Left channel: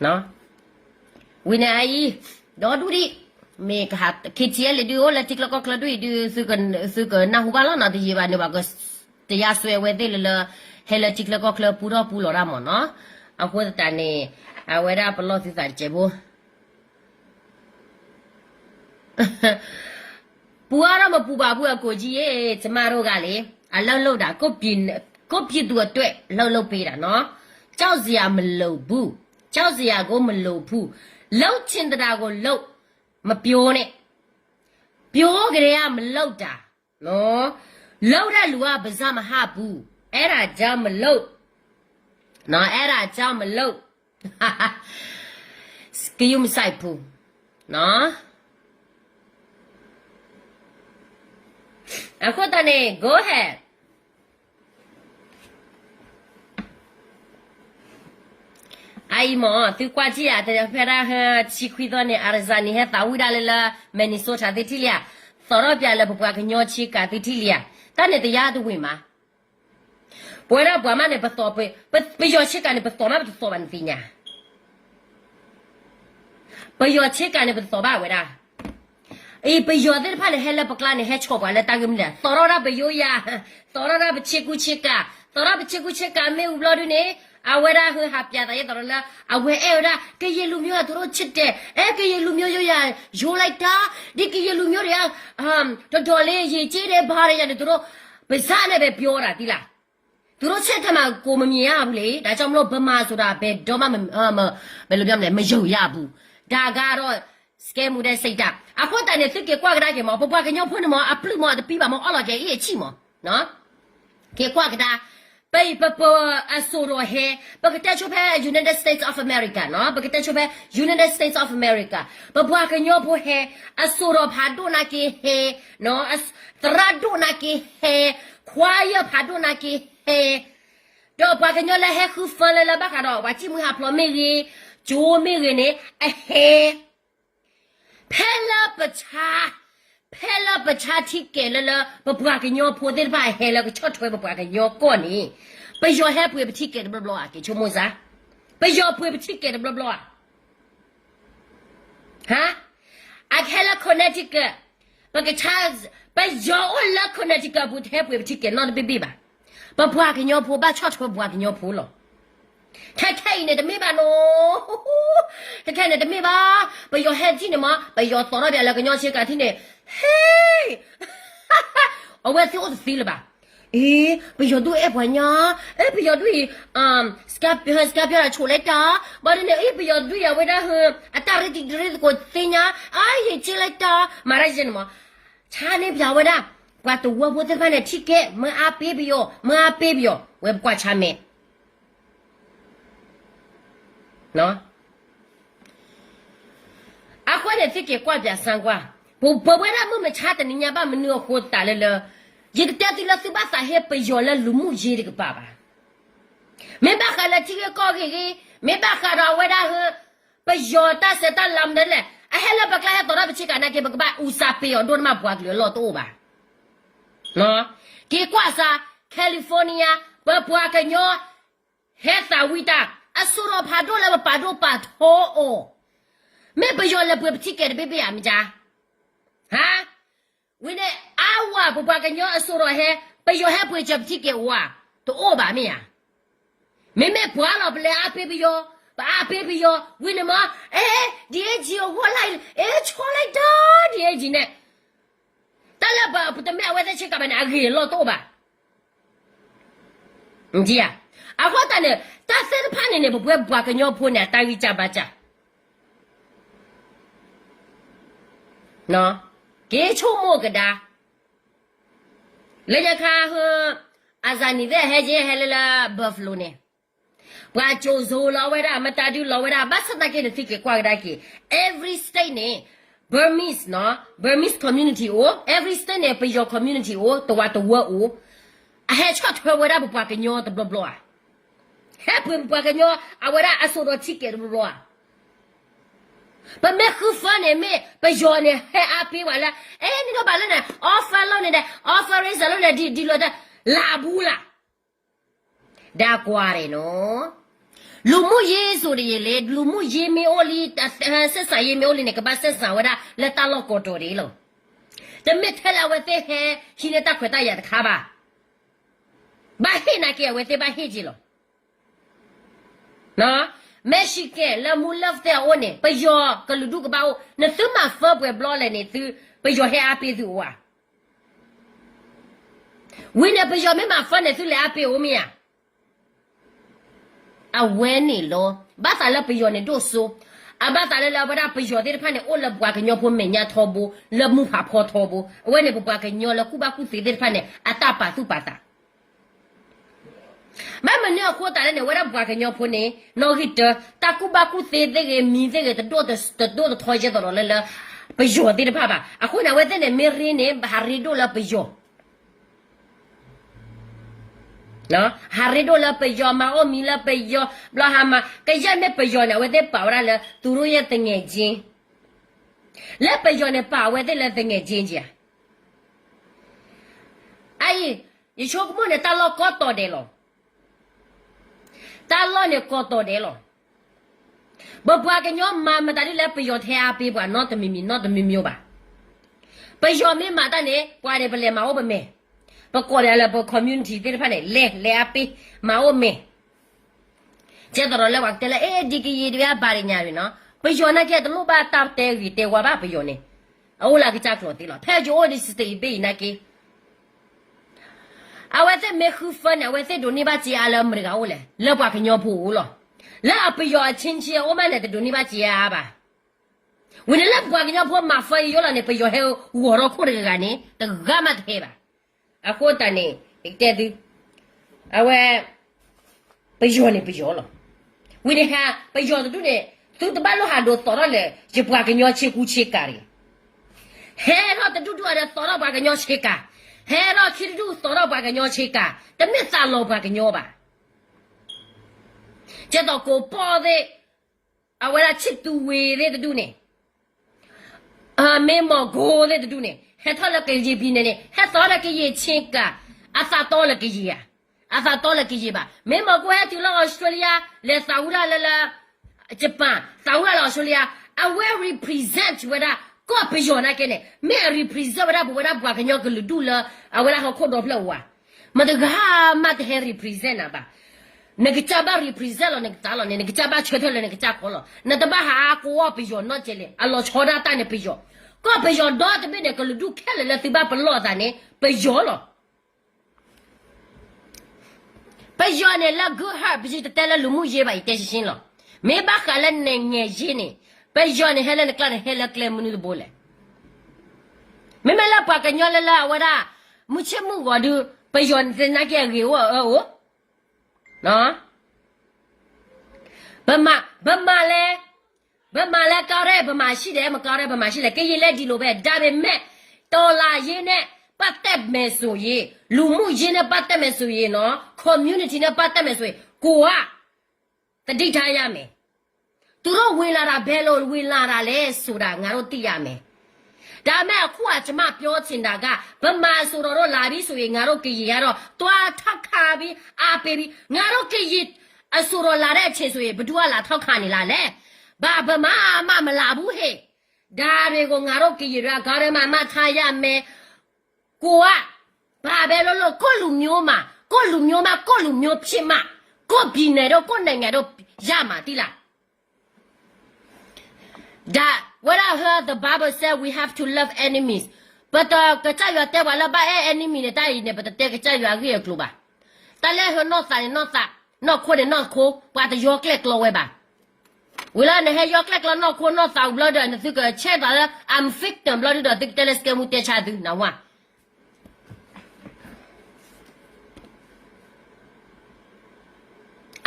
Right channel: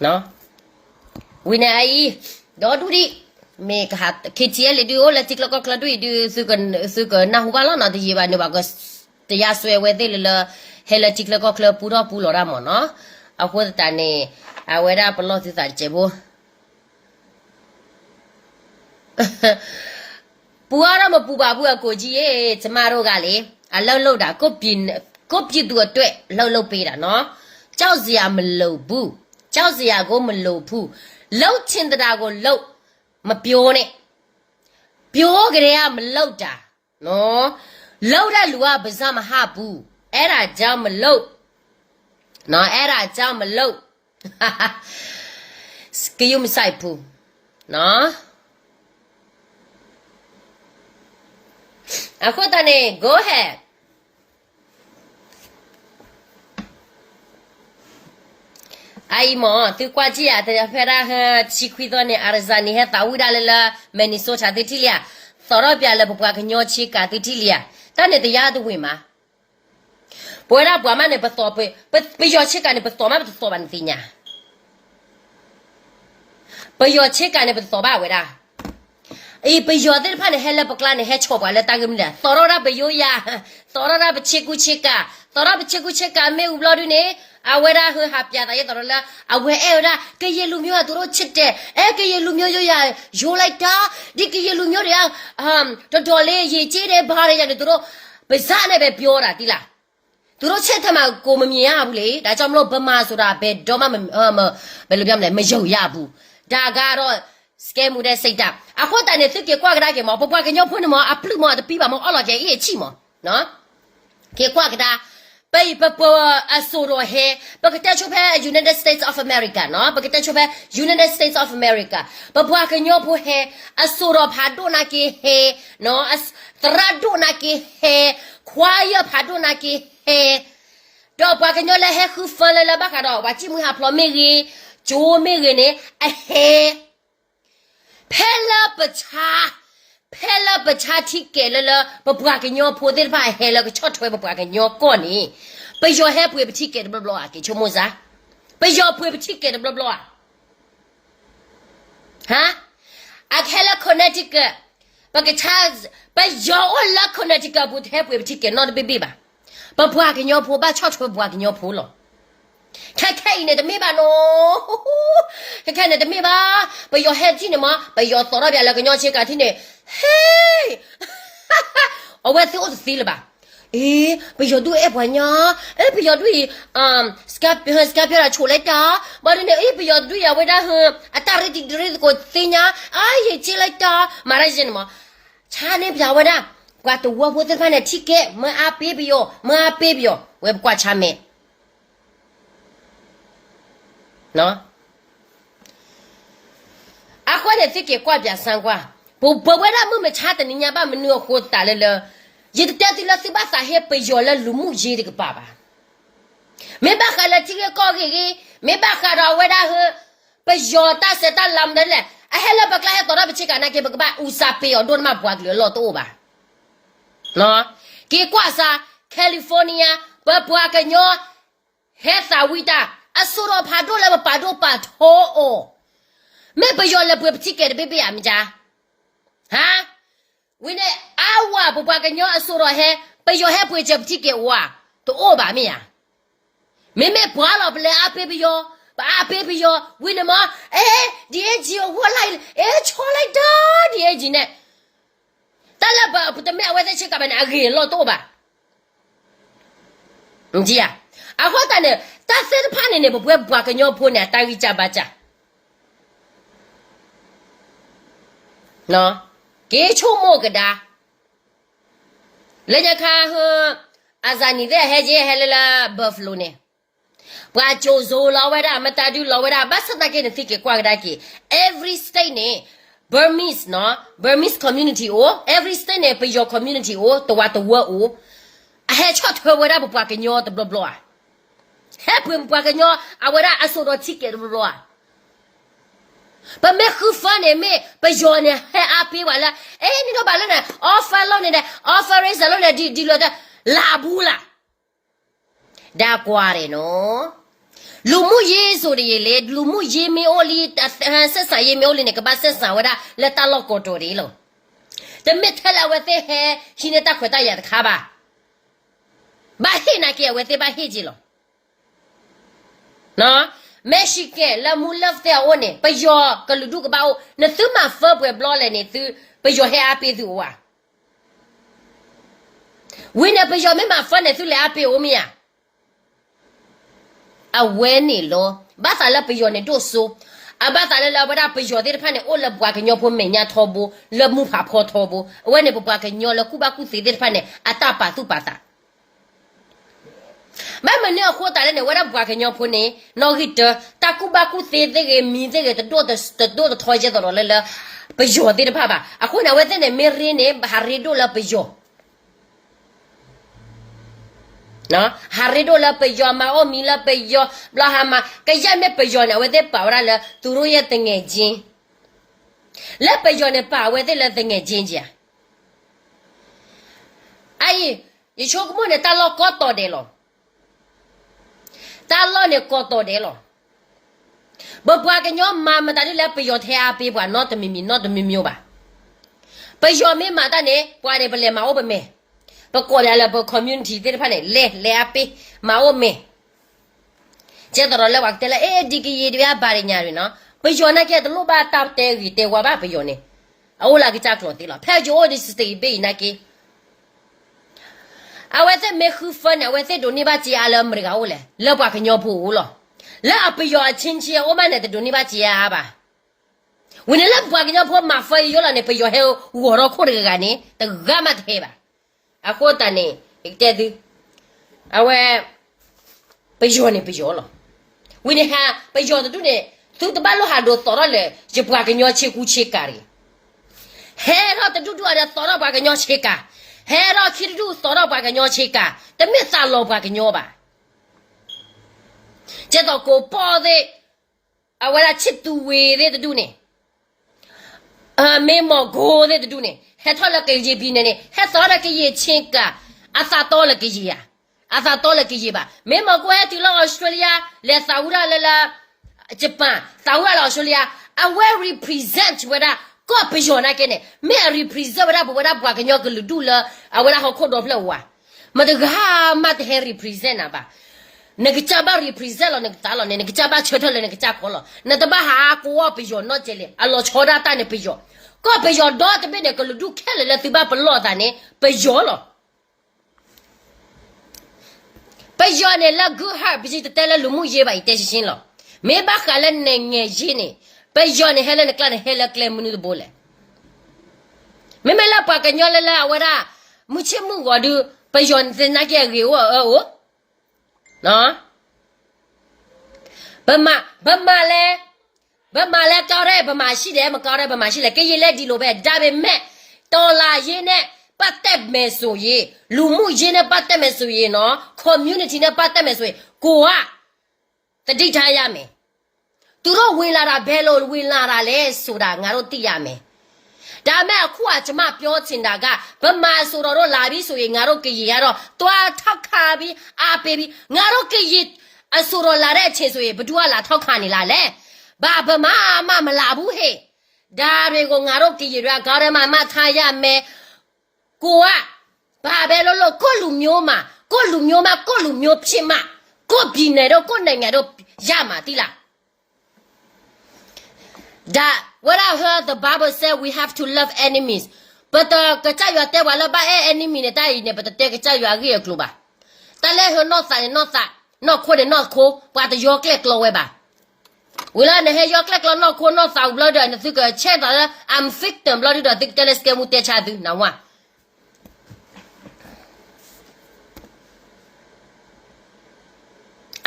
no wina ai do du di me ka ke chia le du la tik la ko kla du su kan na hu ba la na di ba ne ba ko te ya swe we de le he la tik la ko kla pu lo ra mo no a ko ta ne a we ra pa lo ti sa che bo ပူရတော့မပူပါဘူးအကိုကြီးရေကျမတို့ကလေအလောက်လောက်တာကိုပြစ်သူအတွက်လောက်ပေးတာနော်ကြောက်စရာမလိုဘူးကြောက်စရာကိုမလိုဘူးလောက်ချင်တာကိုလောက်မပြောနဲ့ပြောကြရမလောက်တာနော်လောက်တဲ့လူကပါစမဟဘူးအဲ့ဒါကြောင့်မလောက်နော်အဲ့ဒါကြောင့်မလောက်စကီယုမဆိုင်ဘူးနော် အခုတနေ့ go ahead အိုင်မသူကွာကြီးရတယ်ဖရာဟချီခွီတော့နေအာဇာနီဟတာဝူဒါလလာမနီဆိုချာတိတီလျာသောရပြလည်းဘပွားကညောချီကတိတီလျာတနေ့တရားသူဝင်မှာပွဲရပွားမနဲ့ပစောပယောချီကနေပစောမပစောဘန်တိညာပယောချီကနေပစောဘဝရာ အေးပယောတဲ့ဖာလေဟဲလပကလာနေဟဲချောပါလေတာကမလာသောရဘယောယာသောရဘချေကူချေကာသောရဘချေကူချေကာမေဥဘလောဒူနေအဝဲရာဟဟာပြတာရတော်လာအဝဲအဲ့ရာကရေလူမျိုးကတို့ချစ်တဲ့အဲကရေလူမျိုးရရိုးလိုက်တာဒီကရေလူမျိုးတွေကတော်တော်လေးရေကြီးတယ်ဘားရတယ်တို့ပါဇာနဲ့ပဲပြောတာတိလားတို့ချက်ထမကိုမမြင်ရဘူးလေဒါကြောင့်မလို့ဗမာဆိုတာဘယ်တော့မှဘယ်လိုပြောမလဲမယုံရဘူးဒါကတော့ scam တဲ့စိတ်ဓာတ်အခုတန်နေတစ်ကွာကဒါကမောပပွားကညောဖွင့်မောအပလူမောတပီးပါမောအော်လာကျအေးချီမောနော်ကေကွာကဒါပေးပပအဆိုရောဟဲပကတဲ့ချုဖဲ United States of America နော်ပကတဲ့ချုဖဲ United States of America ပပွားကညောဖွဟဲအဆိုရောဖာဒိုနာကေဟဲနော်တရာဒိုနာကေဟဲခွာရဖာဒိုနာကေဟဲတော့ပွားကညောလဲဟဲခုဖလလဘကတော့ဝါချိမဟာဖလမေရီဂျိုမေရီနေအဟဲ ဖဲလာပချာတိကဲလလပပွားကညောဖိုတဲ့ဘာဟဲလကချော့ထွဲပပွားကညောကောနေပယောဟဲပွေပတိကဲဘလဘလာကေချမိုဇာပယောပွေပတိကဲဘလဘလာဟာအခဲလာကောနတိကပကချာပယောလာကောနတိကဘူတဲ့ပွေပတိကဲနော်ဘေဘီဘာပပွားကညောဖိုဘာချော့ထွဲပပွားကညောဖိုလော แค่เนี่ยจะไม่บ้านโน้แค่เนี่ยจะไม่บ้าไปยอแฮที่เนี่ยมาไปยอสอนอะไรแล้วก็ยอเช็คกันที่เนี่ยเฮ้ยเอาไว้ซื้อจะซื้อหรือเปล่าไปยอดูวันเนาะไปยอดูสกับอะไรโชว์เลยจ้าบ้านเนี่ยไปยอดูไว้ได้เหรออัตราที่ก็สิเนี่ยเชื่อเลยจ้ามาได้ยังมั้งชาเนี่ยจะไว้ได้กว่าตัวพูดถึงเนี่ยที่แกเมื่ออาเปียบิโยเว็บกว่าชาเมနော်အခုနဲ့တိကေကွာပြဆန်ကွာဘဝရမှုမချတဲ့ညဘာမနုခိုတာလေလေရတဲ့တိလစီဘာစာဟေပယောလလူမှုကြီးကပါပါမေဘခလာတိကောကြီးမေဘခရာဝဒဟပယောတာစတလမ်တယ်လေအဟဲလဘကလာတော့ဘချကနာကေဘကဘာဥစာပေဒွန်မဘွားကလောတော့ပါနော်ကေကွာစာကယ်လီဖိုးနီးယားဘဘွားကညောဟဲစာဝီတာအဆူရောဖာဒိုလာပါဒိုပါထိုးအိုမေပယောလေပွေပတိကဲဘေဘေအမကြာဟာဝင်းနေအဝါဘဘကညောအဆူရောဟဲပယောဟဲပွေချက်ပတိကဲဝါတိုးအိုပါမေယာမေဘွာလောပလေအပေပယောဘာအပေပယောဝင်းနေမဒီဂျီဝလိုက်ချောလိုက်တော့ဒီဂျီနဲ့တလဘပတမေအဝဲတဲ့ချက်ကမနာအဂေလောတော့ပါဂျီယာအခုတည်းတဆဲဖာနေနေဘွယ်ဘွားကညောဖိုးနေတာကြီးကြပါကြနော်ကေချိုမိုကဒါလေညခါဟအဇာနီတဲ့ဟဲဂျေဟဲလလာဘဖလိုနေဘွာချိုဇိုလာဝဲတာမတာဒူလာဝဲတာဘတ်စတကေနေတိကေကွာဒါကေ every state နေ Burmese နော် Burmese community or every state နေ pe your community or တဝတဝအိုအဟဲချတ်ထွဲဝဲတာဘွားကညောတဘလဘလာဟဲ့ပွင့်ပွားကညောအဝရအဆိုတော်တိကေဘလောပမေခုဖာနေမေပယောနေဟဲ့အပေးပါလားနီတော့ဘာလဲနဲ့ offer လုပ်နေတယ် offer raise လုပ်နေဒီလိုလာဘူးလားဒါကွာတယ်နော် လူမှုရေးဆိုရလေလူမှုရေးမျိုးလေးဆက်ဆံရေးမျိုးလေးနဲ့ကပတ်ဆက်ဆံဝဒလက်တလောက်ကိုတော်တယ်လို့တမစ်ထလာဝတဲ့ဟဲရှင်နေတာခွတ်ရတဲ့ခါပါဘာဟိနာကေဝတဲ့ဘာဟိကြီးလို့နော်မရှိကလာမူလဖတဲ့အိုနေပယောကလူဒုကဘာနသူမဖဘဘလောလည်းနေသူပယောဟဲအပိသူဝါဝင်းနေပယောမမဖနေသူလည်းအပိအိုမီယာအဝဲနေလို့ဘာသာလပယောနေတို့ဆိုအဘာသာလလဘရာပယောတဲ့ဖာနေအိုလဘွားကညောဖို့မညာထောဘူးလမှုဖာဖောထောဘူးအဝဲနေဘွားကညောလကုဘကုစီတဲ့ဖာနေအတပါသူပါတာမမနေခေါ်တာလည်းဝရဘွားကညောဖို့နေနော်ဟစ်တကုဘကုစီတဲ့မီတဲ့တော့ထောကြတော့လဲပယောတဲ့ဖာပါအခုနဝဲတဲ့နေမေရင်းနေဟာရီဒိုလပယောနော်ဟာရီဒိုလာပယောမာအိုမီလာပယောဘလာဟာမာကရနဲ့ပယောနဲ့ဝဲတဲ့ပါဝရလဲသူတို့ရဲ့တငယ်ချင်းလက်ပယောနဲ့ပါဝဲတဲ့လက်တငယ်ချင်းကြာအိုင်ယေချိုကမနဲ့တလောကောတော်တယ်လို့တလောနဲ့ကောတော်တယ်လို့ဘဘွားကညောမာမတားလက်ပယောထဲအားပေးပွားတော့တမီမျိုးပါပယောမေမာတာနဲ့ပွားတယ်ပလဲမာအိုပမဲပကောရလာပ community တဲ့ဖာနေလဲအပေးမအိုမေကျတော့လဲဝတ်တယ်ဒီကီတွေဘာရညာတွေနော်ပယောနာကဲတလို့ပါတောက်တဲရီတဲဝါပါပယောနေအိုလာကကြကလို့တိလားဖဲဂျိုဒီစတေးဘေးနာကီအဝဲတဲ့မေခုဖန်အဝဲတဲ့ဒိုနေပါချီအလမ်ရကအိုလေလောပါကညောဖို့လို့လာပယောအချင်းချီအိုမနဲ့ဒိုနေပါချီရပါဝင်လာပါကညောဖို့မဖေးယောလာနေပယောဟဲဝရောခိုရကနေတဂမတ်ဟဲပါအခုတန်နေတဲ့သူအဝဲပယောနေပယောလောဝိနေဟာပယောတူနေသူတပတ်လို့ဟာတော့တော်ရလေရပွားကညောချေကူချေကာရီဟဲတော့တူတူရတော်ရပွားကညောချေကာဟဲတော့ချီတူတော်ရပွားကညောချေကာတမစ်စာလောပွားကညောပါကျတော့ကိုပေါ်တဲ့အဝဲချစ်တူဝေတဲ့တူနေအမေမောကိုတဲ့တူနေဟဲ့ထော်လကေကြီးပြီးနေဟဲ့တော်လကေကြီးချင်းကအသာတော်လကေကြီးယာအသာတော်လကေကြီးပါမင်းမကွဲတီလောဩစတြေးလျလက်ဆာဝရလလာဂျပန်ဆာဝရလောဩစတြေးလျအဝဲ represent ဝဒကောပယောနာကနေမဲ represent ဝဒဘဝဒဘွားကညောကလူဒူလာအဝဲလာခေါ်တော့ဖလဝါမတကဟာမတ်ဟဲ represent နာပါနကချဘာ represent လောနကတာလောနကချဘာချေထော်လနကချခေါ်လောနတဘာဟာကိုပယောနော်ကျလေအလောချောဒတာနေပယောก็ไปยอดดอตะเบเนี่ยก็luดูแค่เลยติบ้าปลอดาเนี่ยไปยอหรอไปยอเนี่ยละกูฮาบิจิตะละlu muเยบาอีเตชินหรอเมบะคาละเนเงเยเนี่ยไปยอเนี่ยเฮละนกละเฮละเคลมุนุโบเลยเมมละปะกะญอละวะดามุชิมุวดูไปยอนเซนะเกเรวโอเนาะบะมาเลยဘမလဲကောက်တဲ့ဘမရှိတယ်မကောက်တဲ့ဘမရှိလဲကရင်လက်ဒီလိုပဲဒါပေမဲ့တော်လာရင်နဲ့ပတ်သက်မယ်ဆိုရင်လူမှုရင်းနဲ့ပတ်သက်မယ်ဆိုရင်နော် community နဲ့ပတ်သက်မယ်ဆိုရင်ကိုကတတိထားရမယ်သူတို့ဝင်လာတာဘယ်လိုဝင်လာတာလဲဆိုတာငါတို့သိရမယ်ဒါမဲ့အခုကကျမပြောချင်တာကဘမဆိုတော့လာပြီဆိုရင်ငါတို့ကရင်ကတော့တွားထောက်ခါပြီးအားပေးပြီးငါတို့ကရင်အဆိုတော့လာတဲ့အချိန်ဆိုရင်ဘသူကလာထောက်ခါနေလားလဲဘာဗမာမလာဘူးဟဲ့ဒါတွေကိုငါတို့ကြည်ရကားရမထားရမယ်ကိုကဘာပဲလို့ကိုလူမျိုးမှာကိုလူမျိုးဖြစ်မှာကိုပြည်နယ်တော့ကိုနိုင်ငံတော့ရမှာတိလားဒါ what I heard the Bible said we have to love enemies but ကကြရွာတဲ့ဝါလာဘာ enemy နဲ့တိုင်နေပတ်တဲ့ကကြရွာကြီးရကလူပါတလဲဟနော့ဆိုင်နော့စာနော့ခိုးတယ်နော့ခိုးပွားတရောကလက်ကလောဝဲပါเวลาเนี่ยยกเล็กแล้วนอกคนนอกสาวบล็อดเนี่ยสิก็เช็ดแล้ว I'm victim บล็อดด้วยติ๊กเตลสเกมุเตชาดึนะวะ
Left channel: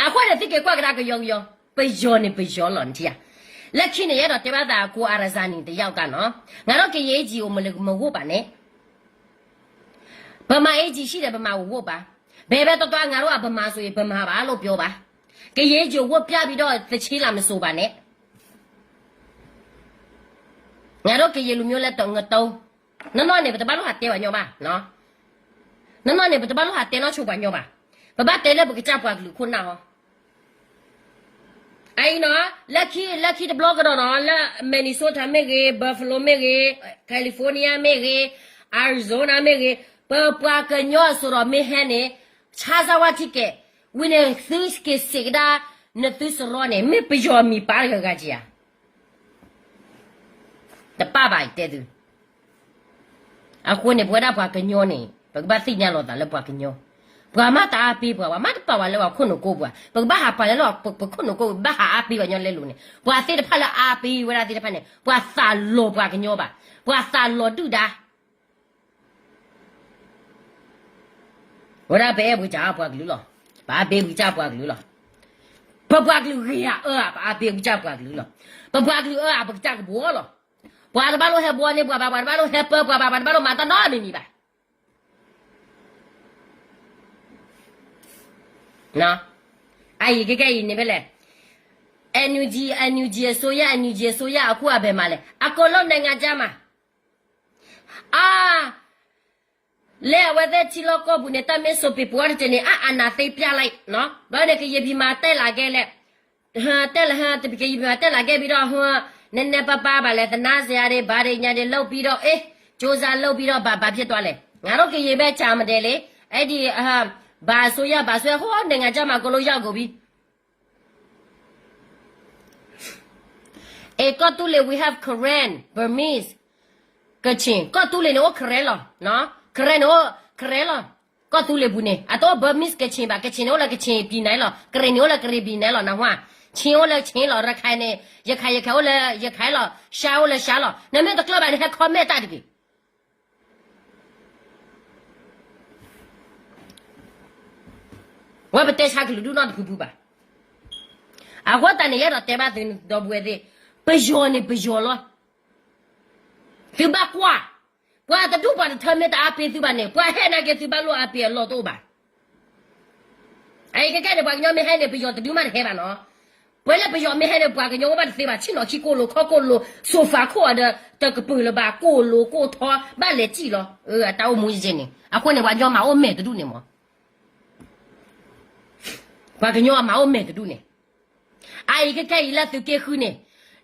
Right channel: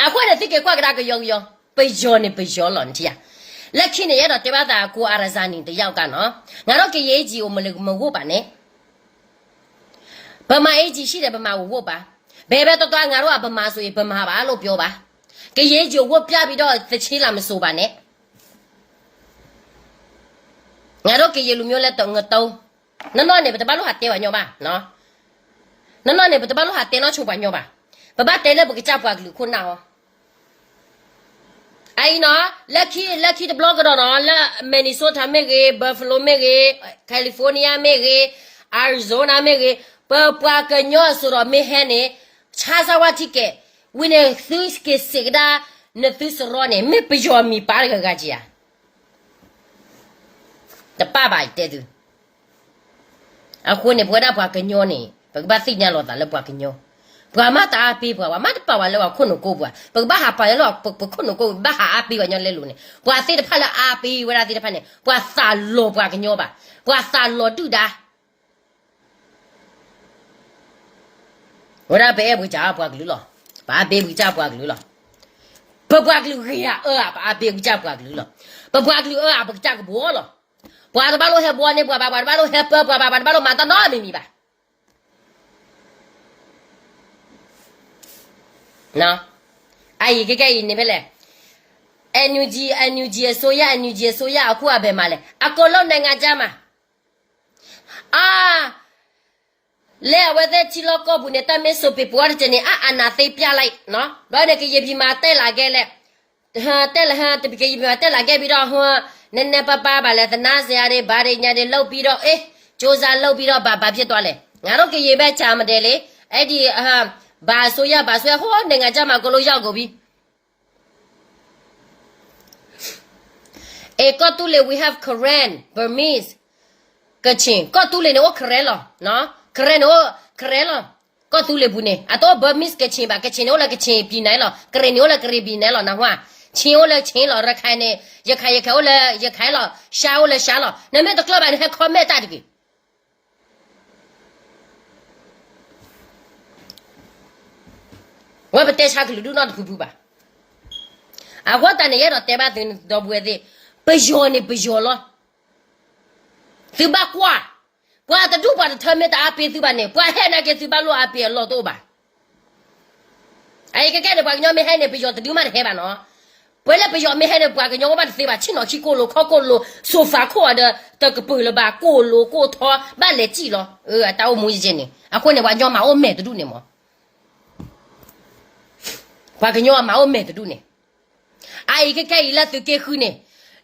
อะควเนี่ยสิก็กว่ากระก็ยองไปยอนี่ไปยอหล่อนทีอ่ะလက်ချင်းเนี่ยတော့တပတ်တာကိုအာရဇာနီတယောက်ကနော်ငါတော့ကြေးကြီးကိုမဝတ်ပါနဲ့ဗမာအေးကြီးရှိတယ်ဗမာကိုဝတ်ပါဘယ်ပဲတော့ငါတို့ကဗမာဆိုရင်ဗမာပါလို့ပြောပါကရေးကြဝတ်ပြပြီးတော့သချေးလာမဆိုပါနဲ့ငါတို့ကရေးလူမျိုးလက်တော့ငတုံးနော်နေဘတဘာလို့ဟာတဲဝညောပါနော်နော်နေဘတဘာလို့ဟာတဲနော်ချိုပါညောပါဘဘတဲလည်းဘကကြပွားကလူခုနာဟော I know, lucky the blogger on all Minnesota mege, Buffalo mege, California mege, Arizona mege, Papa Canyo soro mehene, Chazawatike, winning things ke sigda, Nethus rone, me pijo mi parga gajia. The baba did. A queen of what up a canyoni, but Bathina Lota, the Pacanyo. Pramata api pa mata pa wala ko no ko ba pag baha pa lo pag ko no ko baha api wa nyon le lu ne pwa ti de phala api wala ti de pha ne pwa sa lo pwa knyo ba pwa sa lo tu da wala be bu ja pwa glu lo ba be bu ja pwa glu lo pwa glu ria ba be bu ja pwa glu lo pwa glu ba ja ko bo lo pwa ba lo he bo ne pwa ba lo he pwa ba lo ma ta no mi ba no ai cái ne bele NUG soya aku abe male akolo nenga jama le awede chilo ko bu ne ta me so pe puar tene ana te pya lai no ba ne ke ye bi ma te la ge le te la ha te ke ye bi ma te la ge bi do ho ne pa ba le tana sia de ba de nya de lou bi do josa lou bi do ba phit twa le nga ro ke ye be cha ma de le ai di ba soya ho nenga jama ko lo yaw ko bi ko tu le we have Korean Burmese Kachin ko tu le no Korean lo no Korean lo ko tu le bu ne a to Burmese Kachin ba Kachin no la Kachin pi nai lo Korean no la Korean pi nai lo na hwa Chin o la Chin lo ra khai ne ye khai o la ye khai lo sha o la sha lo na me to club ba ne ha kho me ta di wa ba te sha ku du not ku bu ba a wa ta ne ye ro te ba tin do bu de pejo lo tu ba kwa ta du ba ta me ta api tu ba ne kwa he na ke tu ba lo api lo to ba ai ke ne ba nyo me he ne pejo ta du ma he ba no pwele pejo me he ne ba ke nyo ba te ba chi no chi ko lo kho ko lo sofa ko da ta ke pu lo ba ko lo ko tho ba le chi lo ta o mu ji ne a ko ne ba nyo ma o me tu ne mo ba ke nyo ma o me tu ne ai ke ila tu ke khu ne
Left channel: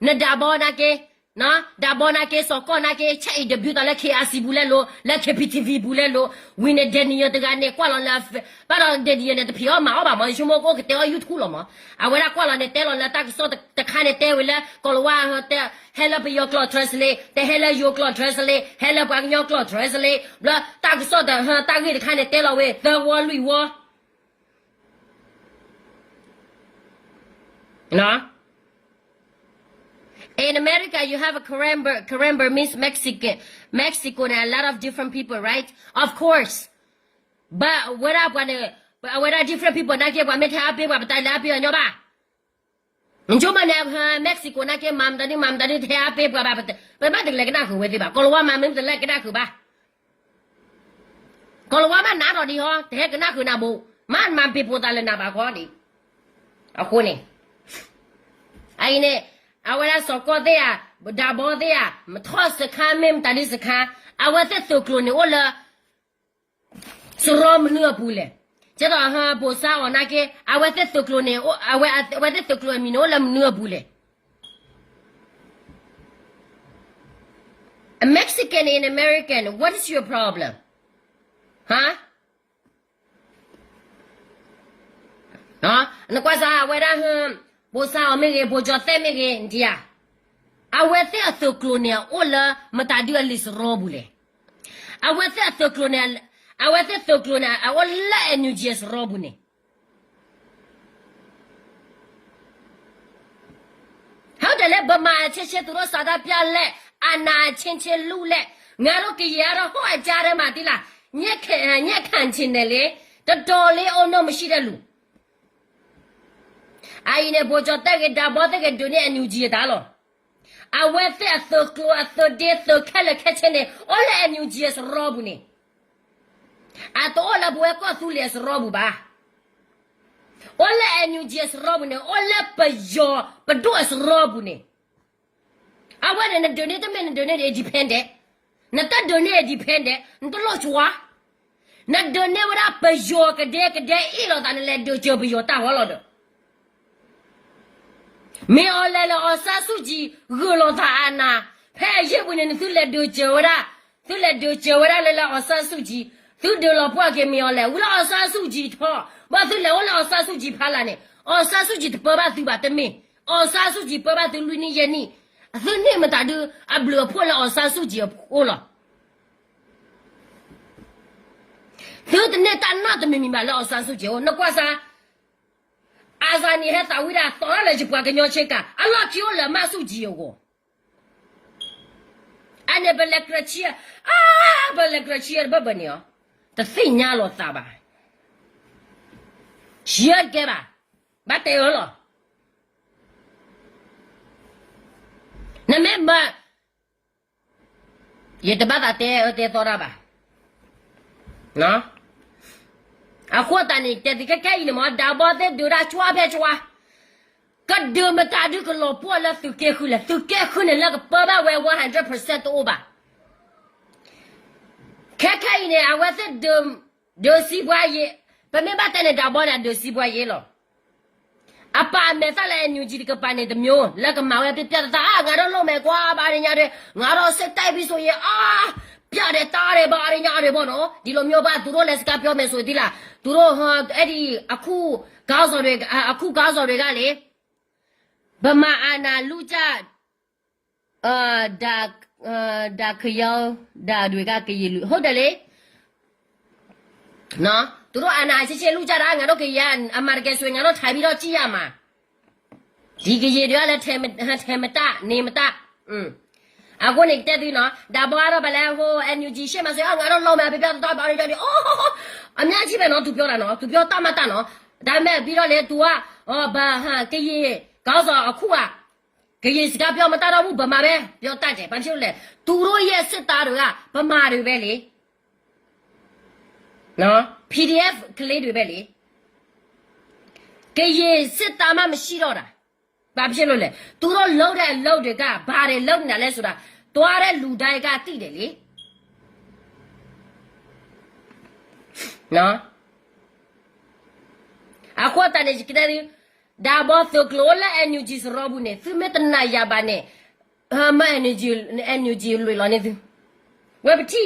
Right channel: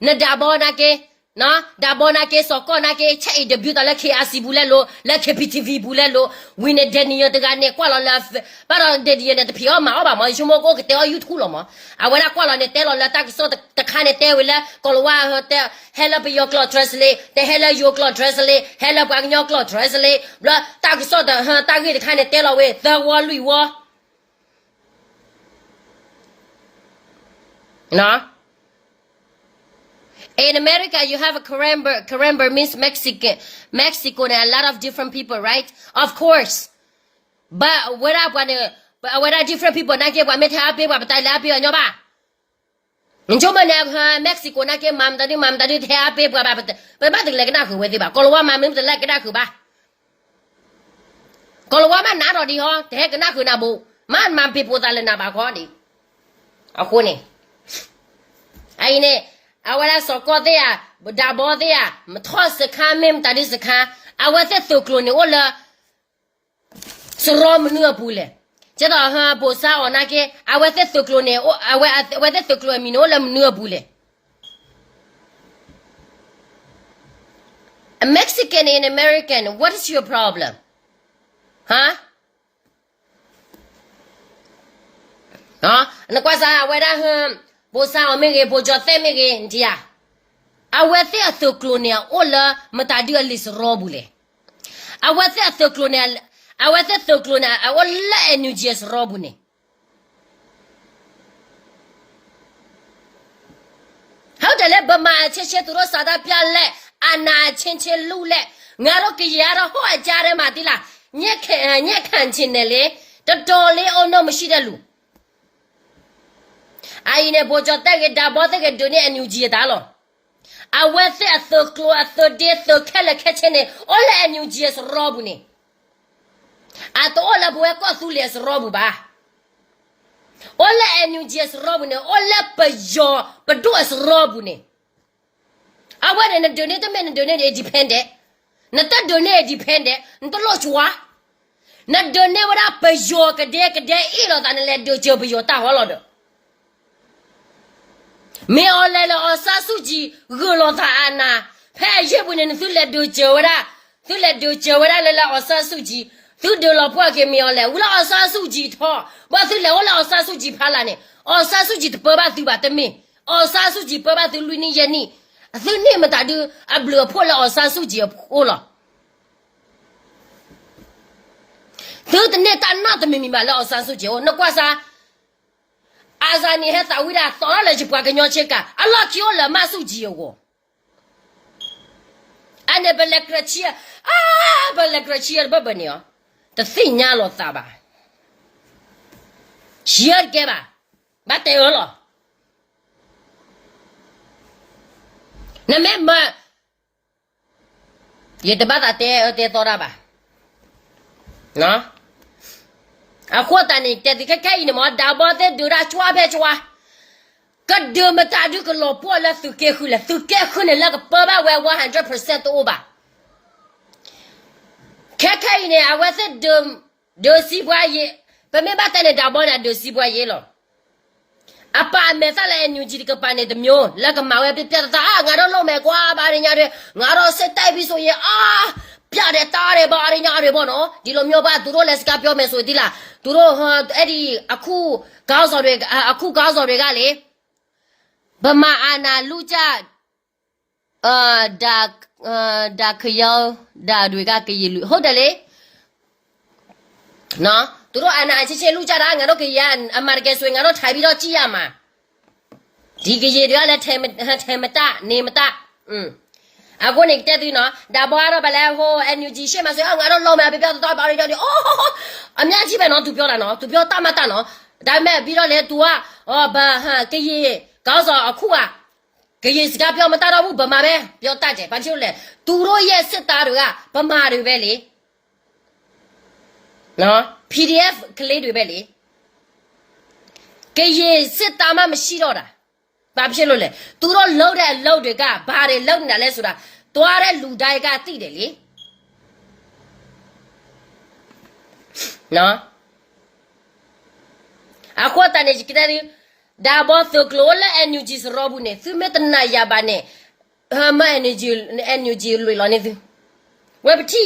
na da bo na ke na da bo na ke so ko na ke chai debut la ke asi bule lo la ke PTV bule lo win de ni de ga ne kwa lo la ba ro de ni ne de pio ma ba ma ju mo ko ke te YouTube lo ma a wa la kwa lo ne te lo la ta so ta kha ne te we la ko lo wa te hello be your cloud translate te hello your cloud translate hello ba your cloud translate bla ta so da ha ta ge de kha ne te lo we the wo lui wo na in America, you have a Karen Burmese Mexico, and a lot of different people, right? Of course. But what are different people? Na ke wa me tha pe wa ba ta la pe nyo ba. Njo ma na Mexico na ke mam da ni tha pe wa ba ba de le na khu we ti ba. Ko lo wa ma me de le ke na khu ba. Ko lo wa ma na ro di ho, de ke na khu na bu. Man pe po ta le na ba kho di. A khu ni. Ai ne awala soko de ya da bo de ya mtho se kha mem ta di se kha awate to klo ne ola soro mnu apule je da ha bo sa ona ke awate to klo ne awate to klo mi no la mnu apule a Mexican and American, what is your problem? Huh? Na kwa sa awada bo sa o me ge bo jo te me ge ndia awete a to clonia ola mata di alis robule awete a to clonia ola NUGS robune how de le ba ma che to ro sa da pya le ana chin lu le nga ro ke ya ro ho a ja de ma ti la nyet khan chin ne le to le o no ma shi de lu ai ne bo jo ta ke da bo ta ke do ne NUG da lo a we se a so klo a so de so kala ke chene ola NUG es robu ne a to ola bo ko su le es robu ba ola NUG es robu ne ola pa jo pa do es robu ne a we ne do ne to men do ne dependent na ta do ne dependent ndo lo chwa na do ne wa pa jo ke de i lo ta ne le do jo bi jo ta ho lo do 没有来了二三手机饿了他安呐，拍月不能都来都叫啦，都来都叫啦来了二三手机，都得了不给没有来，我了二三手机他，我都来我了二三手机拍了呢，二三手机的爸爸都把的没，二三手机爸爸都累你眼你，都那么大的啊不了破了二三手机破了。都的那大那都没明白了，二三手机哦，那挂啥？阿啥你还咋回来？早上来就把个鸟去干，啊老叫了买手机哦。啊那不来个气啊，不来个气不不呢？这3年了咋吧？洗耳给吧，把带了。那没么，也得把他带到了吧？喏。啊，伙计呢？这个开呢嘛，大包的都让抓呗抓，个都么大这个老婆了都结婚了，都结婚了那个800万100% 多吧？开呢，啊，我是都西瓜叶，不明白他那大包呢都西瓜叶了。啊，把没啥来牛鸡的个把那的苗，那个马外别别的啊，俺这老卖瓜把人家的，俺这是代表说也啊。别的大的把人家的不喏，ဒီလိုမျိုးပါသူတို့လည်းစကားပြောမယ်ဆိုဒီလားသူတို့အဲ့ဒီအခုကောင်းဆောင်တွေကအခုကောင်းဆောင်တွေကလေဗမာအာနာလူကြဒါခယောဒါတွေကကကြီးလူဟုတ်တယ်လေနော်သူတို့အာနာချစ်ချစ်လူကြတာငါတို့ကရအမေရိကန်ဆိုငါတို့ထိုင်ပြီးတော့ကြည့်ရမှာဒီကကြီးတွေကလည်းထဲမတနေမတအခုနေတက်သေးနော်ဒါဘောကတော့ဗလဲဟို NUG ရှေ့မှာဆိုငါတို့လုံးမယ်ပြပြတော့ပါရတော့အိုးအများကြီးပဲနော်သူပြောတာနော်သူပြောတမတ်နော်ဒါပေမဲ့ပြီးတော့လေ तू ကဘာဟာကကြီးကောင်းစောအခုကကြီးစကားပြောမတတော့ဘူးဗမာပဲပြောတတ်တယ်ဘာဖြစ်လို့လဲသူတို့ရဲ့စစ်သားတွေကဗမာတွေပဲလေနော် PDF ကလေးတွေပဲလေကြီးစစ်သားမှမရှိတော့တာဘာဖြစ်လို့လဲသူတို့လှုပ်တဲ့အလုပ်တွေကဘာတွေလှုပ်နေတာလဲဆိုတာသွားတဲ့လူတိုင်းကသိတယ်လေနော်အခုတန်နေကြတယ်ဒါဘောသကလိုလာ NUG စရောဘူးနေသူမတနာရပါနဲ့ဟာမ NUG လွေလောနေသူဝက်ပတိ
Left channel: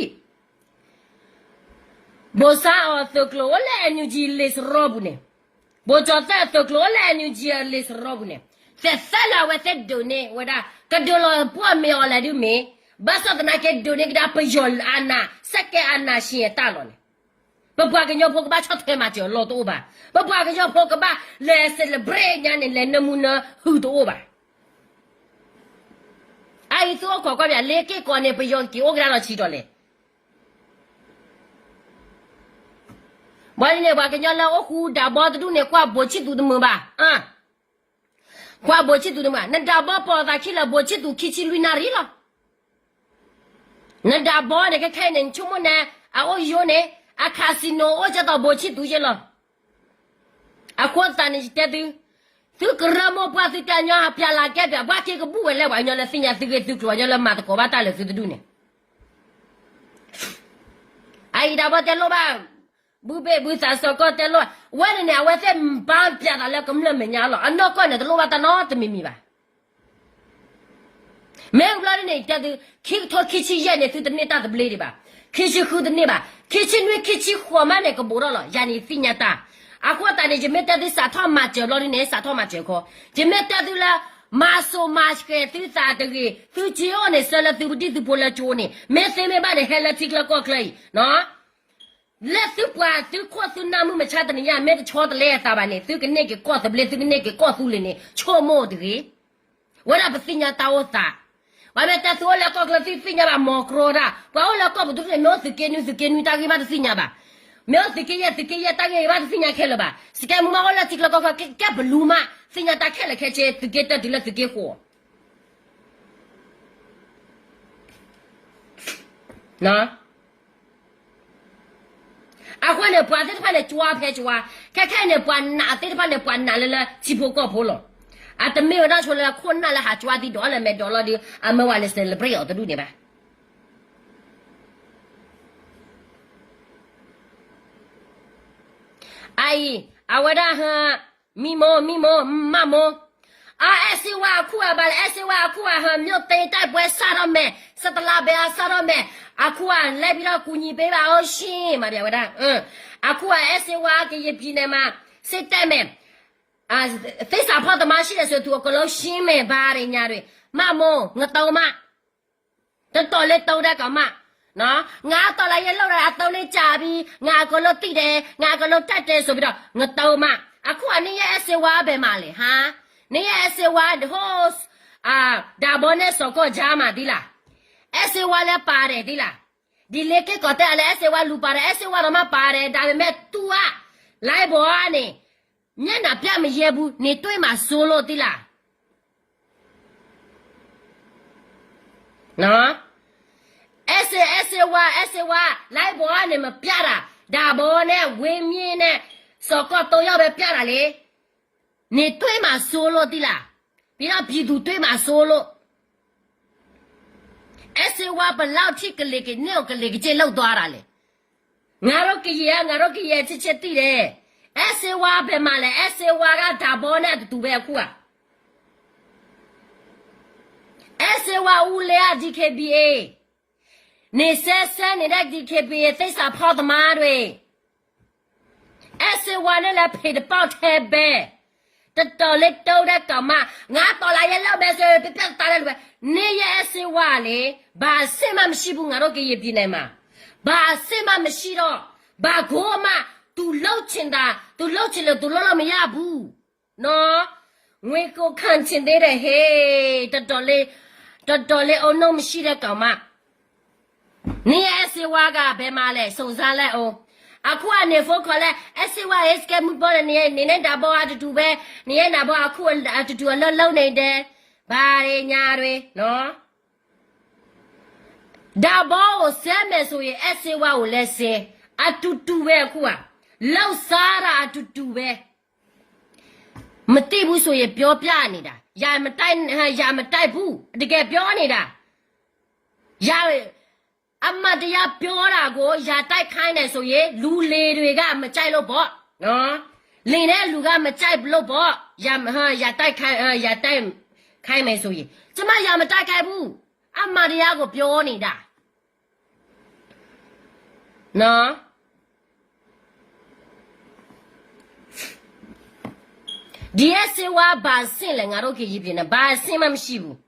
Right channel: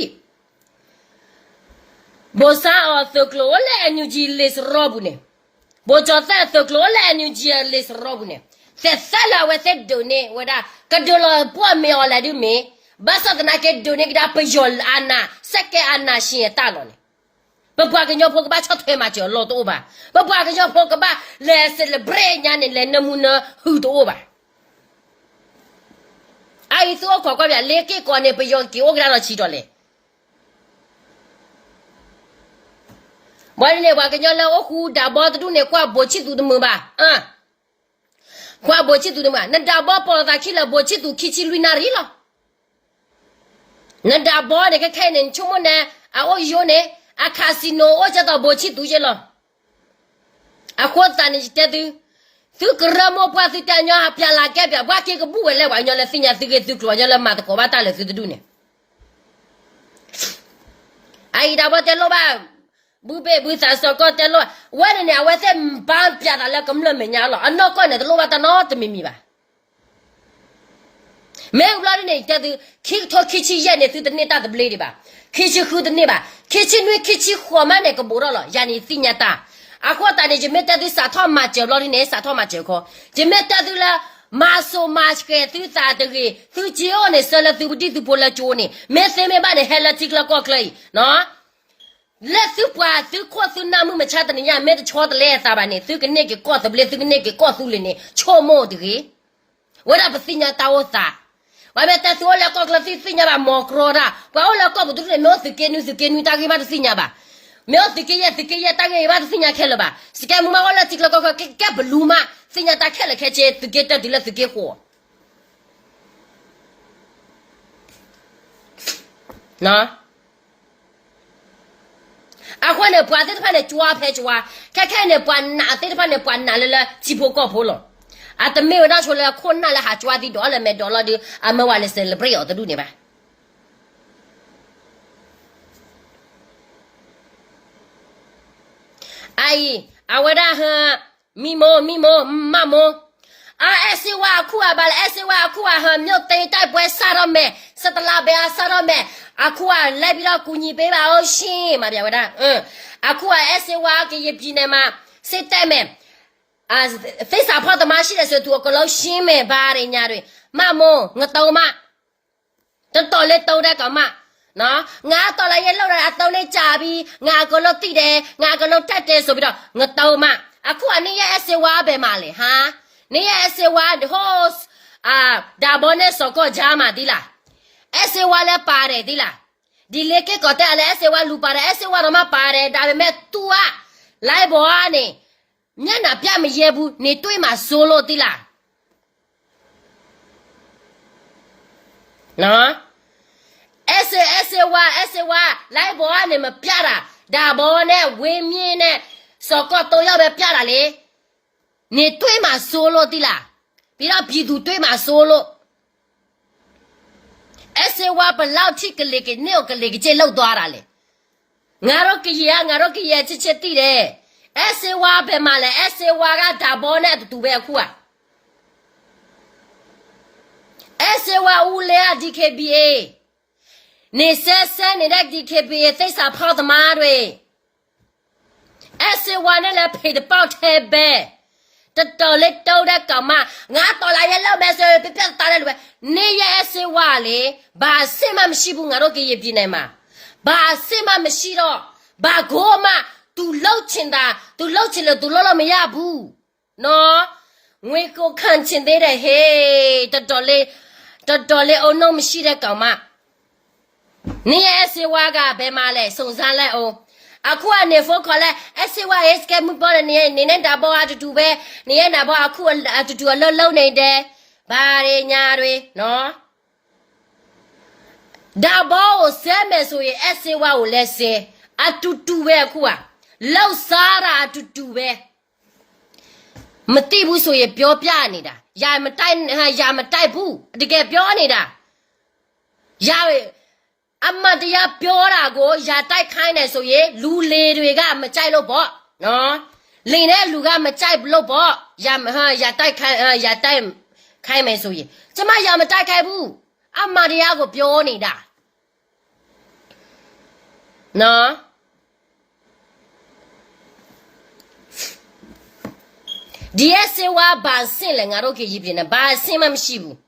ဘောစာအသကလိုလာ NUG လေးစရောဘူးနေဘောချတဲ့သကလိုလာ NUG လေးစရောဘူးနေဆက်ဆလာဝဆက်ဒိုနေဝဒါကဒိုလပွားမေော်လာဒီမေဘာသာတနာကဒိုနေကဒါပယောအနာစက်ကအနာရှင်တာလောနေဘဘကညောဖို့ကဘာချတ်ထဲမှာကျော်လောတော့ပါဘဘကညောဖို့ကဘာလဲဆယ်ဘရေညာနေလဲနမူနာဟူတော့ပါအိုင်ဆိုခေါ်ကွာလေကေကောနေပယောကီအိုဂရာချီတော့လေဘာလဲဘာကညောလာအခုဒါဘောတူနေကွာဘိုချီတူတမပါကွာဘိုချီတူတမနဒါဘောပေါ်တာခိလာဘိုချီတူခိချီလူနာရီလာနဒါဘောနေကခဲနေချုံမနေအော်ယိုနေအခါစီနိုအကြတော့ဘိုချီတူကျလောအခုတန်နေတဲ့သူကရမောပွားစီတညာပြလာကဲပြဘာကေကဘူးဝဲလဲဝါညလဲစညာစီကေသူကညလဲမတ်ကောဘာတလဲသူတူနေအိုင်ဒါဘတဲလောပါဘူဘေဘူစာစကောတဲလောဝဲနေဝဲတဲ့ပန်းပြတာလဲကမလမညာလောအနောကောနေတလောပါတနောတမီမီပါမဲဘလာနေတဲ့ခိထောခိချီရဲ့နေသူတနေတာတပလေးတွေပါခိချီခုတနေပါခိချီနွေခိချီခေါ်မနဲ့ကဘောလောယာနီစညာတာအခုတန်နေဂျမေတတူစာထောမကျော်လောနေစာထောမကျော်ခေါ်ဂျမေတတူလာမာဆိုမတ်ကဲသူစာတကြီးသူချီယောနေဆလသူပတိသူပေါ်လာချိုးနေမဲစမဲပါနေဟဲလာတိကလကောကလေးနော်လက်သူပွားသူခေါ်သူနာမှုမချတဲ့ညမဲတချောတလဲစာပါနေသူကနေကကောသဘလေသူကနေကကောသူလေနေချိုမို့တကြီးဝရပစညာတာဝစာဝမဲတသူလာကောကလစညာပါမောကရောတာဘောလာကောဘဒုနေမောစကေနူတာကိမတ်စညာပါမေစကေယတာကေဘာစညာခဲလပါစကေမမဝလာတိကလကောကဘလူမစညာတာခဲလခဲချေတကေတဒီလစကေခေါ်နော်အခုနေပွားတဲ့ဖာနေကြွားဖဲကြွားခက်နေပွားနာတဲ့ဖာနေပွားနာလဲချီဖို့ကောဖို့လောအတမေဝဒါချိုလဲခွန်းနာလဲဟာကြွားဒီဒေါ်လဲမဲဒေါ်လာဒီအမဝါလဲဆယ်လဘရီအော်တူနေပါအိုင်အဝဒါဟာမီမိုမမို啊，是我哭啊，巴来是我哭啊，哈，没有对待不会杀到没，杀到那边啊，杀到没，啊哭啊，来比到姑娘背吧，我心嘛，别为的，啊哭啊，是我给一边的嘛，谁带没？啊，非啥跑的嘛，现在是多个老心没吧，人家的，妈么，我到嘛，这到来到的干嘛？喏，我到来也老了，到来家里，我个老弟的，我个老太太说不着，我到嘛，啊哭啊，你也是我白嘛嘞，哈？你也是我的好啊，大伯呢说过家嘛的啦，也是我来巴的的啦，你来给搞的来，也是我路巴的，也是我他妈巴的，大伯没多啊，来不啊呢？你那边没业务，你对嘛说了的啦，喏，也是我来不啊你们别啦，大伯呢外面呢说过都要被别啦嘞。你对嘛说了的啦，别让别人对嘛说了。是我不老提个那个牛个那个这老多了嘞，我那个也这的嘞，是我别嘛嘞，是我个大包呢都别哭啊，是我屋里啊 DKBA， 你三你的 DKBA 在啥跑的嘛对，是我那来陪的包台呗。这到来到的干嘛？我到来也老百姓别打来了呗。你也是话嘞，把什么西部我都给一边来嘛，把什么西了，把锅嘛都捞清的，都捞清了，都捞了没呀不？喏，我个看清的嘞嘿，这到来哦，那么西的干嘛？你也是话个别嘛嘞，送上来哦。aku ane foko le SY SK mu bo ni ne da bo atu be ni ne da bo aku atu lo nei de ba re nya rwe no da bo o se me so ye SY o le se atu be aku a lo sa ra atu be မတိဘူးဆိုရင်ပြောပြနေတာရာမတိုက်ဘူးတကယ်ပြောနေတာရာအမတရားပြောတာကိုရာတိုက်ခိုင်းတယ်ဆိုရင်လူလေတွေကမကြိုက်လို့ပေါ့နော်လင်တဲ့လူကမကြိုက်လို့ပေါ့ရာတိုက်ခိုင်းမယ်ဆိုရင်ကျမရာမတိုက်ခိုင်းဘူးအမတရားကိုပြောနေတာနော်ဒီအစေဝါဘာစင်လဲငါတို့ကြီးပြင်းနေဘာစင်မှမရှိဘူး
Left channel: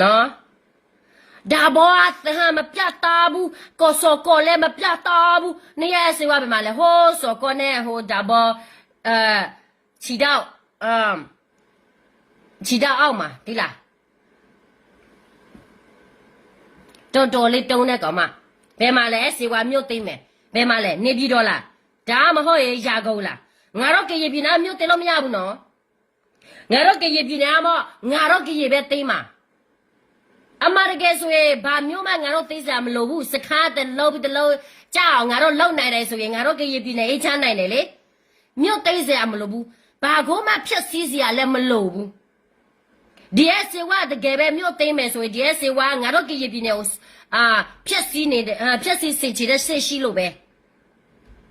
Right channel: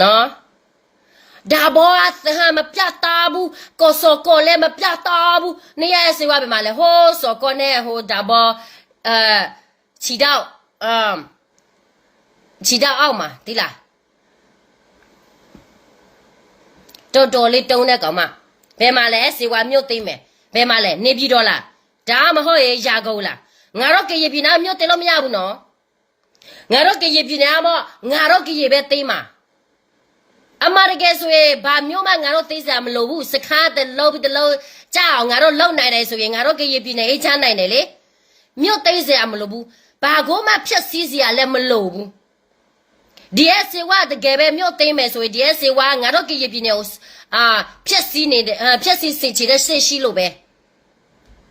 နော်ဒါဘောအသဟမပြတ်တာဘူးကိုစောကိုလည်းမပြတ်တာဘူးနေရစေဝါပဲမလဲဟိုးစောကိုနဲ့ဟိုဒါဘောခြေတော့အောက်မှာဒီလားတော်လေးတုံးတဲ့ကောင်မဘယ်မှာလဲစေဝါမြို့သိမ့်မယ်ဘယ်မှာလဲနေပြည်တော်လားဒါမဟုတ်ရေရာကုန်လားငါတော့ကြည်ပြည်နာမြို့တင်လို့မရဘူးနော်ငါတော့ကြည်ပြည်နာမငါတော့ကြည်ပဲသိမ်းမှာအမရကဲဆိုရင်ဘာမျိုးမှငါတို့သိစရာမလိုဘူးစခါတလုံးတလုံးကြောက်ငါတို့လုံနိုင်တယ်ဆိုရင်ငါတို့ကြည်ပြည်နေအေးချမ်းနိုင်တယ်လေမြို့သိစရာမလိုဘူးဘာကိုမှဖြတ်စည်းစရာလည်းမလိုဘူးဒီအစေဝတကယ်ပဲမြို့သိမ်းမယ်ဆိုရင်ဒီအစေဝငါတို့ကြည်ပြည်နေဖြတ်စည်းနေတယ်ဖြတ်စည်းစင်ချတဲ့စစ်ရှိလို့ပဲ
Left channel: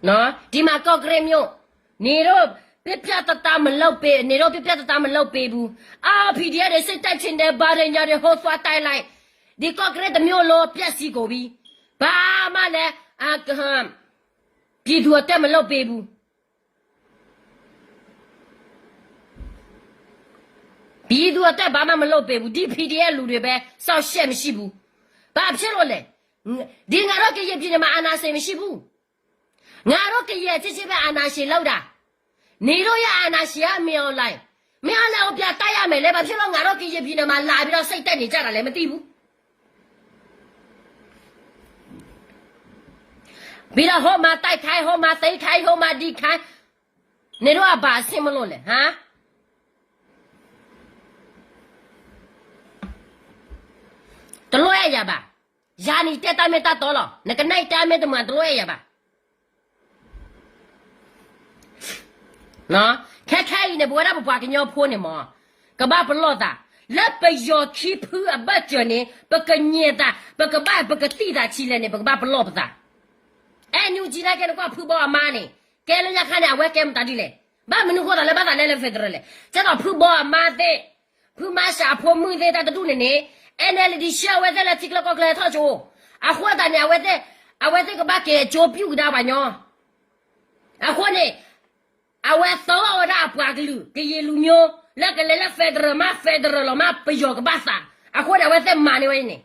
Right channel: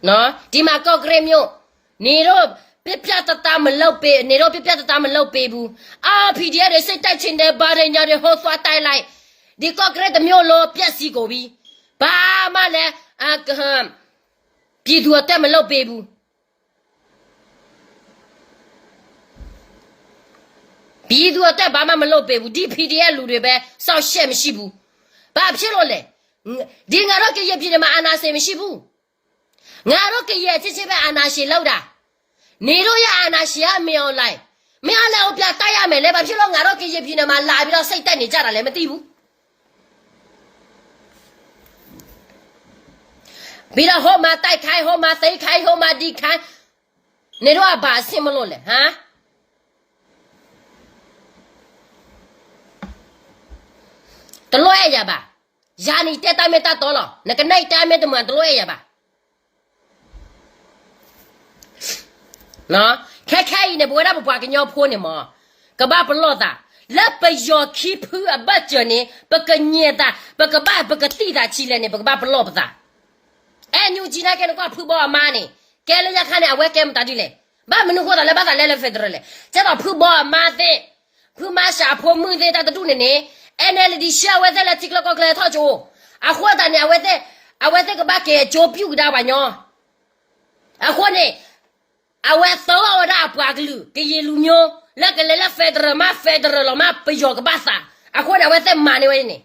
နော်ဒီမှာကော့ဂရိတ်မြို့နေတော့ပြတတမလောက်ပေးနေတော့ပြတတမလောက်ပေးဘူးPDF တွေစိတ်တိုက်ချင်တယ်ဗားရညာတွေဟောသွားတိုက်လိုက်ဒီကော့ဂရိတ်မြို့လောပြက်စီကိုပြီးဘာမှလည်းပြည်သူအတက်မလောက်ပေးဘူးပြည်သူအတက်ဘာမှမလောက်ပေးဘူးဒီ PDF လူတွေပဲစောက်ရှက်မရှိဘူးဘာဖြစ်လို့လဲဒီငါတို့ကရပြည်မှာအာနာစေမရှိဘူးငါတို့ကရချစ်ပဲအာနာရှင်လောက်တာနေတော့ရအာနာရှင်ကမင်းအောင်လိုက်မင်းလည်းပြတိုက်ရမယ်လေဘာဖြစ်လို့ငါတို့ကရပြည်မှာလာပြီးတော့စိတ်တက်နေကြတာလည်းမသိဘူးပြီးတော့ဟောမှာတိုက်ခိုင်းဟောမှာသိခိုင်းဟောမှာဒီခိုင်းနေတော့ဘာဆင်မလို့လဲဟမ်တလွဲရပါယာနီတက်တမေတတော်လောငကနိုင်တမေတမတလွဲရပါနော်ခဲနေဘွားဘွားကညောဖိုးနေမကဘာဘလောတာလက်ပယောခိဖူအဘတ်ကျော်နေပကညေတာပကဘာပကတိတာချီလဲနေပကဘာဘလောပတာညူဂျီနာကဲကွာဖူဘောအမားနေကဲလေရခါနေအဝဲကဲမတာဒီလေ ba menu ko da le ba da le federal le cha da phu bo ma de phu ma sha pho mu de da du ne NLD sha we de la tik lo ko kle tho jo a khwa da ne a we de ka ba ke jo pyu da ba nyo a khwa ne a we so wa da pwa glu ke ye lu nyo la ke le federal ma pe yo ka ba sa a khwa da we de ma ne we ne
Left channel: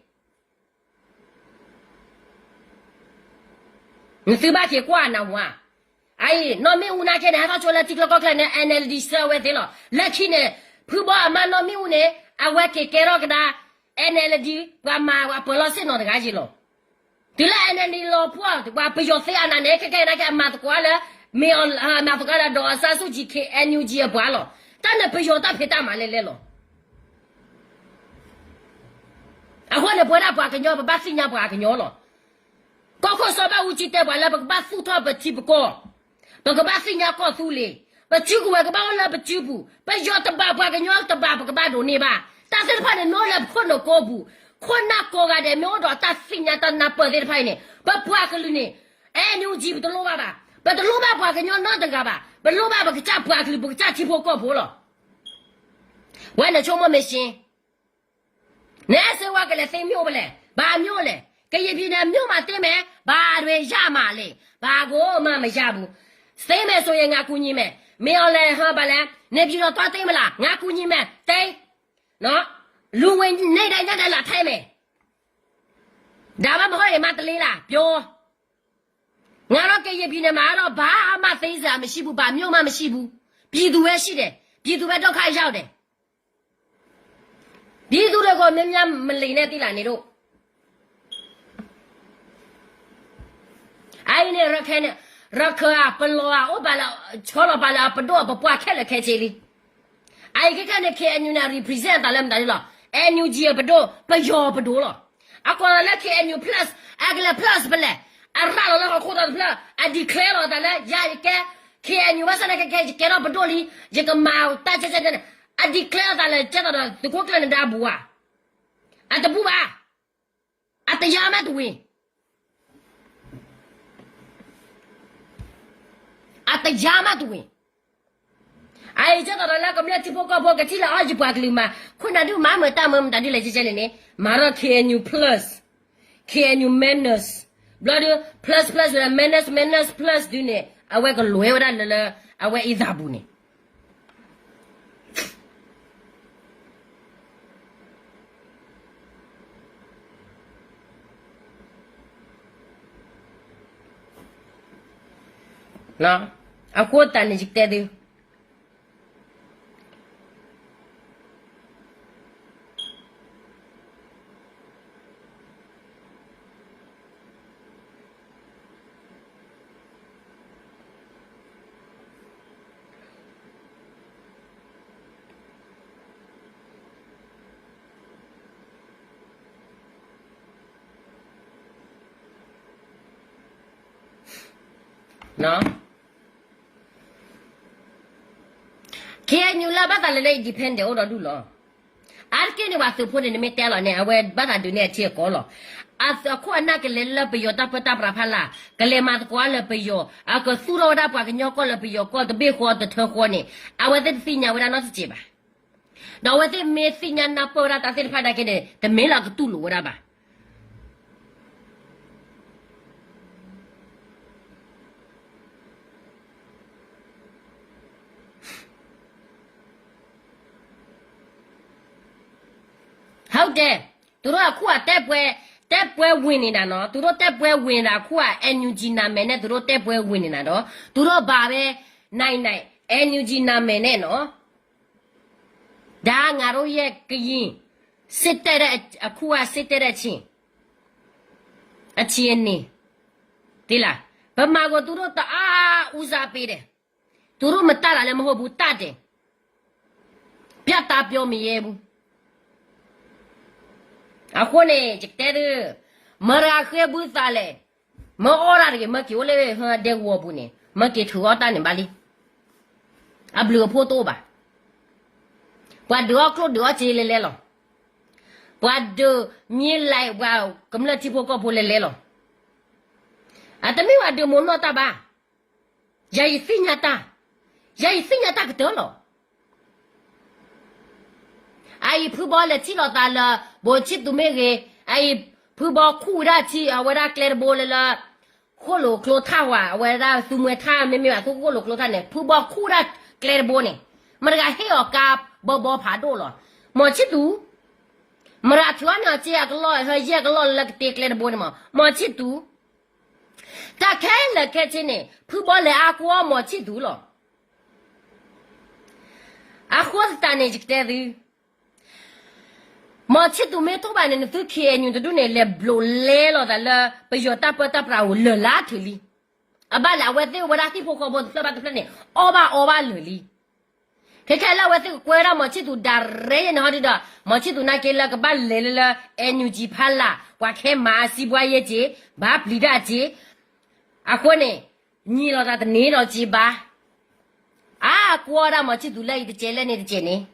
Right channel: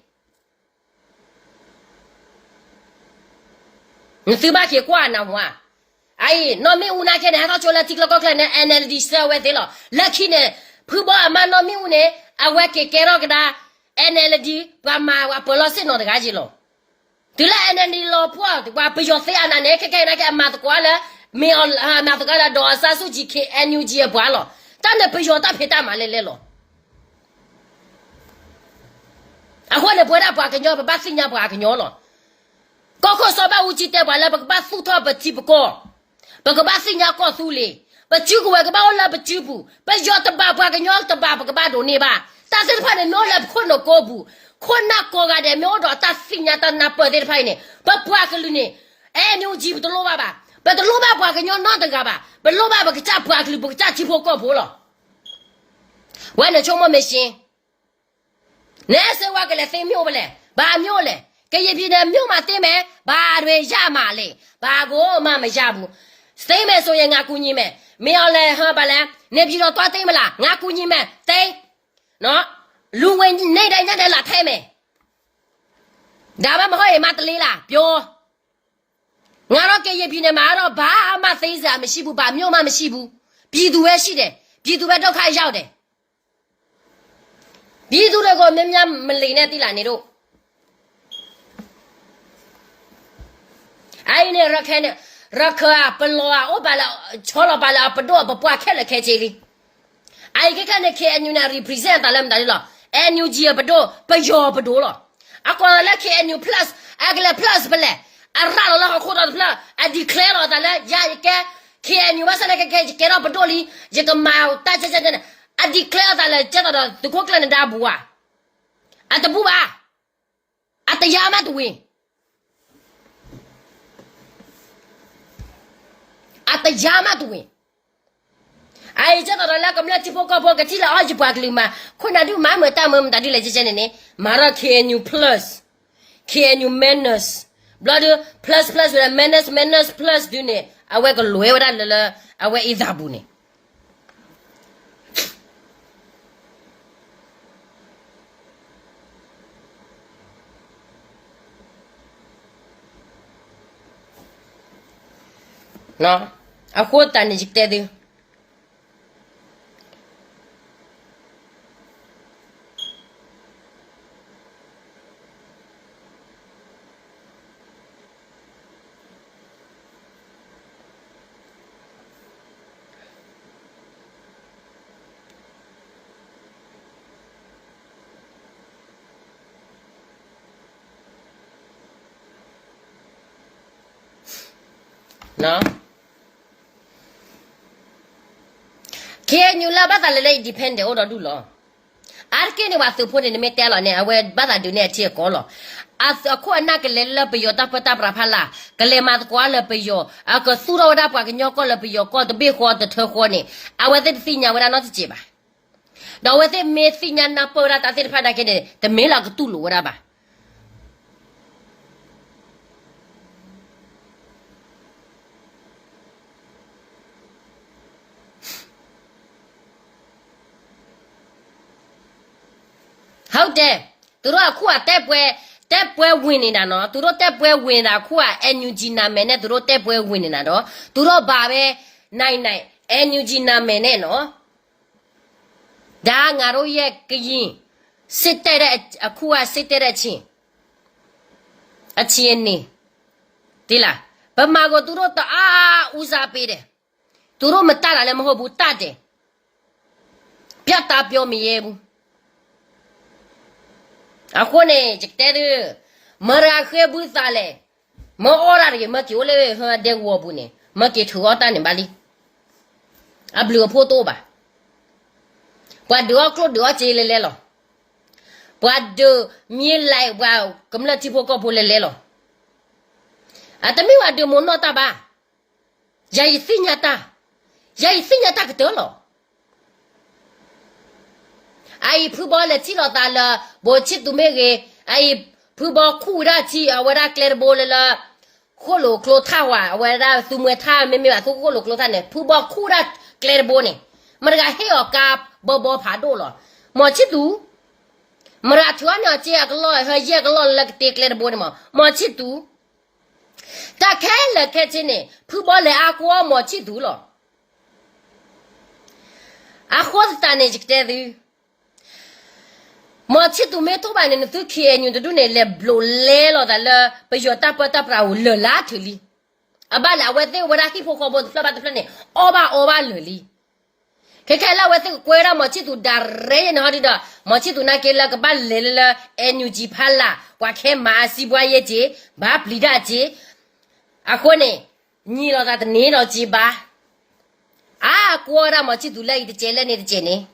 你嘴巴去管那话，哎，那没有那个呢，他做了这个个呢 NLD 社会的了，那去呢，普巴嘛那没有呢，啊我给了个他 NLD 我嘛我不老是弄的个去了，对了 NLD 老婆我不要谁啊那呢，看那个嘛的过了，没有啊嘛的过了多少手机去 NUG 也不了，但那不要打配打嘛来了，啊我那不打不个鸟不把新娘不个鸟了。高考说把我记得完了，不把书套不记不过，不把新娘告诉你，不记过个把我那不记不，不要的把个鸟的把不把东西吧，但是怕的鸟了困了高不，困那高个的苗着打新娘的那不的怕呢，不个了呢，哎你记不得老爸吧，不得老爸个鸟哪的个吧，不老爸个咋不个不咋记破高破了，完了就我没信，那时我给他分苗不嘞，把苗嘞。cái gì này miêu mà tên mẹ bà đuổi ra mà lệ bà cô mà mày ra bu xây mẹ số ngã cú nhỉ mẹ miêu lệ ha bà lệ nếu như nó toa tên mà là ngã cú nhỉ mẹ tên nó luôn quên này đây đây là thay mẹ đã mà hỏi mà tali là biểu ngã nó cái gì này mà nó bà mà xây ra mà xí bu bà miêu mà xí bu bị đuổi xí đấy bị đuổi đâu khai ra đấy bị đuổi rồi mình lấy này thì là này đâu ai này ra à bên lo à ô bà là cho là bà là bên đó bà qua khai là khai chơi đi ai cái này khai anh nào represent ta làm đấy là anh gì bên đó bây giờ bên đó là à còn là khai anh plus à cái là plus bên này à ra là họ khoa plus à declare là ta là ya cái khai anh mà sao cái đó bên đó đi cái màu ta chơi này à declare ta là chắc là tụi quốc là đã bùa à tụi bùa à tụi ya mà tụi ata jama tuwe ai cha da la kamla tipo ko ka tila aji pakli ma khona du ma mo ta mo ta di le je ne mara KNU plus KNU menace blood plus with menace plus du ne awe ko loe wa la awe izabu ne na aku tanya jikte dia na KNU la bata le depende o do lo arke ne wa su pho ne me te lo ne awe bata du ne tie ko lo a ko na ke le la pe yo ta pata pra phala ke le ma ko le pe yo a ko su ro da pa ke nyo ko le pe yo ko de be ko de the ko ne awe de si nya wa na ti ba da we de me si nya na po ra ta se pha da ke de me la ko tu lo wa baဟုတ်တယ်သူတို့ကခုကတက်ပွဲဝင်နေတာနော်သူတို့တက်ပွဲဝင်တာခုက NUG နာမည်နဲ့သူတို့တက်ပွဲဝင်နေတာတော့သူတို့ဘာပဲနိုင် NUG နာမည်နဲ့နော်ဒါငါတို့ရဲ့ကရင်စစ်တဲ့အခုကစစ်တဲ့ချင်းအချင်းနေဒီလားဗမာကိုသူတို့တအားဦးစားပေးတယ်သူတို့မတတ်တာလည်းမဟုတ်ဘူးတတ်တယ်ပြတ်သားပြောမရဲဘူးအခုနေကြတဲ့မရခဲဘူးစားလေမအော်ရရမကျိုးလေဟတဲ့ဝဘူးနေမကေထူအတန်နေပါလီအဘလူဖို့တော့ပါဘွားတော့ကလို့တော့ချေလေလေလောဘွားတော့မြင်လိုက်ဝါကမလတိဖို့ကဖို့လေလေလောအတမီဝါဒမွန်တော့တာပါယာယစီညာတာ ya yi sin ya ta de lo ai pu bo le chi lo ta la bo chi tu me ge ai pu bo khu ra chi a wa ra clear bo le la kho lo klo tha wa wa ra tu me tha me me ba kho lo klo tha ne pu bo khu ra clear bo ne ma ga he o ka bo bo pha do lo mo chi tu ma ra chwa na chi a lo he ye ga lo la te clear bo ne mo chi tu ta khe le khe chi ne pu bo le a ko mo chi tu lo a kho ta ne ji te du mà chỉ tụi mấy tụi bạn này tụi kia nhiều tụi này là blo lê lo đó là bây giờ ta bắt ta bảo lừa lá thử đi à ba là vậy thì vậy là khi phụ họ bọn tụi bạn tụi này ô ba lừa đi cái là vậy thì quay ra mà chỉ tụi đà rê nó đi đó mà chỉ tụi này cái là cái ba lê là energy pha là qua cái mà si bua ye chứ ba bli ra chứ à con này nhiều lo ta tụi này lo chứ ba à quay ra mà chỉ tụi này thì chơi lên thì chơi này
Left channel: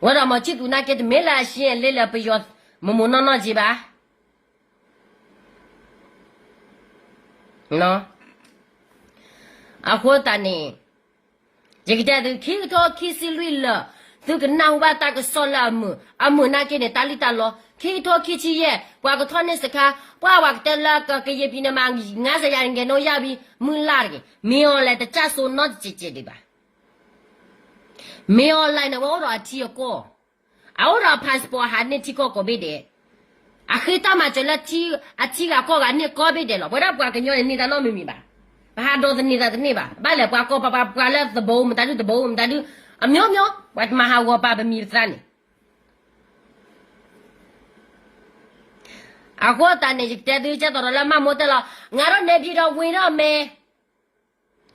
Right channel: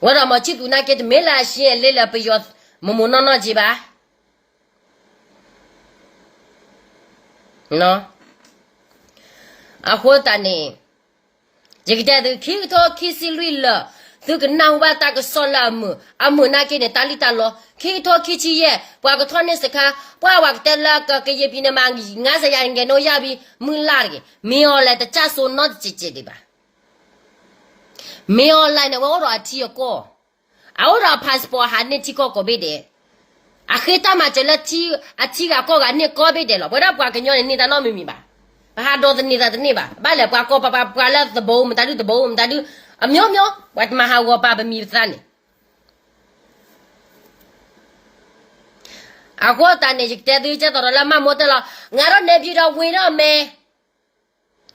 我让么去读那个没来些来了不要么闹闹去吧喏啊或者呢这个的开头开始累了这个闹吧大个算了么啊么那个呢打理打了开头开始也把个团呢是看把我的那个也比那么俺是人家弄也比没拉的没有来的家属闹姐姐的吧没有来呢，我说几个，啊，我说 passport 还能几个个别的，啊，黑他妈这了几个个你个别的了，我那不跟人你在哪明白？还多的你在你吧，把了把了的包，我们的包，我们的啊喵，我他妈还我爸爸米饭呢，啊，我当年就带队接到了，妈没得了，俺说那边的为了没，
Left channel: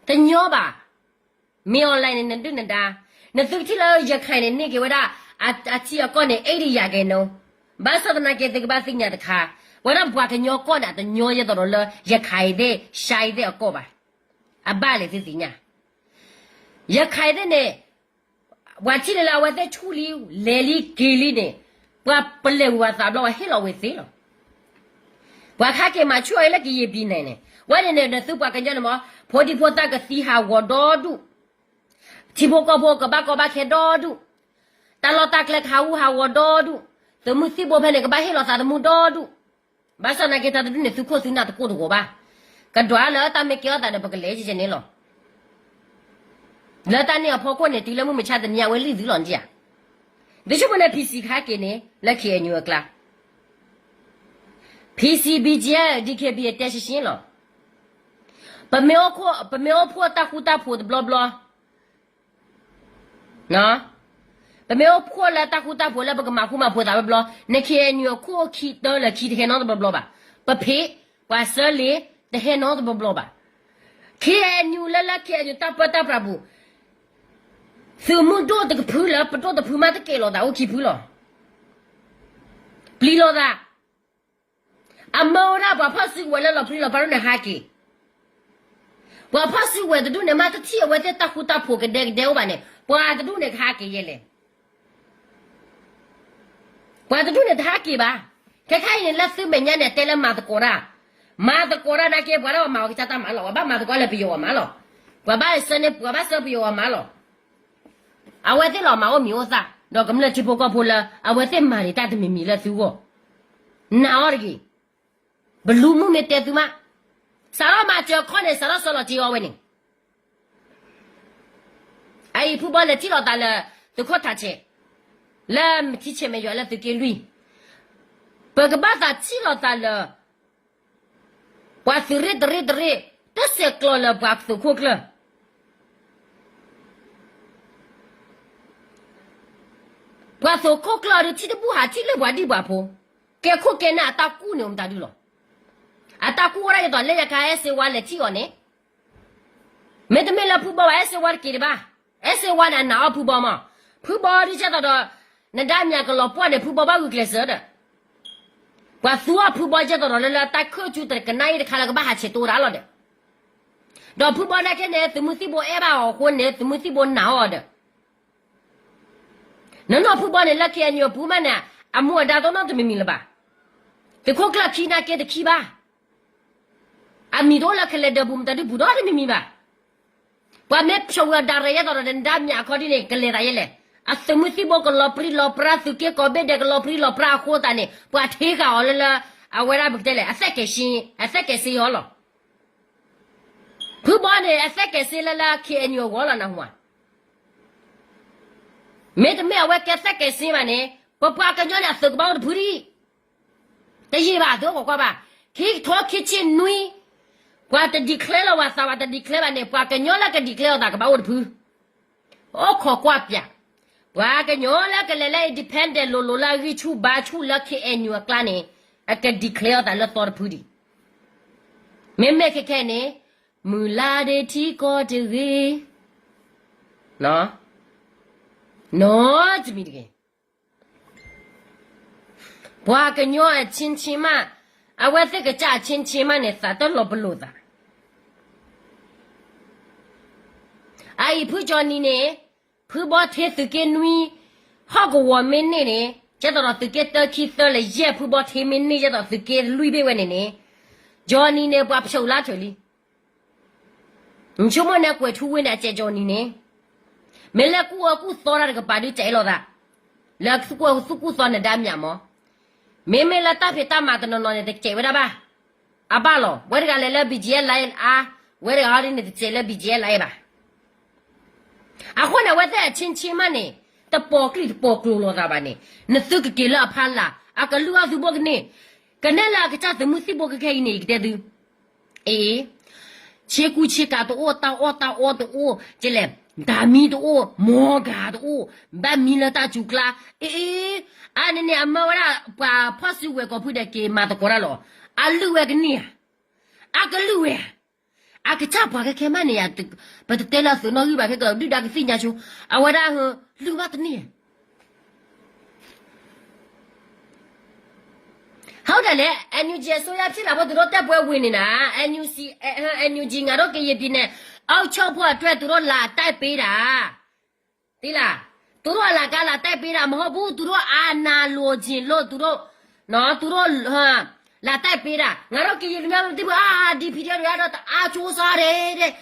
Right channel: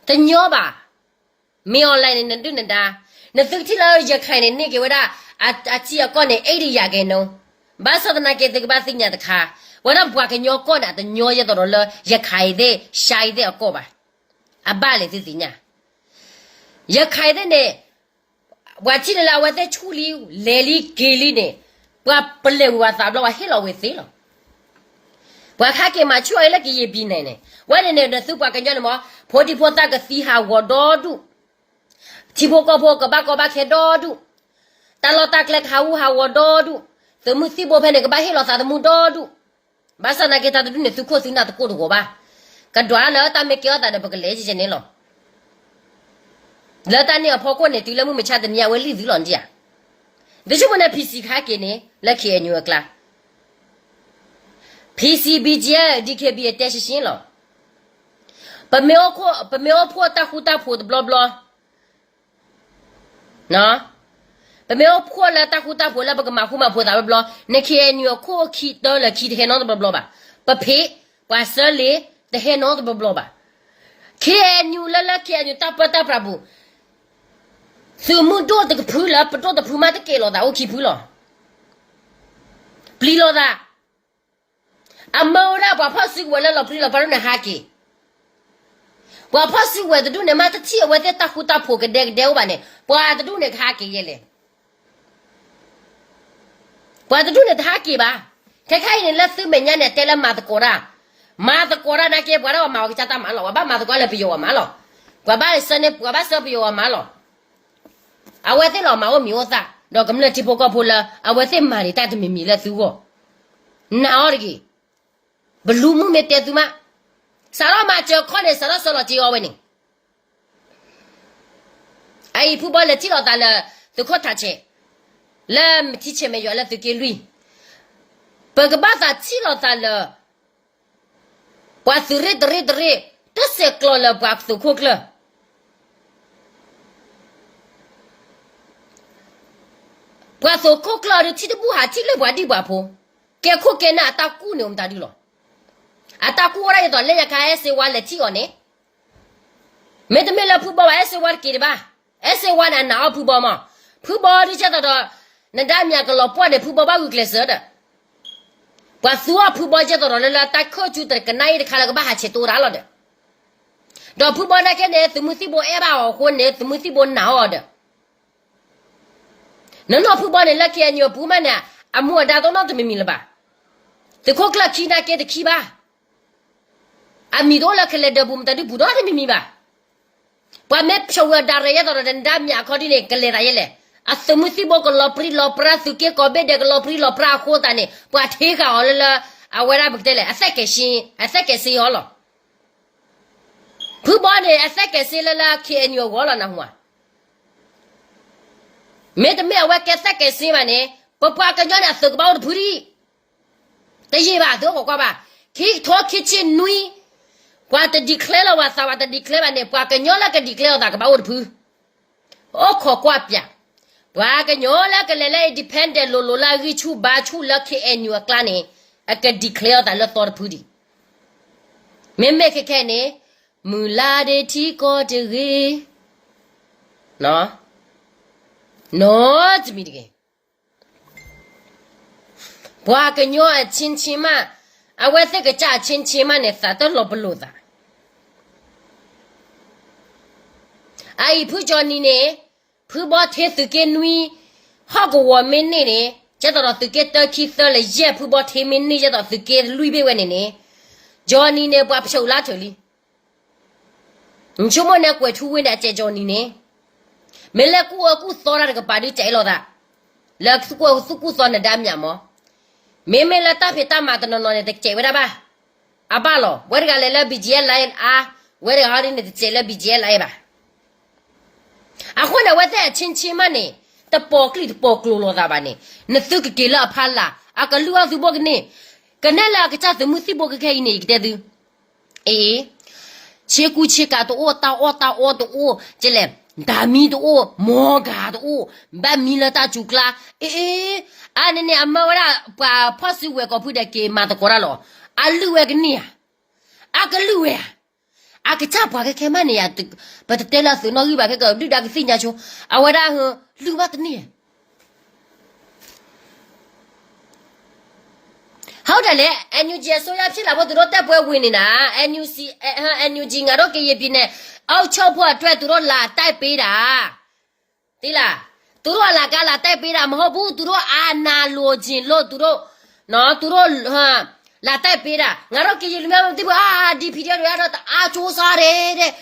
他鸟吧，没有来呢，对的。那这个了也看呢，那个我啦只要讲呢，80亚个喏，把说的那个这个把新年的卡，我那不个鸟讲呢，的鸟也到了也开的，下一的个吧，啊，把嘞是怎样？也开的呢，我记得了，我在处理来里给里呢，我不来我啥了，我黑了为谁了？我看见嘛，出来了个也比呢，我那手把个鸟了嘛，破地破大个四下我多度。ที่พวกก็บ้าแค่ดอดูแต่เราตากเล็กหาวดอดูแต่มือสิบเพนเนี่ยก็บ้าให้เราสาดมือดอดูบ้าสนาเกตาดูเนี่ยสุขสินาตะโกดูบ้ากันดวานเนาะตามไม่เกี่ยวแต่เดี๋ยวก็เลยจะเนี่ยหรอแล้วตอนนี้พอคนเนี่ยตีแล้วมึงไม่ชาติเนี่ยเวลี่สิหลอนจีอ่ะเดี๋ยวช่วงนั้นพีซีขาเกเนี่ยแล้วเขียนอยู่กลางพีซีบีเจดีเคบีเตชิชินหรอปะเมอพัวตาคูตาพูดบลาเนาะแต่ไม่เอาพัวแล้วตาคูตาพัวแล้วปะก็มาคูมาพัวตาบลอในเคียนอยู่คู่คิดตัวเลยคิดเห็นน้องตัวบลอบ่ะปะเพปะเสลีแต่เห็นน้องตัวบลอบ่ะเคียนอยู่แล้วเคียนอยู่ตาปะตาปราบุสมุดตัวตะกพูแล้วปะตัวตะพูมาตะเกลอตาโอเคพูหรอปลีลอตาอเมอราบ่พอสิวแล้วปลีลอปะเนี่ยหากีว่าพอสิเวทดูเนี่ยมาตะเที่ยวเวทตาคูตาผูกกันเด็กบ้านเนี่ยปว่าตะดูเนี่ยหากี่เลยปว่าตะดูเนี่ยหากี่บ้าแค่เนี่ยละซื้อเมียเนี่ยแต่ละมาตะโกรานะเก็บว่าเรามาเอาจะตามมาหรอว่าบ้านมาตะโกราไปอยู่มาหรอกว่าบ้านเสเนี่ยกว่าบ้านเสไปอยู่มาหรอเอาเวทเรามาว่ามีโอซาดอกกำเนิดที่พวกก็พูดละเอาเวทมาเนี่ยแต่จะไม่มีละซื้อวะน่าอร่อยบลูมุเมเตตุมาสารมาเจอคนเนี่ยสารสารจีเอาไว้นี่ไอ้ผู้บอลเลยที่เราตาเลยตัวเขาทัชเชแล้วที่เชไม่ยอมแล้วตัวเกลุยเปิดกระบะตาที่เราตาเลยว่าสุริดริตัวเสกลเลยว่าสุขุกเลยว่าสุขุกเลยที่ตัวผู้หาที่เลยว่าดีกว่าพูแกคุกแกน่ะตากู้เนี่ยมันตาดีหรออาตาคูอะไรตัวเลี้ยงใครเอสวาเลที่อ่อนเนี่ยไม่ต้องมีละผู้บ่าวเอสวากี่บ้าเอสวาน่ะหนาวผู้บ่าวมาผู้บ่าวที่จะตัวนั่นได้มีอะไรก็ปวดเลยผู้บ่าวก็เกลียดเสือเด้อว่าสัวผู้บ่าวจะตัวนั่นละตาเข้าจุดแต่กันไหนเด็กข้าก็บ้าหาเช็ดตัวแล้วเด้อดอกผู้บ่าวนั่นแค่เนี่ยสมมติบ่เอบ้าคนเนี่ยสมมติบ่หนาวเด้อนั่นเราผู้บ่าวเนี่ยละแค่เนี่ยผู้มันเนี่ยอามัวดาตัวนั่นจะไม่มีละบ้าแต่เขากลัวขี้น่าเกลียดขี้บ้าอามีโดละเคลเดบุมตาดิบุดอที่มีบ้า Pwa me pshawa daraya to dan dam ya ko di ne kale da yele. Asumusi bo ko lopra suke ko be de lopra ko ta ne. Pwa the ka o la awera bktele asake si holo. Pu bo ne asake si la ke enyo wala na hwa. Me de me awa ke asake si ba ne. Pwa ka nyo na su ba o puri. Te yi ba do ko ba. Ki to kitchen nui. Pwa te declare la wa sa wa te declare ne pwa ka nyo la ke declare da ka ba o pu. O ko kwa pya. Pwa ka nyo la ke le dependent lo la ri chu ba chu la ke enyo kla ne. I can declare that lot of pudi. Me make a kenny, mulade ti ko de re. No, to me again. Boakan yo a chinchima. I will think a cha chinchima and that a lobuluda. I put Johnny ne, put bought here to get me. Hog a woman in it. Chador to get 30 years, who bought him in nature of the gate Louis when in it. Johnny ne wap so latterly. Chumona quit who win at Johnny ne. Melaku thought a body tailor that. Lux sukus on the damyamo. Meme la tapeta maton on the chevaba. Abalo, where Galila be jail lion ah, where are in the sailor be jail liba. I wonder what that chinchi money. The poklo da bane. Nasuk kila pala. Akalua zubogne. Canela gets the musibo cane dedu. Cheku cheka to ota o jelem. Dami o moga o bamila ta chukla. Anene amora pa posu weko put a game matacoralo. Aluegnia. Akalue. Akitapa kemania, but tell us no you back go do that thing at you. I would have look at near. How the let and you just so you about the rota boy winning, and you see and you jing a rocky ye dinner. Oh, chop what try to roll la type beta. Tila, to roll la gala type beta, mobu to roll ana lodging, low to roll, no to roll, La tapera, Naroki, you remember the DPD, Chosare,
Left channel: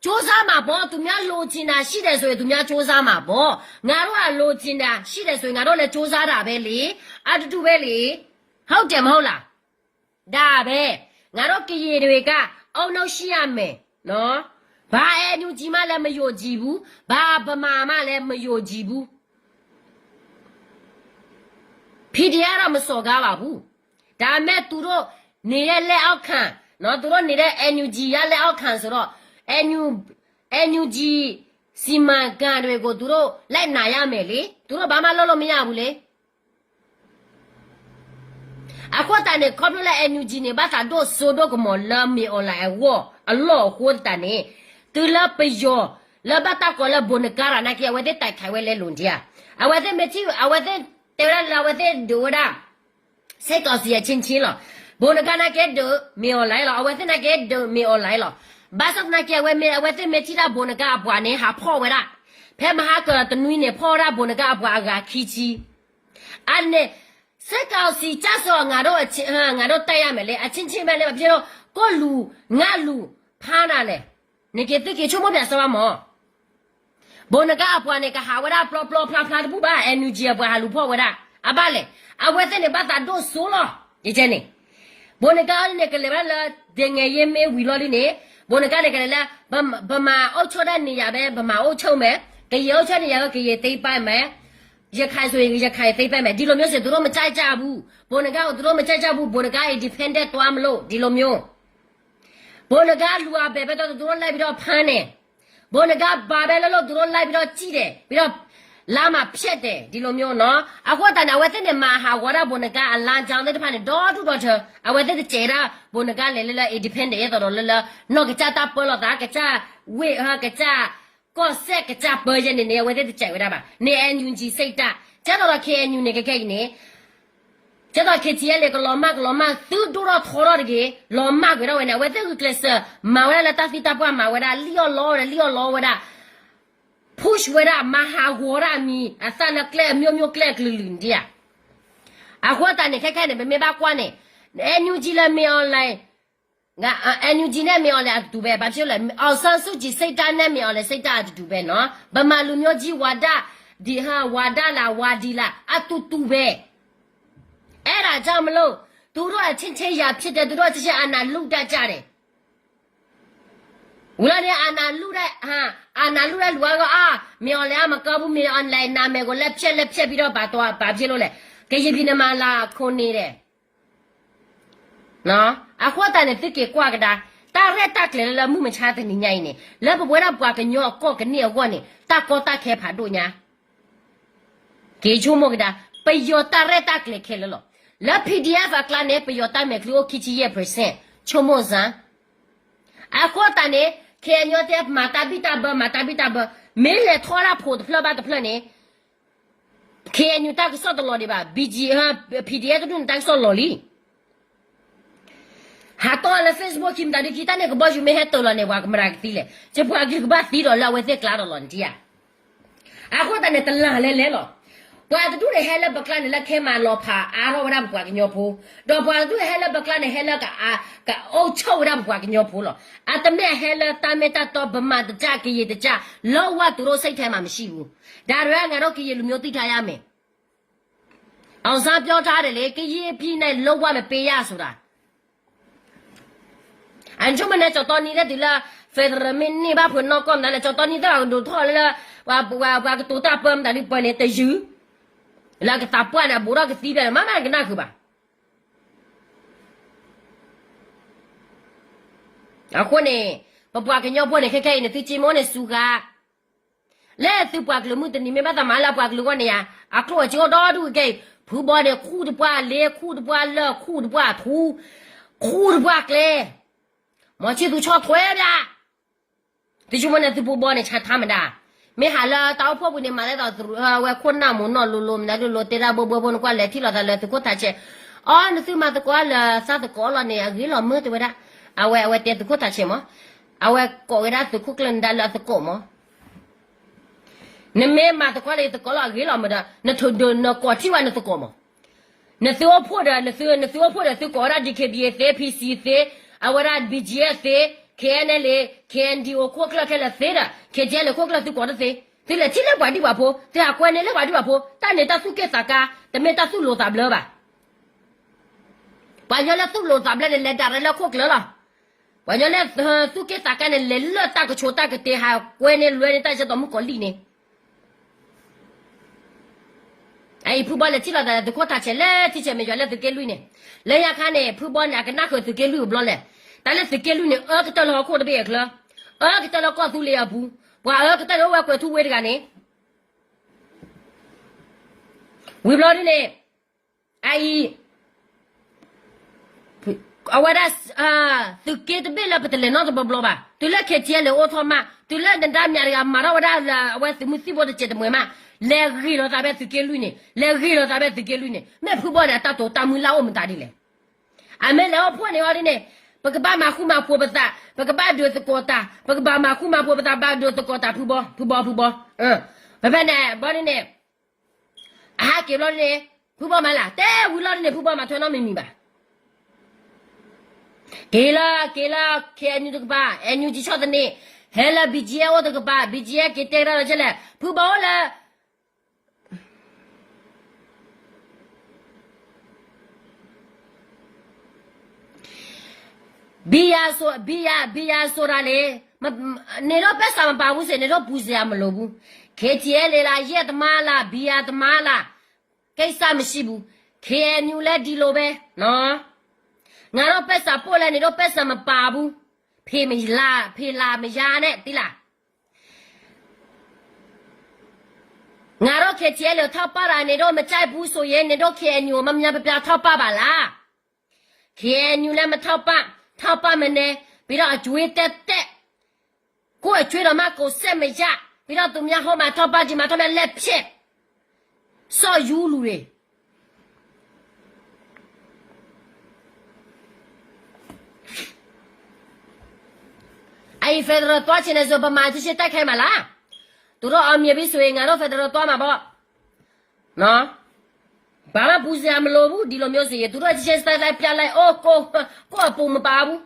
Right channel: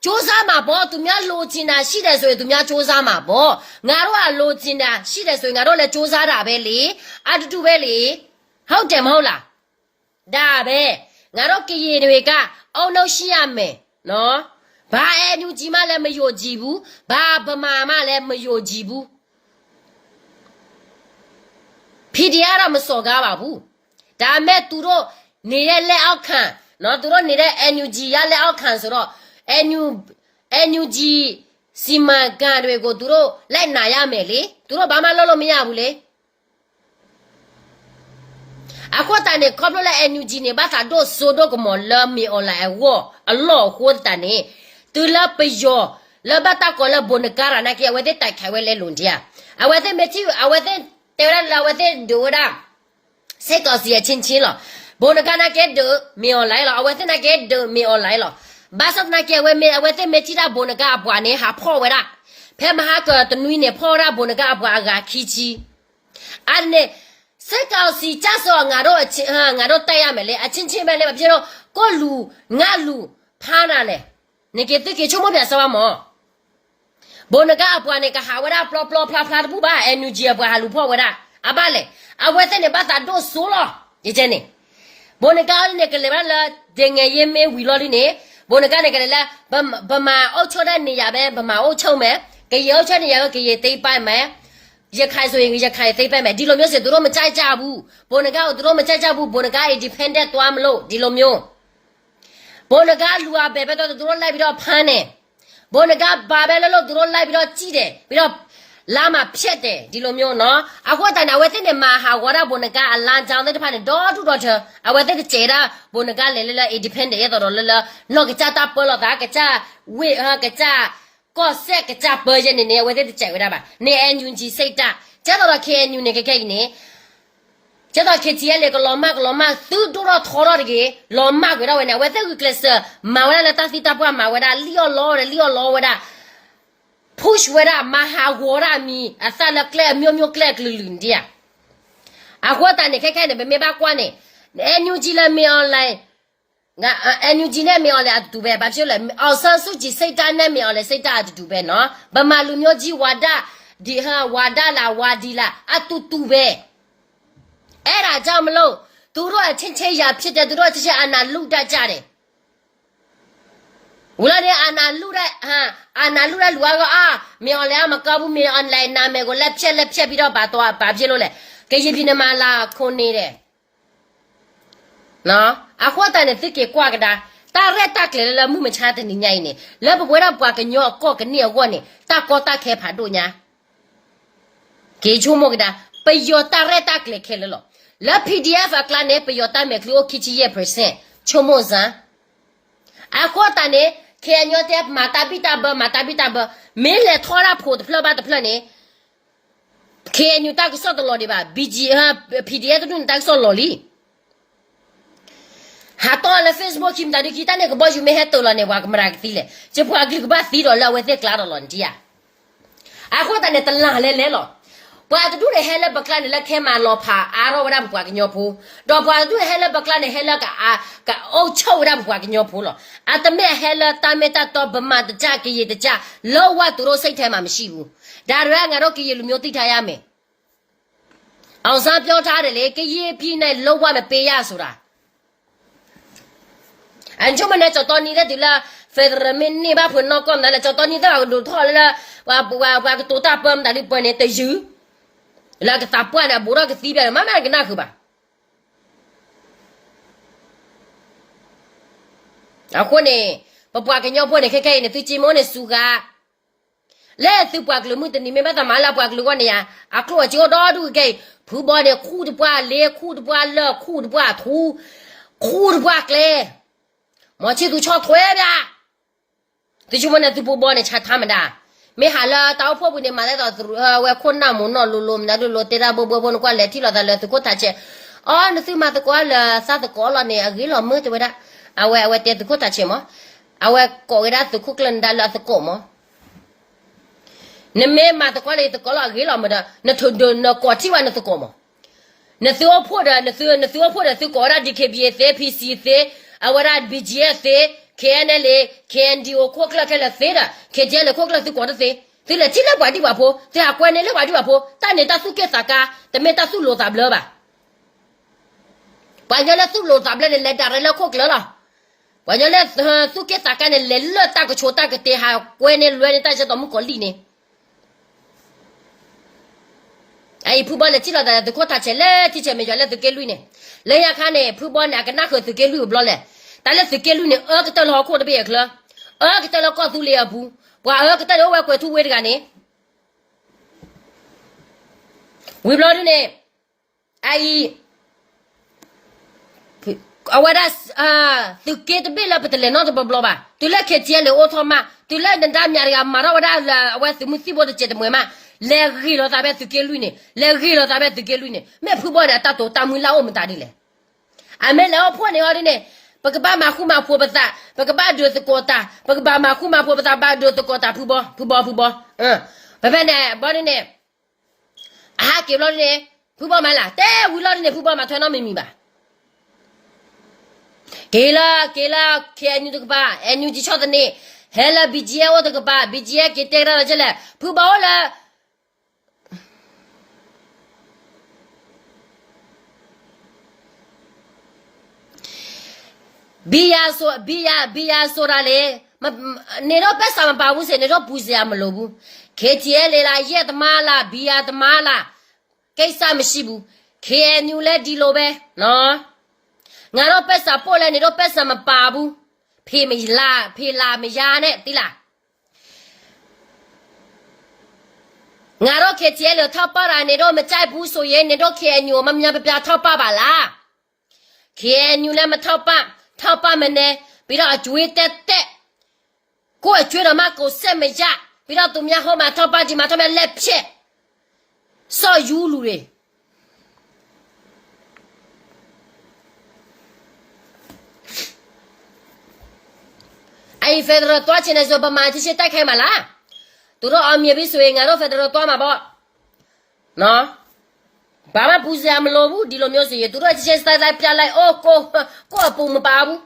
Chosama bo to Mia Lotina, she does to Mia Chosama bo, Naroa Lotina, she does to Narola Chosara belly, add to belly. How dem hola? Da be, Naroki Yereka, oh no, she am me, no? Ba enu jima le me yo jibu, ba mama le me yo jibu. Pidiara Masoga bu. Da me turo nire le outcan, no turo nire NUG ya le outcan so NUG sima ganwe go turo le na ya me le turo ba ma lolo mi ya bu le akwata ne koplo le NUG ne ba ta do so do ko mo la mi on la e wo a lo ho ta ne tu la pe yo la ba ta ko la bonekara na ke we de tai khai we le lun dia a we de me ti a we de te la we de do da Se così è cincino. Buona cana che do, mi ho lei lo, avete na che do, mi ho lei lo. Basta na che avete mettita buona ca buone, ha po vera. Per ma ha che tu ne pora buona ca buaga kichi. Anne, se così già so ngaro tayamele, a cincimele, però colu, ngalu, panale. Ne che tu che ciumo piace mo. Buona ca buone ca ha vera, pla buba, e nu gia bua halu po vera. Abale. I was in about that door solo. Jenny. Bonagal Nicolella, Denge me, we lord in it. Bonaganella, Bama, Ochoda Niabe, Bama Ochome, Gayocha Niaga, they by me. Yakazo, Yakai, they by me. Dilomio, the Roma Jabu. Bonagal, the Roma Jabu, Bonagai, dependent to Amlo, Dilomio. Bonagal, who are better than the door like without pane. Bonagal, Babello, the door like without cheated, without. Lama pshete, dilomio no. I want an away in Maha, what a bonaga, a land down the pan door to daughter. I want the chera, bonaga, lilla, independent, either lilla, no gata, pull of Akacha, we her gata, go sick a tap version in there with the check whatever. Near and you say that. Tell her can you nigga cane. Tell her Kitiele, Loma, two dura torre, Loma, without when I went to class, Mawela Tafita, Mawela, Leo Law, push wera maha wora mi asala clear mio clear lundia akwata ne keke ne me ba kwane NUG la mi online ငါNUG နဲ့မြော်လဲအတူပဲဘာဖြစ်လဲအောင်ဆန်းစုကြည်စိတ်ဓာတ်နဲ့မြော်လဲစိတ်ဓာတ်အတူပဲနော်ဗမာလူမျိုးကြီးဝါဒဒီဟာဝါဒလာဝါဒီလာအတူပဲအဲ့ဒါကြောင့်မလို့သူတို့အချင်းချင်းရာဖြစ်တယ်သူတို့ချင်းချင်းအာနာလူတတ်ကြတယ်ဝလာတဲ့အာနာလူတဲ့ဟာအာနာလူတဲ့လူကတော့မြော်လဲမကောက်ဘူးမြေအွန်လိုင်းနာမည်ကိုလက်ဖြတ်ပြီးတော့ဘာဖြစ်လို့လဲကေဂျီပြင်းမလာခွန်နေတယ်နော်အခုတည်းနဲ့တိကေကွာကတာတာရက်တက်လေလမှုမချတဲ့နေညိုင်းနေလက်ဘွယ်တော့ပွားကညောကော့ကနေကောနေတာကောတာခဲဖာတို့ညာကေချိုမကတာပယောတာရက်တက်လေခဲလောလက် PDF ကလာနေပယောတာမဲကလိုခီချီရဲ့ percent ချိုမဇန်အခုတည်းနဲ့ခဲညောတဲ့မာတာဘီတာဘမင်းလေထော်ရာဖို့တဖလဘတ်ဖလနေခဲညူတာကစောတလော်ဒီပါ BG PDF တို့တက်ဆော်လော်လီဟာတော့လေ Facebook kim da kita ne ko boju me heto lo ne wa kamera tile je po agri ko ba ti do la we te claro lo ndia a ko ta ne tala le lo bwa tu de hele bakla ne la khe ma lo pha a ro wa bwa ka nyo phu do bwa tu hele bakla ne hele ka o chou da bwa ka nyo phu lo a ta me hele ta me ta to ba ma ta ja ki ye ta ja lo wa tu ro sai the ma ma shi bu da ra nga ro ki ye lu myo ti tha ya me aung san pyo tha de le ki ye phi ne lo wa me pe ya so da anh chúng mình cho tôi đi là thì là phải là mình đi ba phần nó con là cho tôi đi đó đủ thôi là và cái tổ ta bơm đã đi bơm này tới dưới là cái tạp quan là bố đó cái tí là má cái nào cứ bà à con này bà cái nhau bơm này cái này tôi chỉ muốn này suga lẽ tôi bà cái lúc mình bắt tạm là bà cái lúc này à cô chỉ có đó đủ cái phụ bà này khu được bà lê khu được bà lơ khu được bà thu khu được bà lê mà chỉ tu cho thuê ra thì chúng mình tu bố bố này chả tham đã mấy hà là tao phô bữa này mà lại tao về khuôn nào muốn nó lùm đã lùm tê ra bố nó qua lẹ thì là tu có thà chứ nó tu mà tu có là sao tu có là này ghi là mưa tu vậy đó về tê tu có thà chứ mà về có cái đó tu có lần đã là tu có mà nên mấy mà tu có là tu có là ghi là mà đó nó thường đường nó có chỉ vào nó tu có mà nó tu phô đó nó tu có ra đi cái bia thế PC thế awara BGF KNL KNDO ko kla kla fera KJL ko kla tu ko de te le ti le ba di ba pho te a kwen ne le ba di ba pho ta ne ta su ke saka te me ta su lo ta bla ba nya le su lo ta bla le da le ko kla la ba nya le su ke saka ne le le ta ko cho ta ke te ha kwen ne lwe ne ta se to mu ko li ne ai phu ba le ti la da de ko ta che le ti che me ja le de ke lui ne le ya kha ne phu ba na ka na ko de ke lui blo le ta le de ke lui ne ka ta lo ko de be kla ka ta lo ko tu le ya bu bwa ka ta lo wa ko tu we de ga ne we blo ne ai awara tu ke de be la petele no de blo ba tu le ke tie le o tho ma tu le da nya ya ma ra wa da wa tu mu si bo de che de mo ma le ri lo ta be tu ke lui ne le ri lo ta be tu ke lui ne me phu bo da ta to ta mu la o mu ta di le a me le o pho ne o di ne ba ka ba ma khu ma pho ba ta ba ka ba do se ko ta ba ka ba ma khu ma pho ba ta ba do se ko ta phu bo ba ba ne bo ni ne a ke lo ne phu bo ma la te wi lo ne phu bo ma thwa no mi mi ba ke la ke anyu de ba anyu ji chot ne hela bijia o de ba bijia ke te ra che le phu bo la bia so ra le ne ro pa sa ma pa bu se ne ro bu se ya ma lo bu ke tie le la ye ta ma la bia ta ma la kai sa ma shi bu ke anyu le di lo be no nga ro pa sa po le ne ro pa sa ma pa bu phe la ma ya ne ti la nga ro ke tie le tha pa ra ne ro ma chai bu so ye ne ro ke anyu ma mya pa tha pa ba la ke anyu le ma tha paထောက်ပါမနေပြီးတော့အကျွေးတက်ကိုယ်အကျွေးတော့မကိုဆက်မရပြီးတော့သူများဟောမှာထောက်ပါကြည့်မှာထောက်မဲ့လက်ဖြစ်စော်ယူလူတွေအဲ့ဒီဖက်ဒရယ်တွားချင်တဲ့ဆိုဗမာတိရှိတိုက်ခိုင်းမှာလားသူတို့အောင်မြင်ပြီဆိုရင်ငါတို့ဖက်ဒရယ်တွားမှာပေါ့နော်ဘာမှပူစရာမလိုဘူးဒီလိုမျိုးဆိုရင်သူတို့ချက်စတိုက်ပြလိုက်အိုးကိုအပူမပါဘူး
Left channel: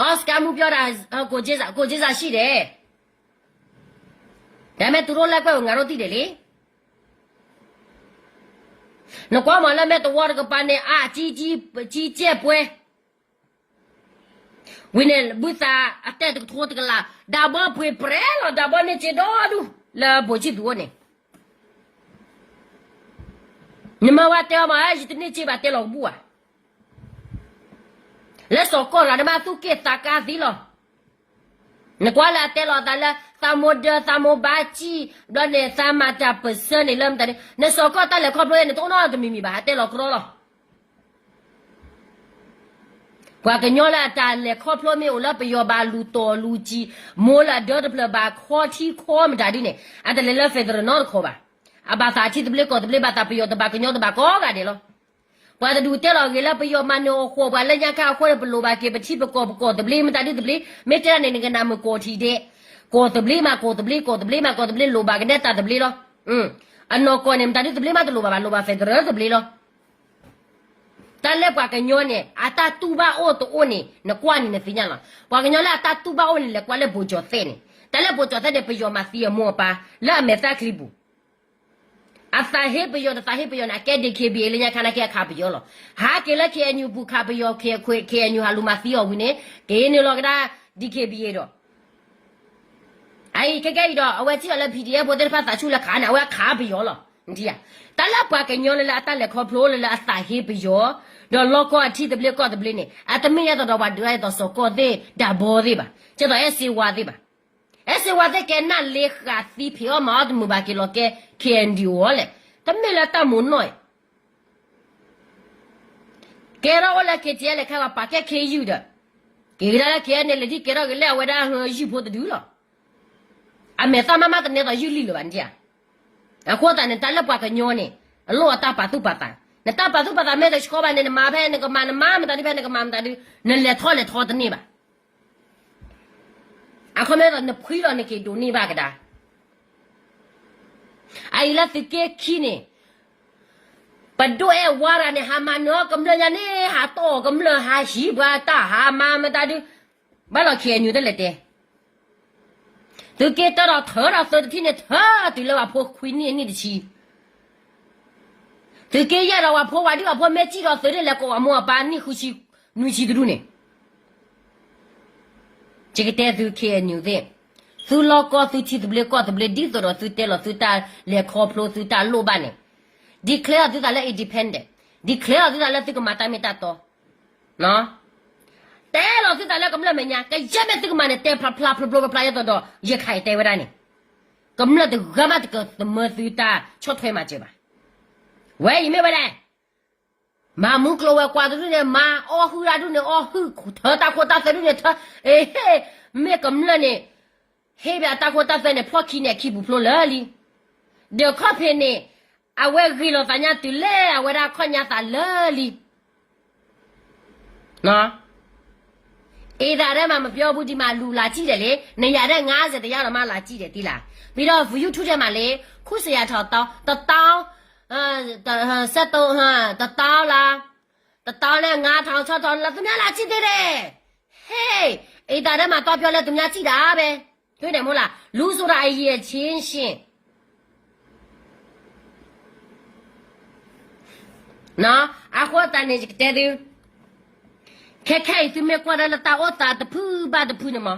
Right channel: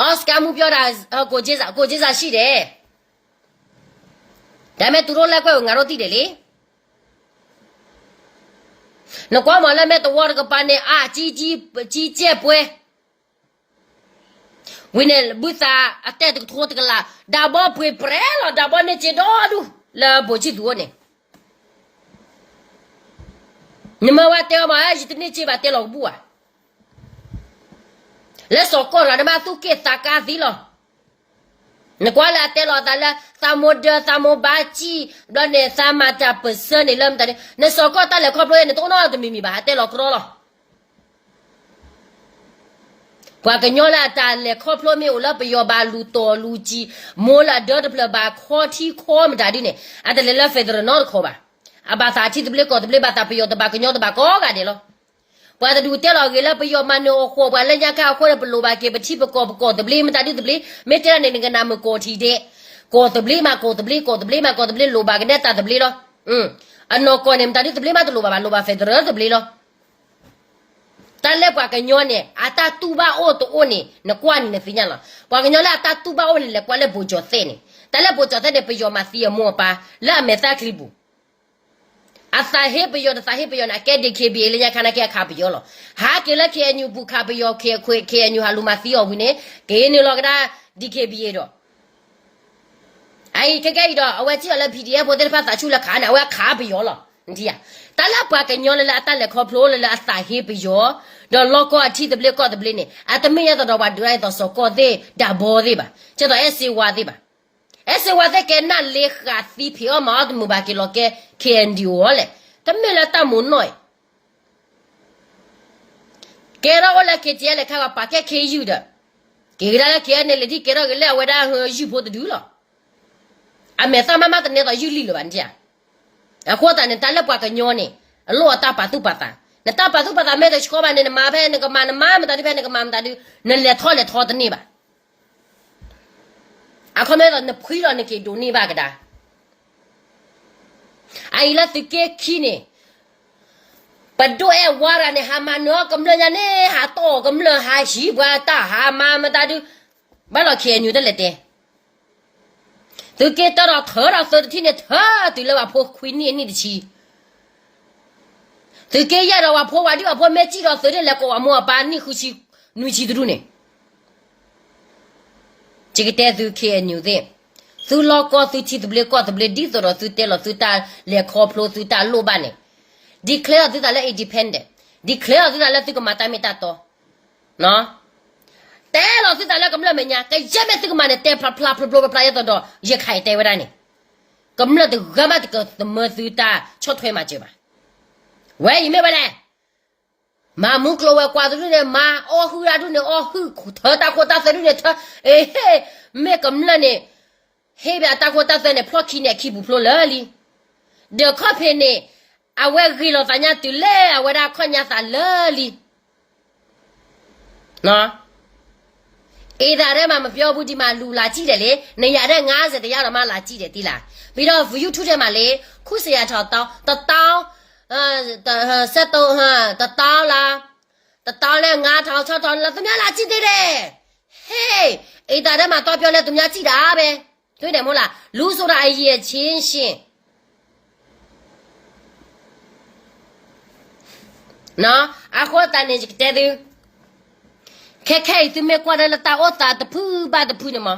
အော်စကမှုပြောတာကိုကျေးစာရှိတယ်ဒါပေမဲ့သူတို့လက်ကွက်ကိုငါတို့သိတယ်လေနှကွာမလည်းမဲ့တော့ကပန်းနဲ့အာကြီးကျက်ပွဲဝင်းနဲ့ဘူသာအတက်တူထိုးတကလာဒါဘောဖွေပရဲလောဒါဘောနဲ့ချေတော်ဒူလာဘောချီဒူနဲ့နမဝတ်တဲမှာအစ်တနေချေပါတဲလောဘူးอ่ะလက်စောကောလာဒမသူကေတာကာသီလောနကွာလာတဲလောတာလာသာမိုဘာချီဘလနဲ့သာမတာပစနေလမ်တဲ့နစောကောတာလေခေါပလိုနဲ့တော့တော့တမီမီပါတဲလောကရောလောကွာကညောလာတာလေခေါပလိုမျိုးလပယောဘာလူတော်လူကြီးမိုးလာဒေါ်တပလဘာခေါ်တီခေါ်မတာဒီနဲ့အတလေလဖက်ဒရနော်ခေါ်ပါအဘာသာချီတပလေကောတပလေဘာတာပယောတဘာကညောတဘာကောကတယ်လောပွာဒူတဲလောကေလပယောမနိုခေါ်ပါလက်ညခါခေါ်ရပလိုဘာကေပတိပကောတပလေမတာဒီတပလေမေတ္တနေငနာမကောတီတဲ့ကောတပလေမကောတပလေလိုဘာကနေတာတပလေလောအနောကောနေမတာဒီတပလေမတလိုဘာဖက်ဒရတပလေလောတန်လက်ပွားကညောနဲ့အတာတူဘာအိုတိုအိုနေနကွာနေနေပြညာလားပွားကညောလာအတာတူဘာအိုလေကွာလေဘူဂျောသဲနေတန်လက်ဘူဂျောသဲတဲ့ပယောမစီယမောပါလာမေတာခလီဘူအသာဟေပယောနာကဲဒီခေဘီလေညာခနာကဲခါပယောလောဟာကေလက်ခေညူဘူခါပယောခေခွေခေညူဟာလူမစီယောဝင်းနေဂေနေလောကဒါဒီခေဘီတော့အိုင်ကဲတော့အဝဲကြည့်ရလဲ PDF ပေါ်တဲ့ဖတ်စာချူလက်ခါနာဝဲခါပယောလောဒီယာတလက်ပွားကညောလေအတလက်ခေါဖလိုလေအသာဟေပယောတော့လောကအထီတပလေကောတပလေနေအတမင်းရတော့ဘာဒရိုက်တော့စောကောသေးဒါဘောသေးပါကျတော့အစီဝါသေးပါအစီဝါတဲ့ကဲနာလေခါသီဖီအမာဒမဘာကီလောကဲKND ဝလေတမင်လာတမွန်နိုကဲရောလေကကျဲလေခါပါကဲ KU ဒကေရလာကဲနေလေဒီကဲရောလေဝဒါယူဖို့တူလောအမေသမမတနေတော့ယူလီလောဗန်ကြအခုတန်တလက်ပွားကညောနေအလောအတာပါသူပါတာနတာပါသူပါတာမဲတဲ့ချောပါနေမှာပဲနေကမမတာဒီပဲနေကမတာဒီနေလေထောတနေပါအခုမဲတော့နခွီတော့နေကေဒိုနေပါကဒါအိုင်လာတကေခီနေပဒိုအဲဝါရနေဟာမနောကမလညာနေဟာတော့ကမလဟာရှိဘာတာဟာမတာဒီဘာလို့ခေညူတဲ့လက်တဲ့သူတေတော့ထောရဆိုတဲ့ทีเนี่ยท่าဒီလောဖို့ခွီးနေတချီသူတေရတော့ဖို့ဝါဒီဖို့မဲကြည့်တော့ဆိုတဲ့လက်ကောအမောပါနိခုစီနွီချီတူနေจิกတဲ့သူခေညူတဲ့သူလောကသူချီတဘလကောတဘလဒီတော့သူတဲလို့သူတာလေခေါပလို့သူတာလို့ပါနေ declare သူတာလေ independent declare သူတာလေသူကမတာမတာတော့နော်တဲလို့သူတာလေကမလမညာကရမဲ့သူကမနဲ့တဲဖလာရတော့ရခိုင်တဲဝဒနေကမလတကမတကသမသူတာချော့ထွဲမှာကြပါဝဲရမေပါလေမာမုကလောကွာသူနဲ့မာအော်ဟူရာသူနဲ့အော်ဟူထောတာခေါ်တာဆလူနဲ့အေးမေကမလနဲ့ဟေးပြတာခေါ်တာတဲ့ဖလော့ခီနဲ့ခီဘူးဖလော်လာလီဒေကော့ဖေနဲ့အဝဲဂီလောတညာတူလေအဝဲဒါခွညာသန်လာလီနော်အေးဒါထဲမှာမပြောဘူးဒီမှာလူလာကြည့်တယ်လေနေရတဲ့90တရားတော်မှလာကြည့်တယ်တိလားပြီးတော့ view ထုထဲမှာလေခုစရာထောက်တောင်းတတောင်းဆက်တော့ဟာတတောင်းလားလဲ9000 6000လားသူများလာကြည့်သေးတယ်ဟေးအေးဒါထဲမှာတော့ပြောလဲသူများကြည့်တာပဲတွေ့တယ်မို့လားလူဆိုတာအရေးချင်းရှင်နော်အခုတန်နေကြတဲ့သူခဲသူမေကွာလာတာအောတာတဖူဘာတဖူနေမ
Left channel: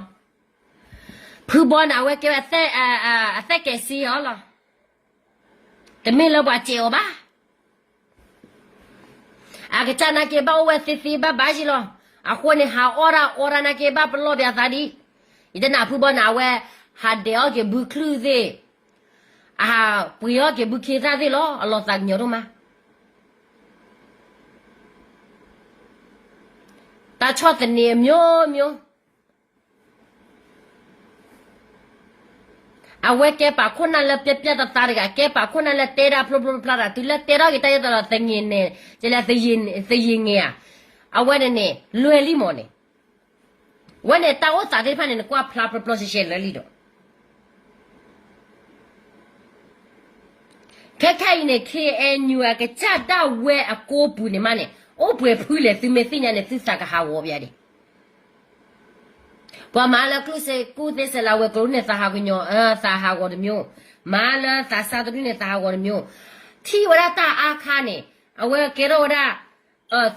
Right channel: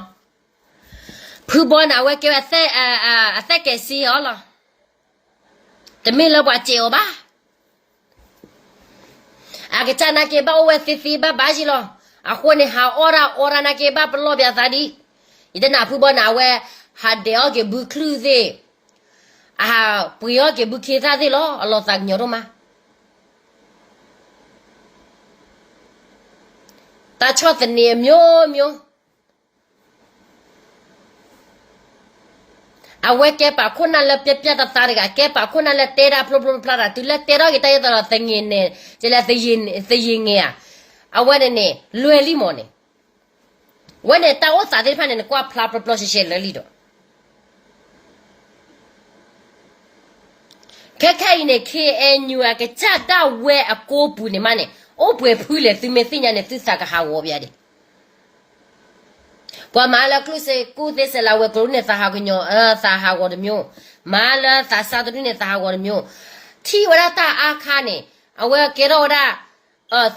ဖူဘောနာဝဲကဲအသက်ကဲစီဟောလားတမင်းလောပါချေောပါအကချနာကေဘာဝဲစီဘာကြီးလောအခုနေဟာအော်ရာနာကေဘာပလောပြသာဒီ이제 나 부번아 왜 하데어게 부크루제 아 부여게 부케자들로 알로상 여로마 다 쳤더니 묘 아왜 깨바 코나라 뼈뼈다 따르가 깨바 코나라 때라 플로플라라 둘라 때라게 따여더라 생이네 제라 생이야 아왜네 루엘리모네ဝဲနဲ့တောက်စားတဲ့ဖက်နဲ့ကွာဖလာပပလော့ရှယ်လဲလီတော့ခဲနဲ့ KNU ကကြတော့ဝဲအကိုဘူးနေမနဲ့အိုးပွဲဖူးလေသူမေစညာနဲ့သစ္စာကဟာဝေါ်ပြတယ် ပွာမာလာကလုစေကိုသစလာဝဲကလုနေသာဟာကညောသာဟာဝဒမျိုးမာလာသာစာတုနေသာဟာဝဒမျိုးထီဝရတာအခါနေအဝဲကေရောဒါ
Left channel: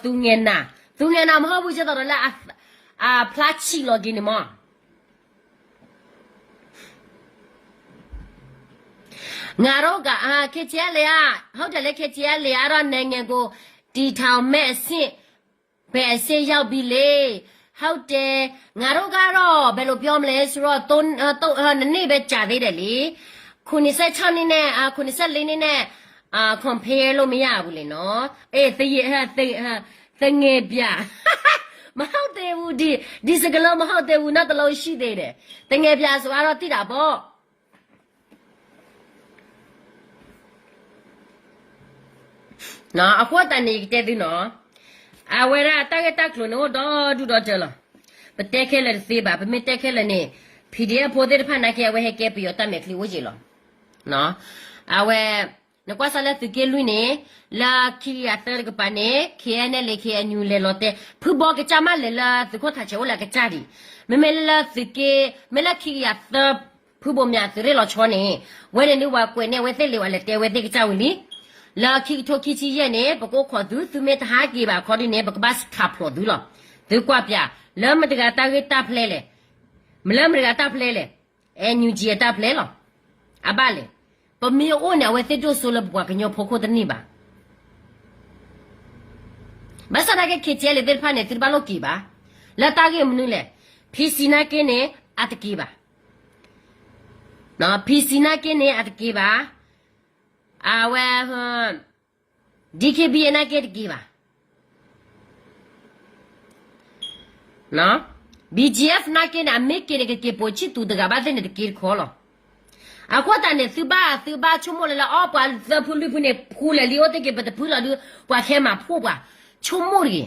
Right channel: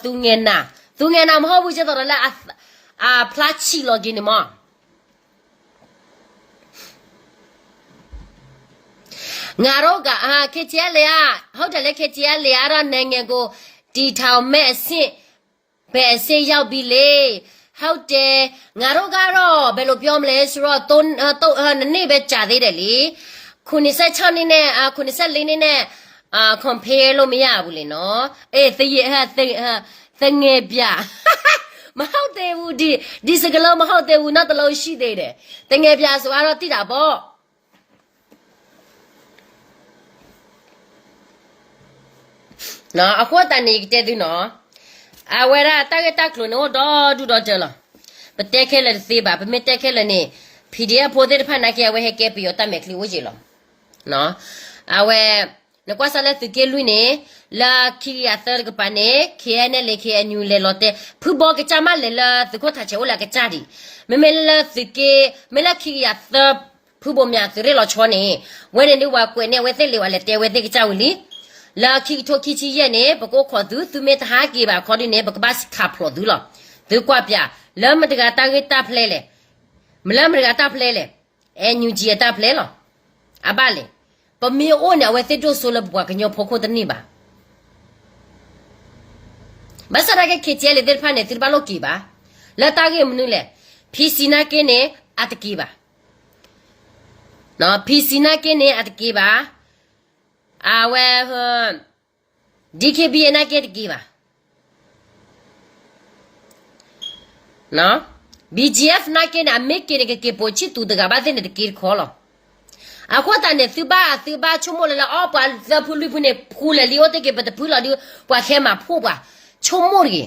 သူငယ်နာမဟုတ်ဘူးကျတော့လားဖလာချီလော်ဂင်းမငါတို့ကခေချဲလေဟုတ်တယ်လေခေချဲလေရနိုင်ငံကိုတီထောင်မဲ့အဆင့်ပဲအဆင့်ရောက်ပြီလေဟုတ်တယ်ငါတို့ကတော့ဘယ်လိုပြောမလဲဆိုတော့နေ့ပဲကြာသေးတယ်လေ96နှစ်နဲ့94နှစ်နဲ့compare လို့မရဘူးလေနော်အေးတငယ်ပြမဟုတ်သေးဘူးဒီစကလုံးမဟုတ်သေးဘူးနောက်တစ်လုံးရှိသေးတယ်တငယ်ပြဆိုတော့တိတာပေါ့နော်အခုတန်နေတဲ့သူနော်အဝရတက်လို့နော်ဒူတော့တယ်လားပတက်ခဲလေသေးပါပမတက်ခဲလေနေ PDF ပိုတဲ့ဖန်နာကဲဝဲဟဲကဲပြီးတော့တမဲ့ကလေးဝကြီးလောနော်အဝဲနကွာဆလဲသူကလူနေလာခီယာသရကပနေခဲနဲ့လေခဲညူလေလောတဲ့ဖူဘောကချမလေလာသူကိုထားချေဝလာကချာဒီမလာသူကမလာခီယာသဖူဘောမြသူရဲလောချောနေဝဲနေဝါကွယ်နေဝဲတဲ့လေဝါလေတဲဝဲတဲ့ကချာဝလီလာခီထိုခီချီရဲ့နေပကိုခေါ်သူမေတဟာကေပါခေါ်ဒီနေပကဘတ်ခါဖလို့သူလောသူကွာပြလမ်းမတကတာဂက်တာဖလဲလေမလမ်းမတကတာဖလဲလေအညူဂျီတာဖလဲလောအပါလေပမီအိုနေဝဲတဲ့တို့ဆိုလဘွားကညောဖို့ခိုးတနေပါမဆရာကခေချဲလေတဲ့ဖာနေတိဘလောကီပါလာတာဂက်မနူလေဖီစီနာကင်းနေအတကီပါနော်ဖီစီနာကင်းနေအတကီပါအဝဲဟဒီကေဘီနာကဲတကီပါနော် BGF နာကဲနာမေကေကေပိုချီတူတကဘာတဲ့တကီခေါ်လောအခုတန်နေသူဘာချုံမလာအော်ပါဇပူလီဖုန်ဖူလေလီယိုတကေပတပူလာဒီပွားခဲမှာဖူပါချုံမိုရီ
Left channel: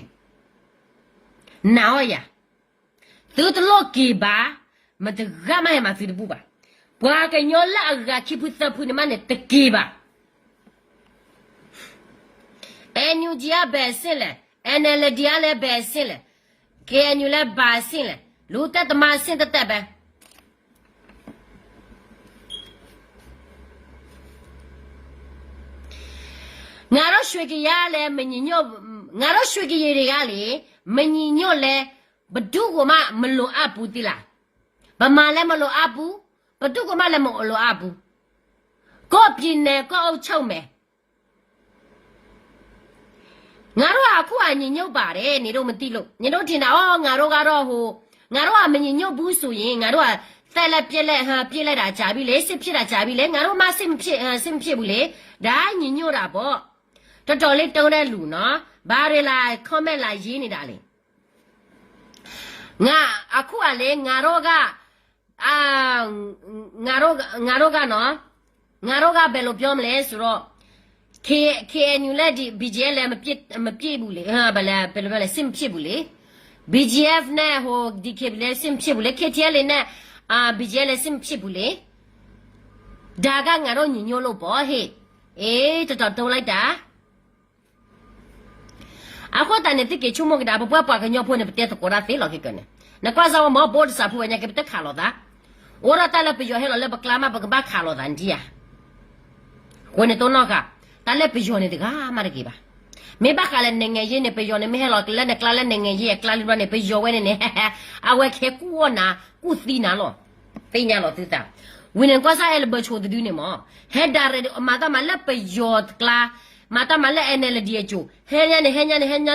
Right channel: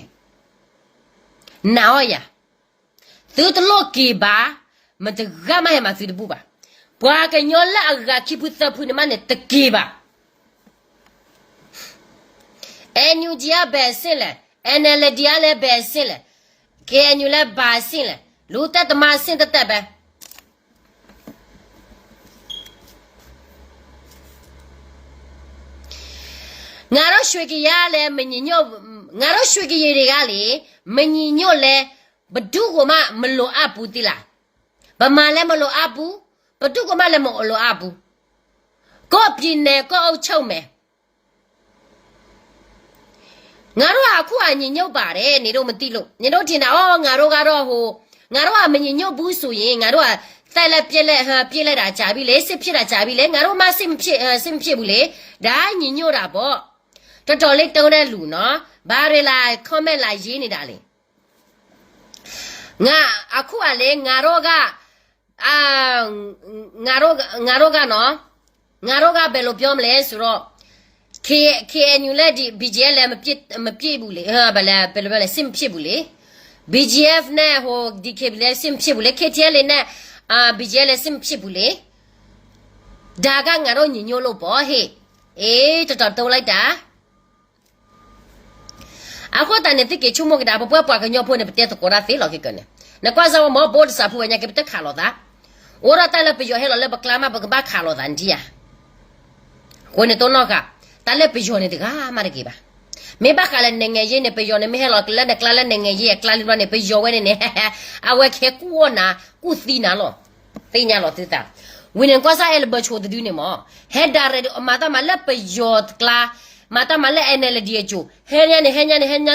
နော်ရသူတလောကီပါမတကမရမသူတပူပါဘွာကညောလာအကခိပူသဖုန်မနဲ့တကေပါNUG ပဲဆင်းလဲ NLD လည်းပဲဆင်းလဲ KNU လည်းပါဆင်းလဲလူတက်တမဆင်းတက်ပဲငါတို့ရွှေကြရလဲမညညော့ငါတို့ရွှေကြရတွေကလေမညညော့လဲဘဒုကမလိုအပ်ဘူးတိလားဗမာလည်းမလိုအပ်ဘူးဘဒုကမလည်းမလိုအပ်ဘူးကိုပြင်းနေကိုအုပ်ချုပ်မယ်ငါတို့အခုအညညုတ်ပါတယ်နေတော့မသိလို့နေတော့ထင်တာငါတို့ကတော့ငါတို့ကမညညုတ်ဘူးဆိုရင်ငါတို့ကသက်လက်ပြက်လက်ပြက်လက်တာကြာပြီလေစစ်ဖြစ်တာကြာပြီလေငါတို့မှစစ်မဖြစ်ဘူးလေဒါညညုတ်တာပေါ့တော်တော်လေးတုံးတဲ့လူနော်ဘာတွေလာ comment လာရေးနေတာလေငါအခုကလေငါတို့ကငါတို့ကနော်ငါတို့ကဘယ်လိုပြောမလဲဆိုတော့KNU လည်းဒီ BGF လည်းမပြည့်ဘူးလေဘယ်လဲစင်ဖြစ်ဘူးလေ BGF နဲ့DK လည်းစင်ဖြစ်ဘူးလေ KTL လည်းနဲ့BGF လည်းစင်ဖြစ်ဘူးလေဒါကငါတို့ညညို့လို့ပေါ့ဟဲ့အေးတော်တုံးလိုက်တာအခုတန်တဲ့ကေချုံမကဒါပွားကညော့ဖို့နေပတဲ့တော့ရာသေးလို့ကနေနကွာစားမဘောစာဖူညာကပတဲ့ခါလို့ဒါအိုရတာလည်းပြောဟဲ့လို့လည်းပကလာမပကဘာခါလို့ဒါန်ဒီယာကိုနေတော့နော်ကတလည်းပြောနေတကားမရကေပါမေဘကလည်းငငယ်ရေးနေပြောနေမဲဟဲလို့ကလည်းကလည်းငငယ်ရေးကလည်းနေပြောဝဲနေအဝဲခဲကူနာကူသီနာလို့သိညာလို့တိတာဝင်းကွာစားရဲ့ဘချိုတူနေမဟဲဒါရမာတာမလည်းပြောကလာမာတာမလည်း NLD ကျိုဟဲညာ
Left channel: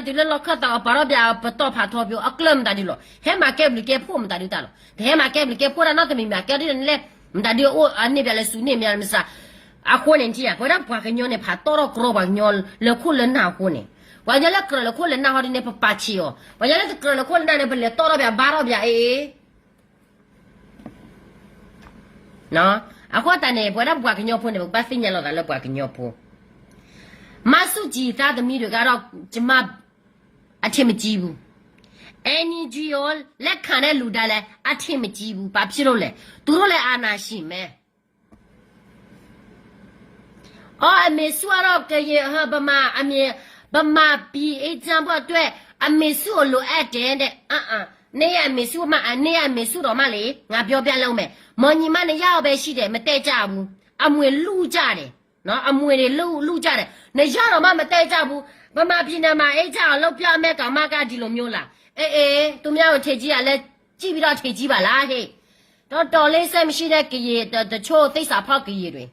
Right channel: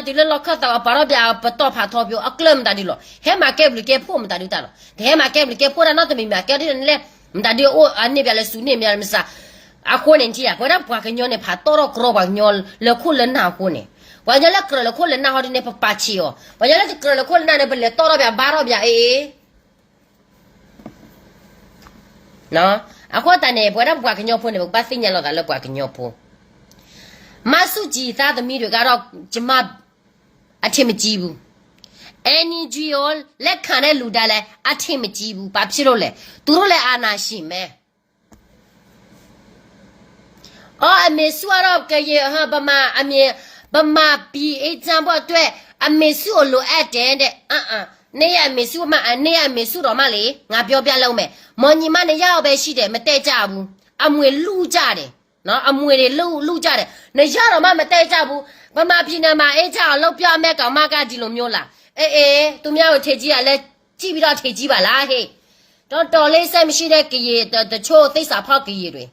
ဒီလောက်ခတ်တော့ပါတော့ပြတော့ဖာတော့ပြောအကလမ်တာဒီလို့ဟဲမှာကဲဘလကဲဖို့မတာဒီတာလို့ဟဲမှာကဲဘလကဲဖို့ရတော့တမီမှာကဲဒီလေမတာဒီအိုအနေပြလဲစုနေမြမစားအခုနေတီးကွာတော့ဘွားကညောနေဖာတော့ကရောပါညောလခုလနာကိုနေဝါကြလကရလခုလနာဟောဒီနေပပချီယောဝါကြလကရလခုလနာနေဘလေတော့ရပြဘာရောပြအေးနော်အခုတန်နေဘွားတော့ဘွားကညောဖို့နေပတ်သိညာလောက်တာလောက်ဘွားကညောဖို့မဆုကြည်သားသမီးတွေကတော့ကျမအထင်မကြီးဘူးNGO လက်ခံတဲ့လူတိုင်းလည်းအထင်မကြီးဘူးဘာဖြစ်လို့လဲသူတို့လည်းအာနာရှိမယ်အမေစုရောကရေဗမာ BA ချမ်းဖို့အတွက်အမေစုလိုအပ်တယ် နေရမေစုမနေရမေစုတော်မလေငါပြောပြလုံးမယ်မော်ညီမနဲ့ရောက်ပဲရှိတယ်မတဲကြဘူးအမွေလူကြတယ်နော်အမွေတွေလူကြတယ်နေရတော့မှမတဲကြဘူးဗမာပြည်နယ်မှာအဲ့ကြအောင်လောက်ပြမဲ့ကောင်မကဒီလိုမျိုးလားအေးသူများကိုထေကြီးကလည်းကြည့်ပြီးတော့ထေကြီးပါလားဟေ့တော်လေးဆက်မရှိတဲ့ကြေတချို့သိစာဖောက်ကြေတွေ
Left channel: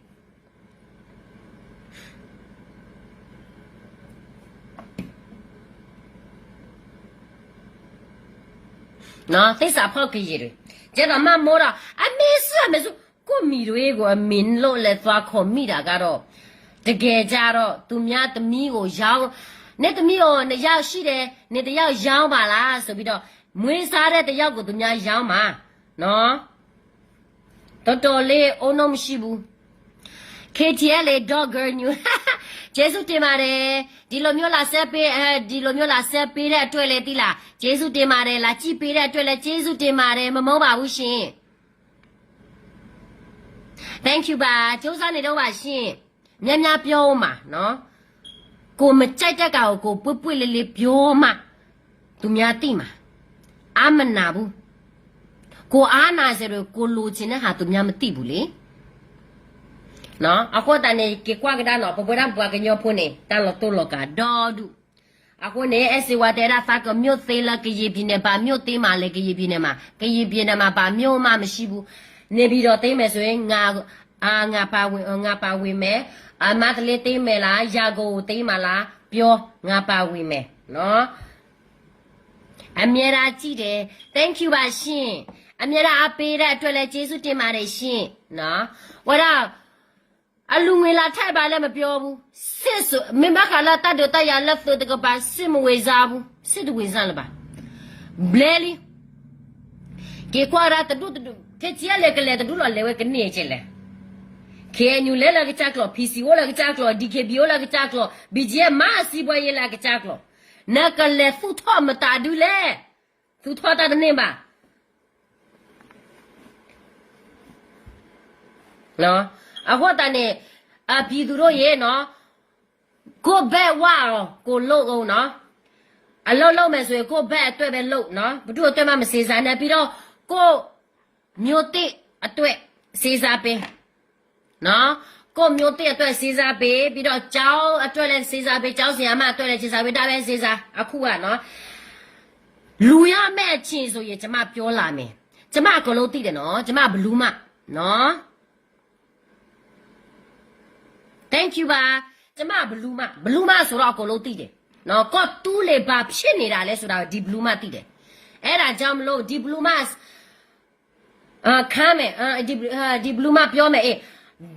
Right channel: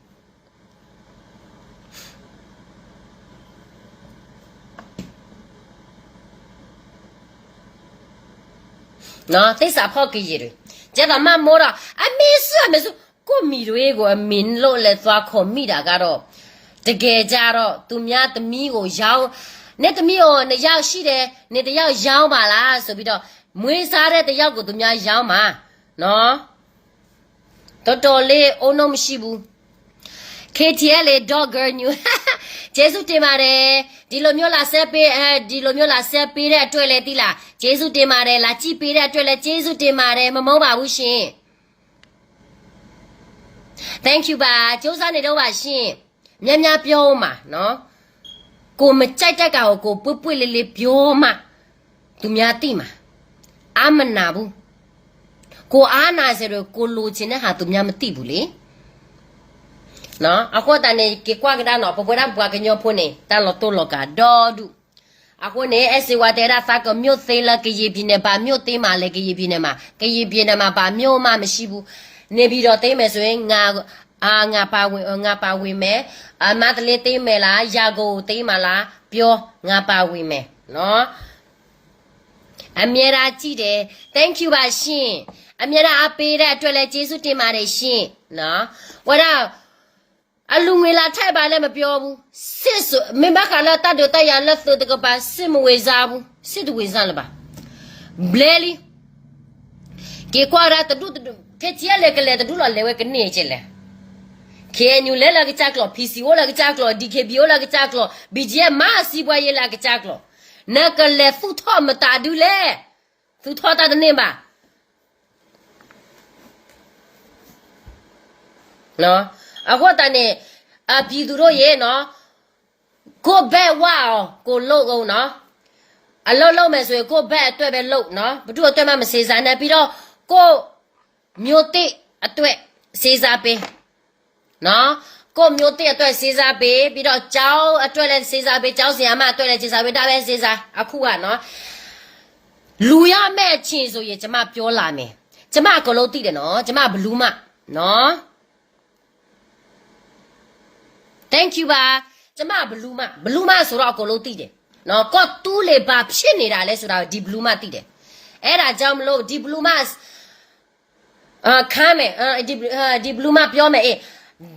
နော်သိစာဖောက်ကြေတွေကျတော့မမိုးတော့အမေစုကိုမီတွေကိုအမင်းလို့လဲသွားခေါ်မိတာကတော့တကယ်ကြတော့သူများသမီးကိုရောင်းနေသမီးကိုနေရောက်ရှိတယ်နေတယောက်ရောင်းပါလားဆိုပြီးတော့မွေးစားတဲ့တယောက်ကိုသူများရောင်းပါနော်တော်လေးအုံတော့မရှိဘူး KTL လေ Dogger New ကျေးဇူးတင်ပါတယ်ဒီလိုမျိုးလာဆက်ပေးဒီလိုမျိုးလာဆက်ပေးတဲ့အတွက်လေတိလားကျေးဇူးတင်ပါတယ်လာကြည့်ပေးတဲ့အတွက်လေကျေးဇူးတင်ပါတယ်မမုန်းပါဘူးရှင် Thank you ပါကျိုးစားနေတော့ပါရှင်များပြောမှာနော်ကိုမကြိုက်တဲ့ကောင်ကိုပွတ်လေးပြောမှာသူများသိမှာအာမနာဘူးကိုအားနာစရကိုလိုချင်တဲ့ဟာသူများမသိဘူးလေနော်အခုတန်နေကေကွာကဒါနော်ပပရံပွားကညောဖုန်နေတာလောတိုလောကဒေါ်ဒူအခုနေအစီဝတဲရာဖကမြို့သေးလကရေပြင်းနေပါမြို့သေးမှလည်းကရေပြင်းနေမှာပါမြို့မှမရှိဘူးနေပြီးတော့သိမယ်ဆိုရင်ငါပါဝင်မယ်အမတလေးသိမယ်လားရာကိုသိမလားပြောငါပါဝင်မယ်နော်အမြဲတမ်းကြည့်တယ် thank you ပါရှင်အမြဲတမ်းအပေးတဲ့အတွက်လည်းကျေးဇူးတင်ပါတယ်ရှင်နော်ဝရအလူငွေလာထိုက်ပါလည်းမပြောဘူးစစ်ဆိုမင်းမခါလာတတ်တော့ရလက်သွတ်ကပါစစ်မဝေစားဘူးစစ်သူဝေစားလားပါဘလဲလီကေကွာရတတူကေချီလေကလေတတူလောလေဝဲကနေချေလေကေညူလေလာကချက်ကလော PC ဝလာကချက်ကလော DKB ဝလာကချက်ကလော BGM မစီပွားရေးလာကချက်ကလောနကလေဖူထောမတာဒူလေဖူထောတာတဲ့နေပါနော်အခုတည်းအပြည်သူတို့ရဲ့နော်ကိုဘက်ဝါကိုလို့အောင်နော်အလုံးမယ်ဆိုရင်ကိုဘက်အတွက်ပဲလို့နော်ဘသူအတွက်မှမစေစားနဲ့ပြီးတော့ကိုမျိုးတိအတွက်စေစားပေးနော်ကိုမျိုးတိအတွက်စေစားပေးပြီးတော့ကျောင်းအတွက်လည်းစေစားပေးကျောင်းဆရာမအတွက်လည်းစေစားပေးဒါပဲစေစားအခုကနော်လူရမဲ့ချင်းဆိုရင်ကျမပြောလာမယ်ကျမအကုန်လုံးသိတယ်နော်ကျမဘလူးမနော်Thank you ပါကျမဘလူးမဆိုတော့အကုန်လုံးသိတယ်နော်ကော့တူးလေဘာဖြစ်နေတာလဲဆိုတာဒီဘလူးမသိတယ်အဲ့ဒါကြောင့်မလို့ဒီဘလူးမခမ်းမယ်ဒီဘလူးမပြောမယ်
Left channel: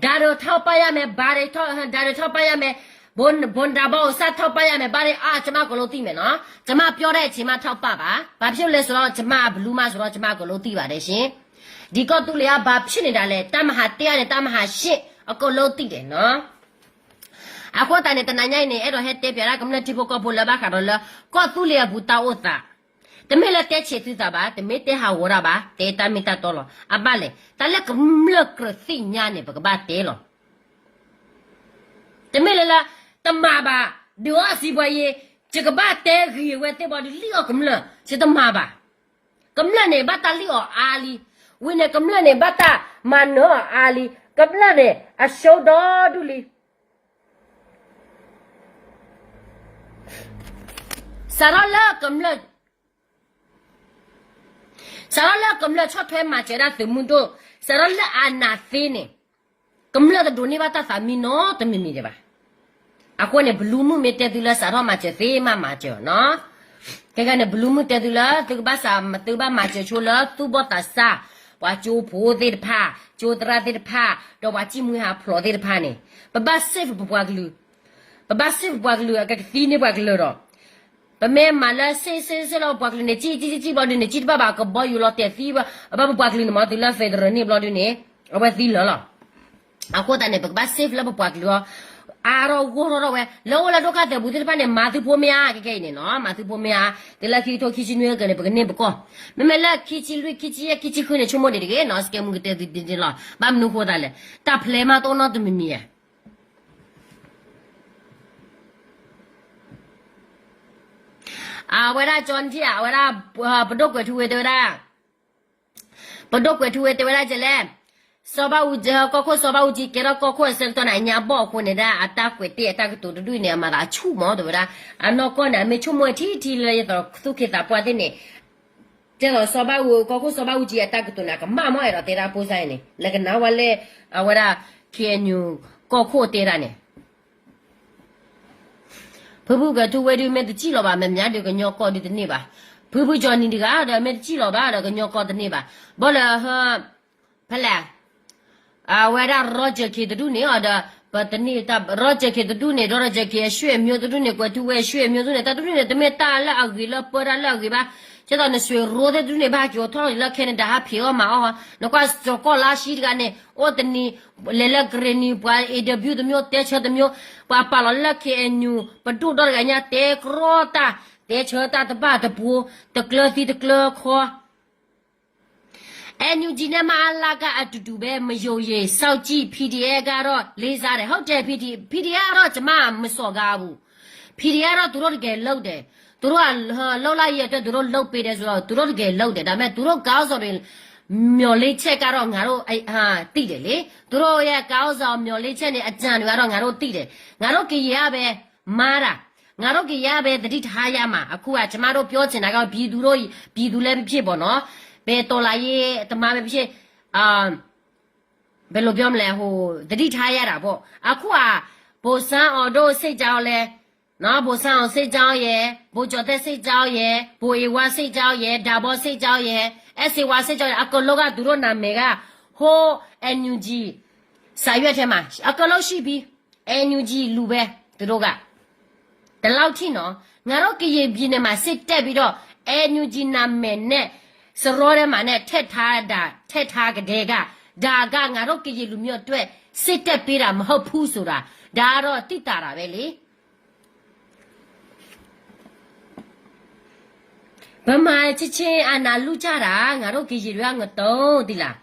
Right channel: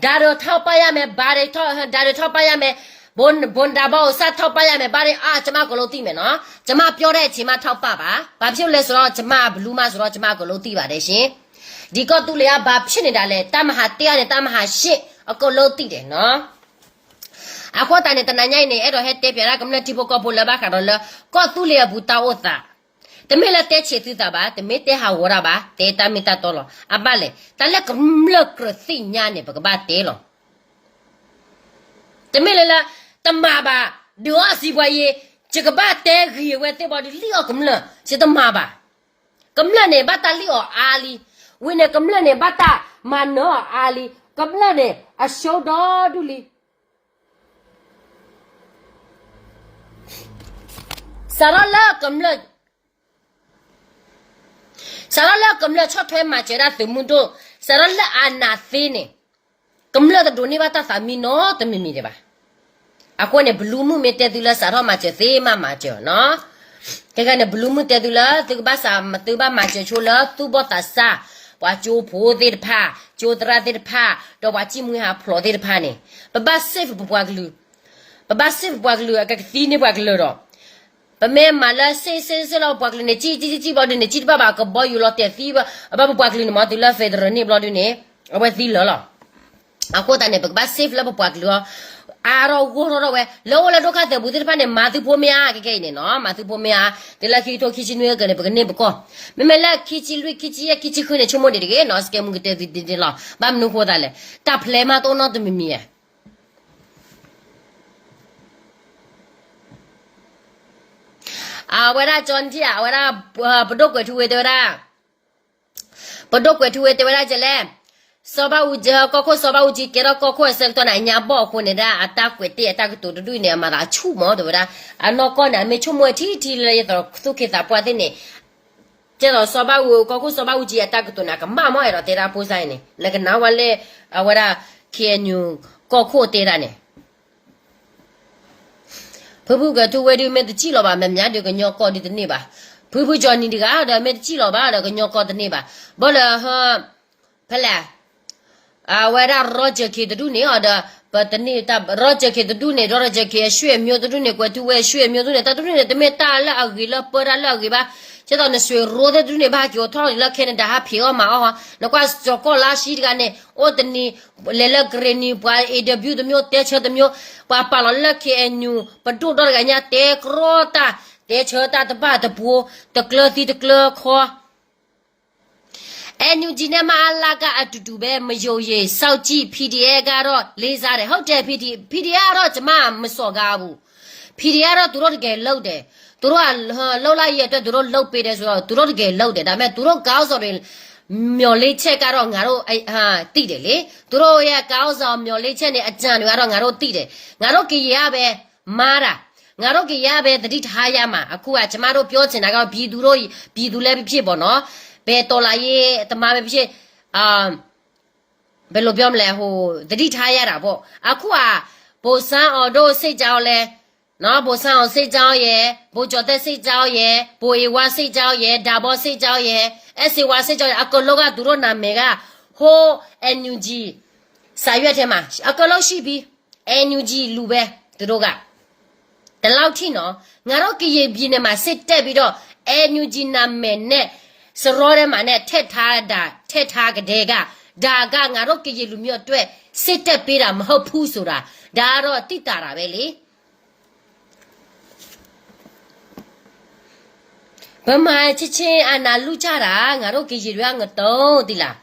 ဒါတော့ထောက်ပရမယ်ဘာတွေထောက်ပရမယ်ဘွန်ဒါဘောစထောက်ပရမယ်ဘာတွေကျမအကုန်လုံးသိမယ်နော်ကျမပြောတဲ့အချိန်မှထောက်ပပါဘာဖြစ်လဲဆိုတော့ကျမဘလူးမဆိုတော့ကျမအကုန်လုံးသိပါတယ်ရှင်ဒီကော့တူးလေကဘာဖြစ်နေတာလဲတမဟာ1နဲ့တမဟာ8အကုန်လုံးသိတယ်နော်အခုတန်တဲ့တနညာနေအဲ့တော့ဟဲ့တေပြရာကမ္လတိဘကဘလဘာခါရလကောတူလေဘူတာဝတာတမေလာတဲ့ချေတူတာပါတမေတဲ့ဟာဝရပါတေတာမီတာတော်လအဘလေတလက်ကမလကရသိညာနေပကဘာတဲလောတမေလာတမပါဒီဝစီဘွေချကဘာတဲခီဝဲတဲ့ဘာဒီလီကမလစတမပါကမလနေဘတာလီအာလီဝိနေကမလနေဘတာမနောအာလီကမလနေအရှောတော်ဒူလီSarala kamla chotwe machera tumundo sarala anathene kamla da doni bata famino tamimi de ba akone blumu metedula saro mache the mama jo no te ga ne blumu tedula te ba sa te ba mache chola tu bota sa wa chu pho de pha chu tra de pha do wa chi mu ha phlo de pha ne ba save bwa glu ba save bwa glu ka thi ne bwa glu ro ba me mala se lo bwa glu ne chi ba ne chi ba ba ka bo yu lo te thi ba bwa glu ne ma tu la fe de ne blo du ne ba thi lo lo ako ta ne ba save la bwa glu aro goro we lo la do ka te bu de pa ne ma tu po me a ke ne no ma tu po me a de la ki to ki chi ne ga ne ba ne ba ko me la ki chi lu ki chi ya ki chi khu ne chumo de ke no ske mu ke te de la ba mu ko da le ta ple ma to no de mi mi ya เวลาจอนที่เวลาปดกกวยทุเวเดวดาปดกกวยทุเวเดวดาจะแลสบาอุจก็สบาอุจิเกรก็เซลตัวไหนญาบอกคนเนี่ยอัตากวยเตะตากตัวดูเนี่ยมาละชูหมอเดวดาอันนก็เนี่ยไม่ชุ่มมวยที่เลยตัวสุขิตาปวดเนี่ยเจ้าสบาอุก็สบาอุจิอัตากตัวเนี่ยก็มาไม่รอเตระพูดใส่เนี่ยแล้วก็น้าวันเล่เวลาเขียนอยู่ก็เตระเนี่ยผู้ก็ทุเวดีเมตจิลบาแม่ญาเด็กญอกอดิตนี่บ่ผู้จอนี่ดิกาเดเมตจิลบาเด็กญอกอดิตนี่บ่บ่ละฮะพละเวลารอเจคิดดูนี่อ่ะเดปตนี่ตารอเจคิดดูนี่รอเจคิช่วยมิวดูนี่กว่าทุเวช่วยมิวดูนี่ตาดูนี่ตเมตาละอกิละปราละอกิบ่จะตอนนี้ช่วยรอดูนี่บ่กี่ทอละแค่นั้นดาพี่ออกมาอ๋อแล้วก็จอกลาชีกันเนี่ยโอ้ตนี่เลละกรีนี่บ่เอดบิวตมิวเตชตมิวว่าปาลละแค่นูปดูดอร์กันเนี่ยเตกรอตาเตเชตาตบ้าตปูตะกลตีตะกลคอนูจีเนี่ยมาลากาตุเบมโยเยสาวจีพีดีเอการอเลซาเรเขาเจพีดีอารอจะมาไม่สกาบูพีดีอารอตัวรถเกลเดตัวรถเล่าไล่เยอะตัวรถเล่าไปเดสตัวรถเกลเดแต่แม่ตัวรถก้าวสอริลมีอลิเชการองารอไอตีเดเลยตัวรถเยก้าวสอมีอลิเชเนี่ยอาจารย์วารองารอตีเดงารอกี่ยาเบมาระงารอกี่ยาเบติดหายามาအခုကကျမတို့ပြောချင်တာကပြည်သူလည်းဖြစ်ပေါ့နော်ဘယ်တော်လာရေးတမပဲဖြစ်ဘယ်လိုပြောမလဲဟိုတတိထားရတာပေါ့အခုကဘိုဆန်းအော်တို့စိတ်ကြောင်းလဲနော်ဘိုဆန်းအောင်စိတ်ကြောင်းရဲ့ဘိုကျော်တဲ့စိတ်ကြောင်းရဲ့ဘိုအေဝါစိတ်ကြောင်းရဲ့ဒါဘောစိတ်ကြောင်းရဲ့အက်စီဝါစိတ်ကြောင်းရဲ့အကလောကသူတို့နာမည်ကဟို NUG စာရွက်ထဲမှာအကလောရှိပြီး NUG လူပဲသူတို့ကတလောက်ထိနော်ငါတို့ကရေပြည်နယ်မှာစစ်တက်ပြီးတော့ NUG နာမည်နဲ့စရောထဲမှာနဲ့ထက်ထားကတဲ့ကဒါကငါတို့ကရေလူမျိုးအတွက်စစ်တက်ပေးတာမဟုတ်ဘူးဆိုတာဒါကတော့တိတာတာပဲလေဗမာချင်းအာနာလူကြတာငါတို့ကရေတွေကငတုံးတိလား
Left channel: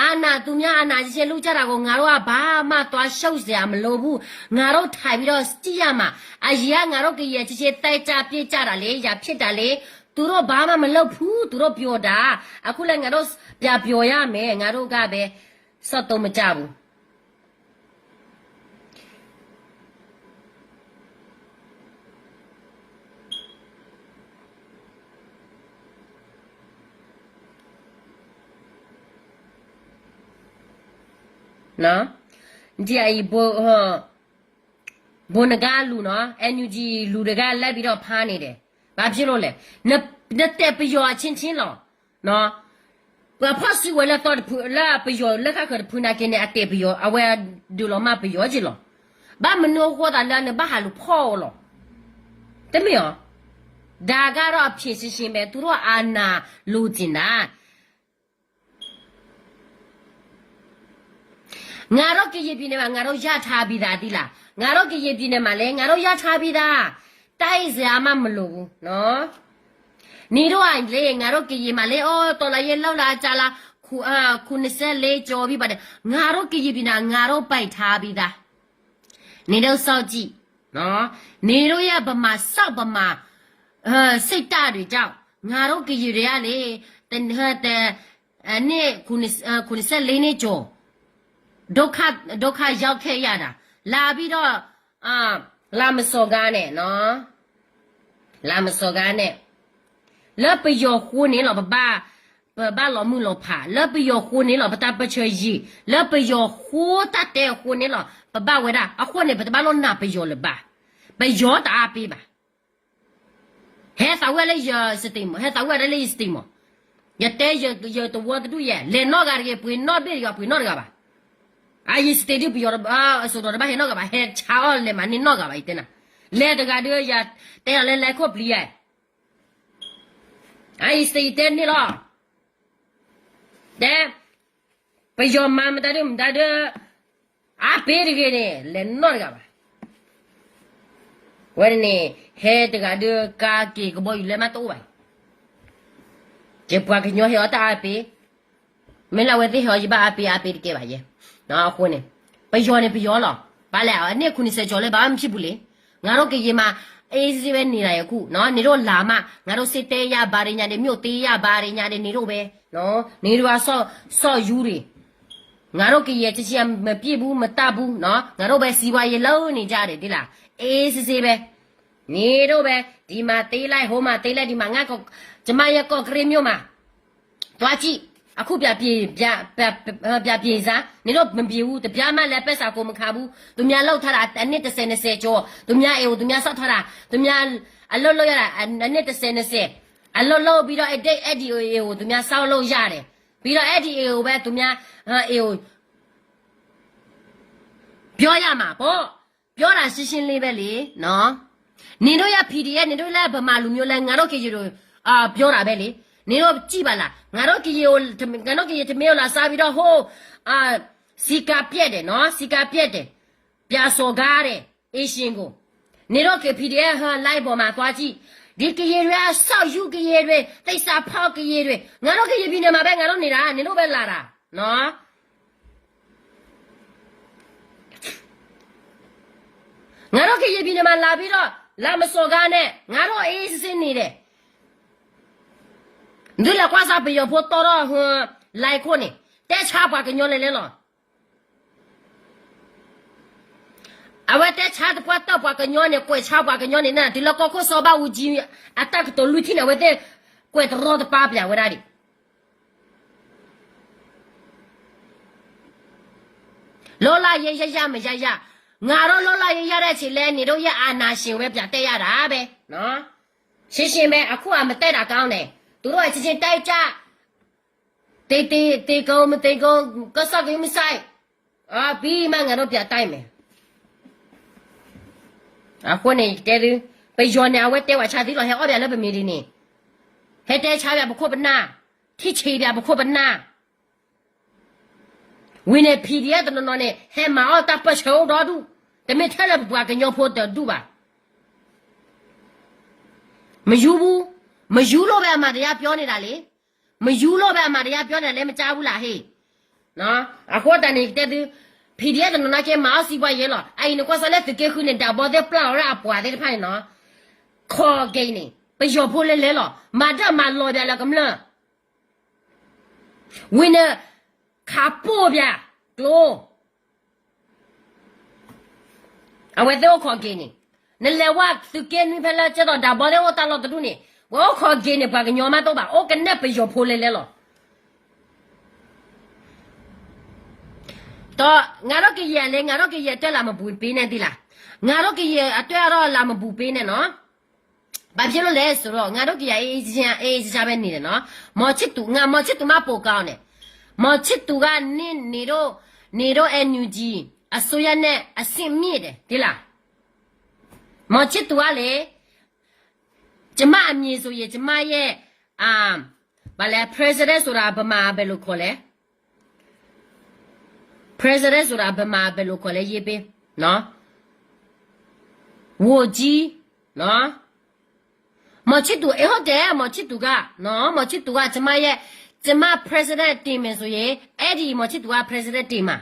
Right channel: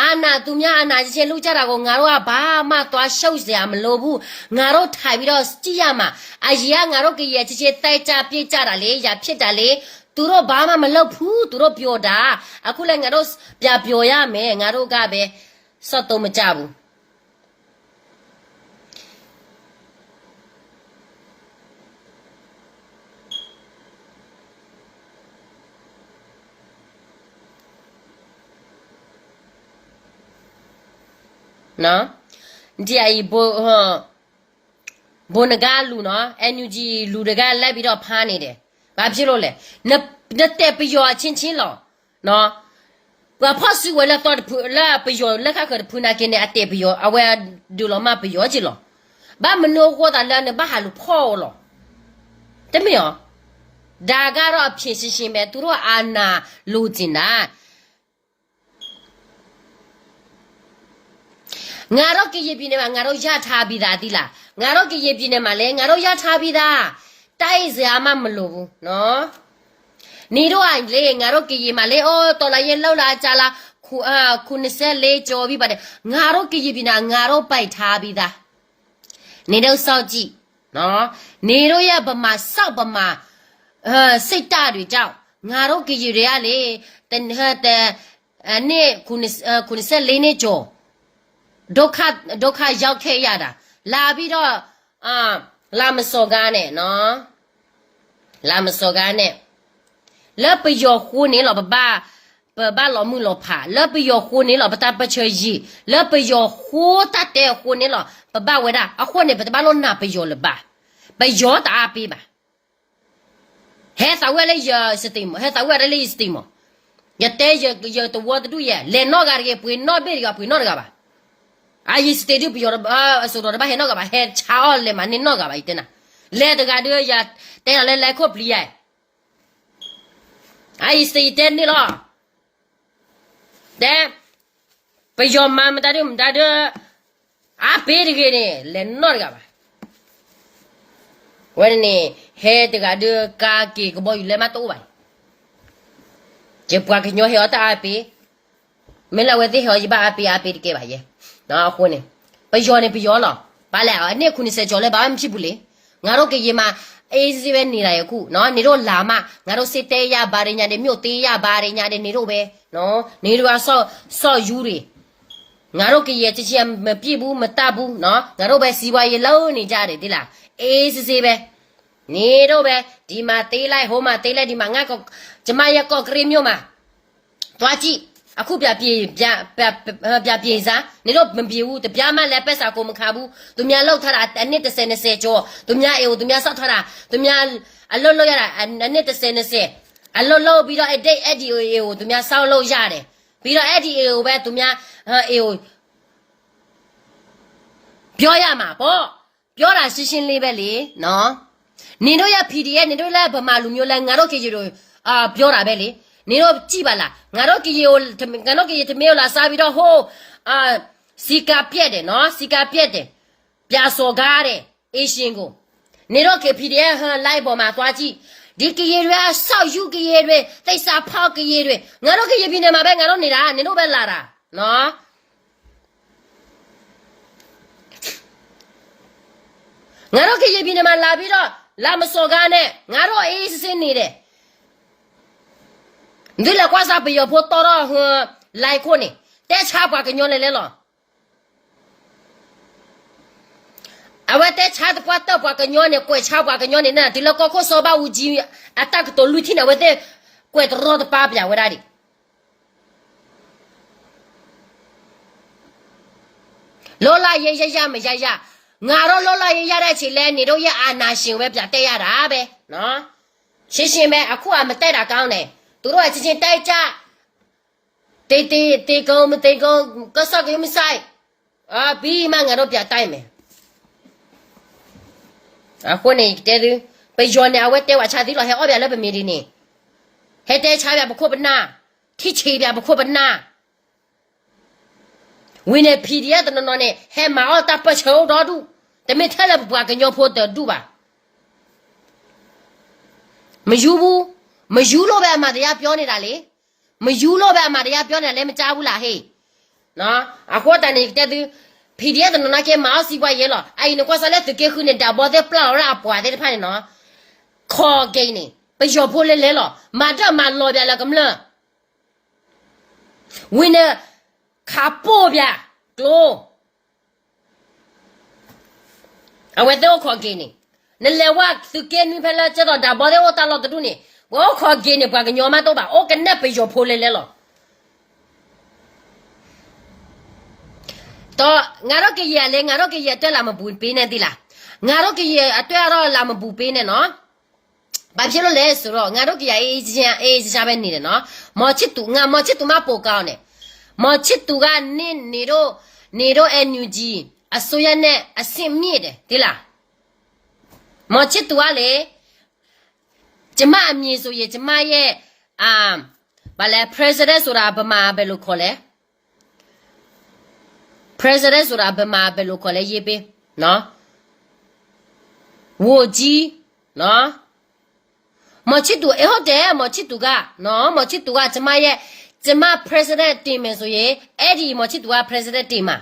အာနာသူများအာနာချင်းလူကြတာကိုငါတို့ကဘာမှသွားရှုပ်เสียမလိုဘူးငါတို့ထိုင်ပြီးတော့ကြည့်ရမှာအကြီးကငါတို့ကရေချင်းတိုက်ကြပြေးကြတာလေရဖြစ်တာလေသူတို့ဘာမှမလုပ်ဘူးသူတို့ပြောတာအခုလည်းငါတို့ပြပြောရမယ်ငါတို့ကပဲစော့တုံးမကြဘူးနော်ဒီအီဘိုနဂါလူနော် NUG လူတကလက်ပြီးတော့ဖားနေတယ်ဘာဖြစ်လို့လဲနှစ်တက်ပျော်ချင်းလောနော်ဘာဖတ်စီဝဲလာတော့လာပျော်လက်ခါခဖူနာကင်းတဲ့အတက်ပျော်အဝဲဒူလောမပျော်ကြည့်လောဘာမနိုးခေါ်တာလည်းဘာဟာလူဖော်လောတမယောဒါကတော့အဖြစ်ရှင်းပဲသူတို့အာနာလူကျင်တာငါတို့ကရေပြင်းနေမှာငါတို့ရထားပြီးသားသီလားငါတို့ကရေပြင်းနေမှာလဲငါတို့ရထားပြီးသားတိုက်စရာမှမလိုဘူးနော်နေတော့လေငါတို့ကရေမှာလေအော်တော်လာရင်လောက်လာကြလားခု24ကျော်ပြီပါတယ်ငါတို့ကရေပြင်းတာငါတို့ပိုက်ထားပြီးသားနေတော့စောက်ကြည့်နော်နေတော့ရဗမာစောက်ဗမာစိတ်တတွေကြောင့်ငါတို့ကရေတွေကလေတနေ့ခု24နှစ်ကျော်ဒုက္ခရောက်ခဲ့ရတာလာပြီးတော့လာမစော်ကားနဲ့နော်လာမစော်ကားနဲ့လက်ပယောခိုးနေလောဘာလောမှုလောဖာလက်ပယောခိုးနေလောပတာပချေကြီးလက်ပယောခိုးတတ်တဲ့ခိုးနေလောဘာဝဲတာအခုနေဘာလောနာပယောလဘာပယောတာပေးပါဟဲ့သဝဲလေးရစတိမဟဲ့သဝဲလေးစတိမရတဲ့ရတော့တူရလေနော့ကရပွေနော့ဘေကပွေနော့ကပါအာယစတေဒီပြောတော့ဆိုတော့ဘာဟဲ့နော့ကပါဟဲ့ချာအော်လေမနင်းနော့ကပါတဲ့နာလေတကတို့ရတဲ့လေလေခုတ်ပလီရဲ့အာယစတေတဲ့နေလားတဲ့ပယောမမတတယ်မတတယ်အပေးရခဲ့တယ်လေနော့ကပါဝဲနေဟဲ့တကတို့ကာကီကဘောလေမတော့ပါကျေပွားကညောဟဲ့တာအပေးမင်းလာဝဲတဲ့ဟောကြီးပါအပေးတကယ်ပါရဲ့နော်ခုနေပယောနေပယောလားဘာလဲအဲ့ခုနေစကြော်လဲဘာမှဖြစ်ဘူးလေငါတို့ကရေမှာ အေးစီပဲနေတာရခုနော်နေတို့လာမှငါတို့စစ်တဲရဘာတွေညာတွေမြို့သေးရဘာတွေညာတွေနေတို့ပဲနော်နေတို့ကဆော့ယူတွေငါတို့ကရချစ်မပြည့်ဘူးမတတ်ဘူးနော်ငါတို့ပဲစီဝါရေလုံးနေကြတယ်ဒီလားအေးစီပဲနေတို့ပဲဒီမှာသေးလိုက်ဟိုမှာသေးလိုက်ဒီမှာငါကကျမရဲ့ကော့ကရီမြို့မှာတွားကြည့်အခုပြပြေစားနေတော့မပြေဘူးတပြားမှလည်းပက်စာကိုမခါဘူးသူများလောက်ထားတာအနည်း20ကျော်သူများအေးသူများဆောက်ထားတာသူများအလွတ်လို့ရတာအနည်း20အလွတ်လို့ပြီးတော့အဲ့ဒီအေးကိုသူများဆောက်လို့ရတယ်ပြီးတော့အဲ့ဒီအေးကိုပဲသူများအေးကိုပြောရမှာပေါ့ပြောတာရှင်းရှင်းလေးပဲလေနော်နင်တို့ရ PDF နင်တို့လည်းဗမာလူမျိုးလဲငါတို့ခေကြီးတို့ပြောတာပဲလေနင်တို့ကြည့်ပါလားငါတို့ကြီးကိုငါတို့ကြီးတမေကိုလာစားပြီးတော့ဟိုစီကာပြက်တယ်နော်စီကာပြက်တယ်ပြာစော်ကားတယ်အေးရှင်ကိုနင်တို့ခေ PDF ဟန်လိုက်ပေါ်မှာသွားကြည့်ဒီကြီးတွေဆောက်ယူကြီးတွေသိစာဖောက်ကြီးတွေငါတို့ကြီးပြည်နေမှာပဲငါတို့နေတာနင်တို့ပဲလာတာနော်ငါတို့ကြီးပြည်နေမှာလာပြီးတော့လာမစော်ကားနဲ့ငါတို့အေးစစ်နေတယ်ဒီလောက်ကွာစားပြရဖို့တော်တော့ဟိုလိုက်ခွနေတဲချပါကညောလေလေလောအဝတ်တဲချတဲ့ကွာတော့ပါကညောနေကွယ်ချပါကညောနေနာဒီလောက်ကိုစောပါဦးကြီးအတက်တော်လူချင်းဝဲတဲ့ကွယ်တော်တော့ပါပြဝဲတာဒီလောလာရရမရရငါတော့လောလာရရတဲ့ချီလဲနေတော့ရအာနာရှင်ပဲပြတဲ့ရတာပဲနော်ရှင်းရှင်းပဲအခုကမတဲ့တာကောင်းတယ်သူတို့ကချင်းတိုက်ကြတေကုံမတေကုံကစကမဆိုင်ဘီမငါတို့ပြတိုက်မယ်အခုနေတဲသူไปย้อนเอาไว้แต่ว่าชาติเราให้อ้อแบบแล้วเป็นมีดีนี่ให้แต่ชาแบบบุคคลเป็นหน้าที่ชีแบบบุคคลเป็นหน้าวินพีเดียตอนนั้นเนี่ยให้มาเอาตาประเชาดอดูแต่ไม่เท่าไรบุกกันยอพูดแต่ดูบ่าไม่ยูบูไม่ยูโลแบบมาเรียบย้อนนี่ละเลยไม่ยูโลแบบมาเรียบย้อนนี่เลยไม่จ้าบุละเฮ้เนาะအခုတန်နေတဲ့သူพีเดียตอนนั้นแค่มาเอาสิบวันเยอะหรอไอ้หนูก็สลัดตัวเกี่ยวกับเนี่ยดาวบอลเดปลาแล้วอ่ะปวดเดี๋ยวพันเนาะคอเกยนี่ไปยอพูดเลยหรอมาจะมาลอยแบบละกำลังวินเนอร์ขาปูแบบกลัวเอาไว้เดี๋ยวคอเกยนี่นั่นแหละว่าตัวเกยนี่เพื่อนจะต่อดาวบอลเดี๋ยวตลอดตัวนี่ว่าคอเกยนี่ปากกันยอมมาตัวบ่าโอ้กันเนี่ยไปยอพูดเลยหรอတော့ငါတို့ကကြီးရလေငါတို့ကကြီးတက်လာမပူပေးနေသီလားငါတို့ကကြီးအတွက်တော့လာမပူပေးနဲ့နော်ဘာဖြစ်လို့လဲဆိုတော့ငါတို့ကကြီးအေးချာပဲနေတယ်နော်မော်ချစ်သူငါမော်ချစ်သူမပိုကောင်းတယ်မော်ချစ်သူကနေတို့NUGအစိုးရနဲ့အဆင့်မြင့်တယ်ဒီလားမော်ချစ်သူကလေကျမအမြင်ဆိုရင်ကျမရဲ့ဘာလဲ president ဆိုတာဗမာပဲလို့ခေါ်လဲpresident ဆိုတာဘယ်မှာပဲလို့ခေါ်လဲရေးပေးနော်ဝိုကြီးနော်မချစ်သူဟုတ်တယ်မချစ်သူကနော်မချစ်သူကကျမ president တင်မယ်ဆိုရင်အဲ့ဒီမချစ်သူက president တင်မှာ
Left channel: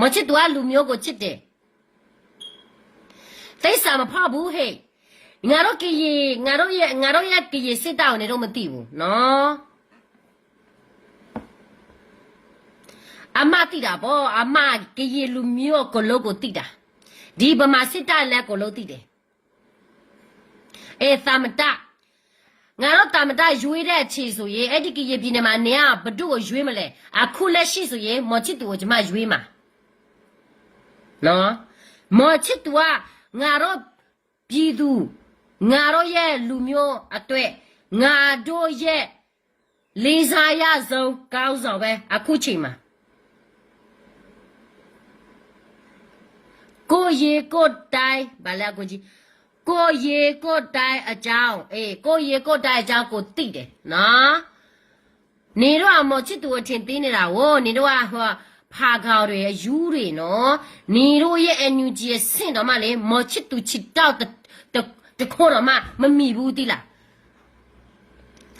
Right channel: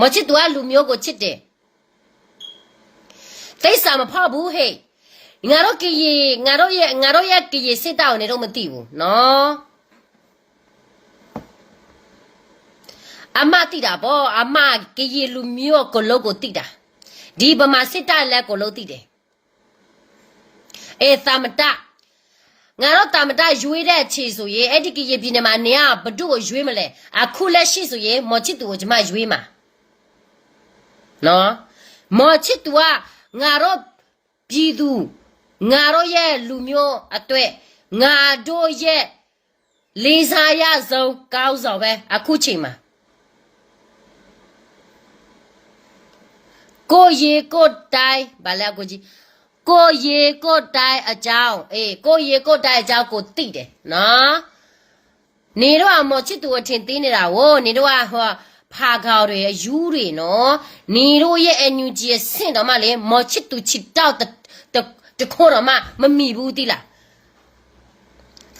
မချစ်သူကလူမျိုးကိုချစ်တယ်တိတ်ဆာမဖောက်ဘူးဟဲ့ငါတို့ရဲ့ကီစစ်တောင်းနေတော့မသိဘူးနော်အမတိတာပေါ့အမကကြီးလူမျိုးကိုလုံးကိုတိတာဒီဗမာစစ်တပ်လက်ကိုလုံးတိတယ်သမတငါတို့သမတရွေးတဲ့ခြေဆိုရင်အဲ့ဒီကကြီးပြည်နယ်မှာနေကဘဒုကိုရွေးမလဲအခုလက်ရှိဆိုရင်မော်ချစ်သူကိုကျွန်မရွေးမှာနော်မော်ချစ်သူကငါတို့ပြည်သူငါတို့ရဲ့လူမျိုးအတွက်ငါတို့ရဲ့လေးစားရဆုံးကောင်းဆောင်ပဲအခုချိန်မှာကိုရေကိုတိုင်ဘာလဲကိုကြီးကိုရေကိုတိုင်အကြောင်းကိုရေကိုတိုင်အကြောင်းကိုသိတယ်နော်နေတော့မော်ချစ်သူအထင်သေးနေတာဝို့နေတော့ဟောဖာခေါ်တွေယူတွေနော်နေတို့ရဲ့ NUG ရဲ့ဆင့်တော့မှလေမော်ချစ်သူချစ်တော့တခေါ်တော့မှမမီဘူးတိလား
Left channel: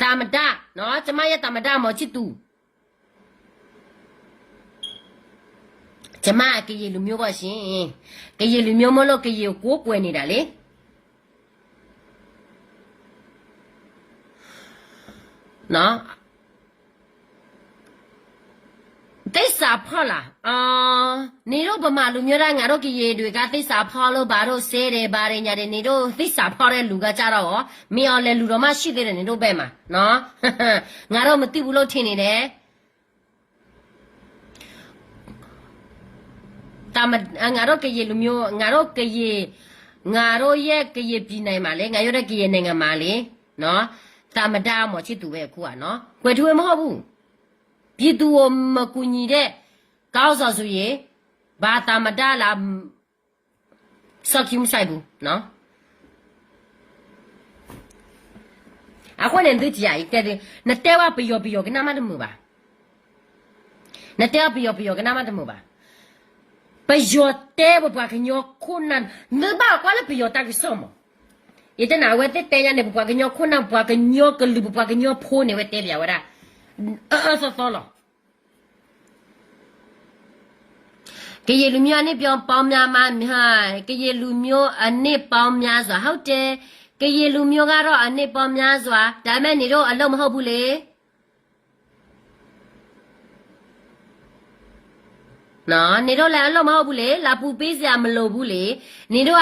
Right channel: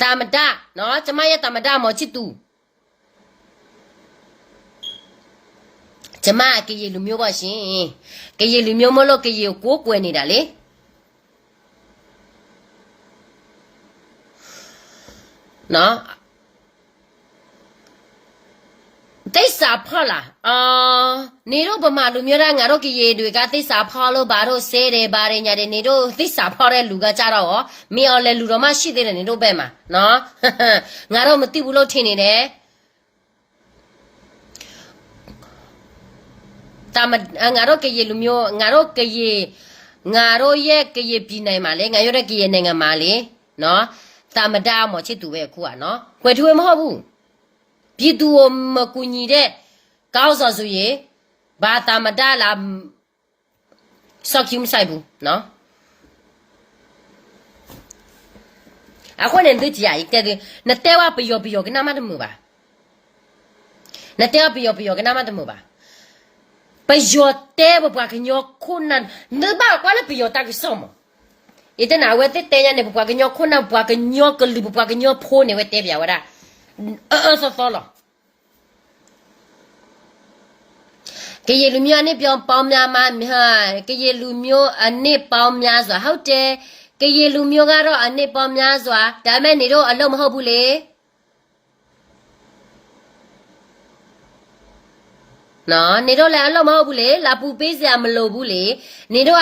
သမဒနော်ကျမရဲ့သမဒမော်ချစ်သူကျမကကြီးလူမျိုးပါရှင်ကကြီးလူမျိုးမလို့ကကြီးကိုကိုးကွယ်နေတာလေ နော်သိစာဖောက်လားနေတော့ဗမာလူမျိုးသားငါတို့ကရေတွေကသိစာဖောက်လို့ဘာလို့ဆဲတယ်ဘာတွေညာတယ်နေတို့သိစာဖောက်တဲ့လူကကြတော့ရောမင်းအောင်လဲလူတော်မရှိသေးတယ်နေတို့ဘက်မှာနော်ငါတို့မသိဘူးလို့ထင်နေတယ်တာမငါတို့ကရေလူမျိုးငါတို့ရဲ့ကရေပြည်နိုင်မှာလေငါတို့ရဲ့ကရေနိုင်ငံမှာလေနော်တာမတာမော်ချစ်သူပဲအခုကနော်ခွေထွေးမဟုတ်ဘူးပြည်သူကိုမကူညီတဲ့ကောင်းစော်ဆိုရင်ဘာတာမတာလာစောက်ကြီးမဆိုင်ဘူးနော်အခုနဲ့တွေ့ကြရတဲ့နတဲဝပယောကနာမတမှုပါနတဲဝပယောကနာမတမှုပါပယောတဲဘပွားကညောခုနန်နဘာကွာလပယောတာကစောမ伊在哪位在等下你不管个鸟，可能不管个鸟个里不管个鸟破你会代表我啦，说了。cái gì lưu miêu này biểu bao nhiêu mà ha cái gì lưu miêu anh này bao nhiêu rồi hậu thế cái gì lưu miêu cái đó anh này bao nhiêu rồi đại mấy này đó anh đâu mà hậu bù lệ nó này đó là anh đâu mà hậu bù lệ là bù bê giờ mà lô bù lệ này đó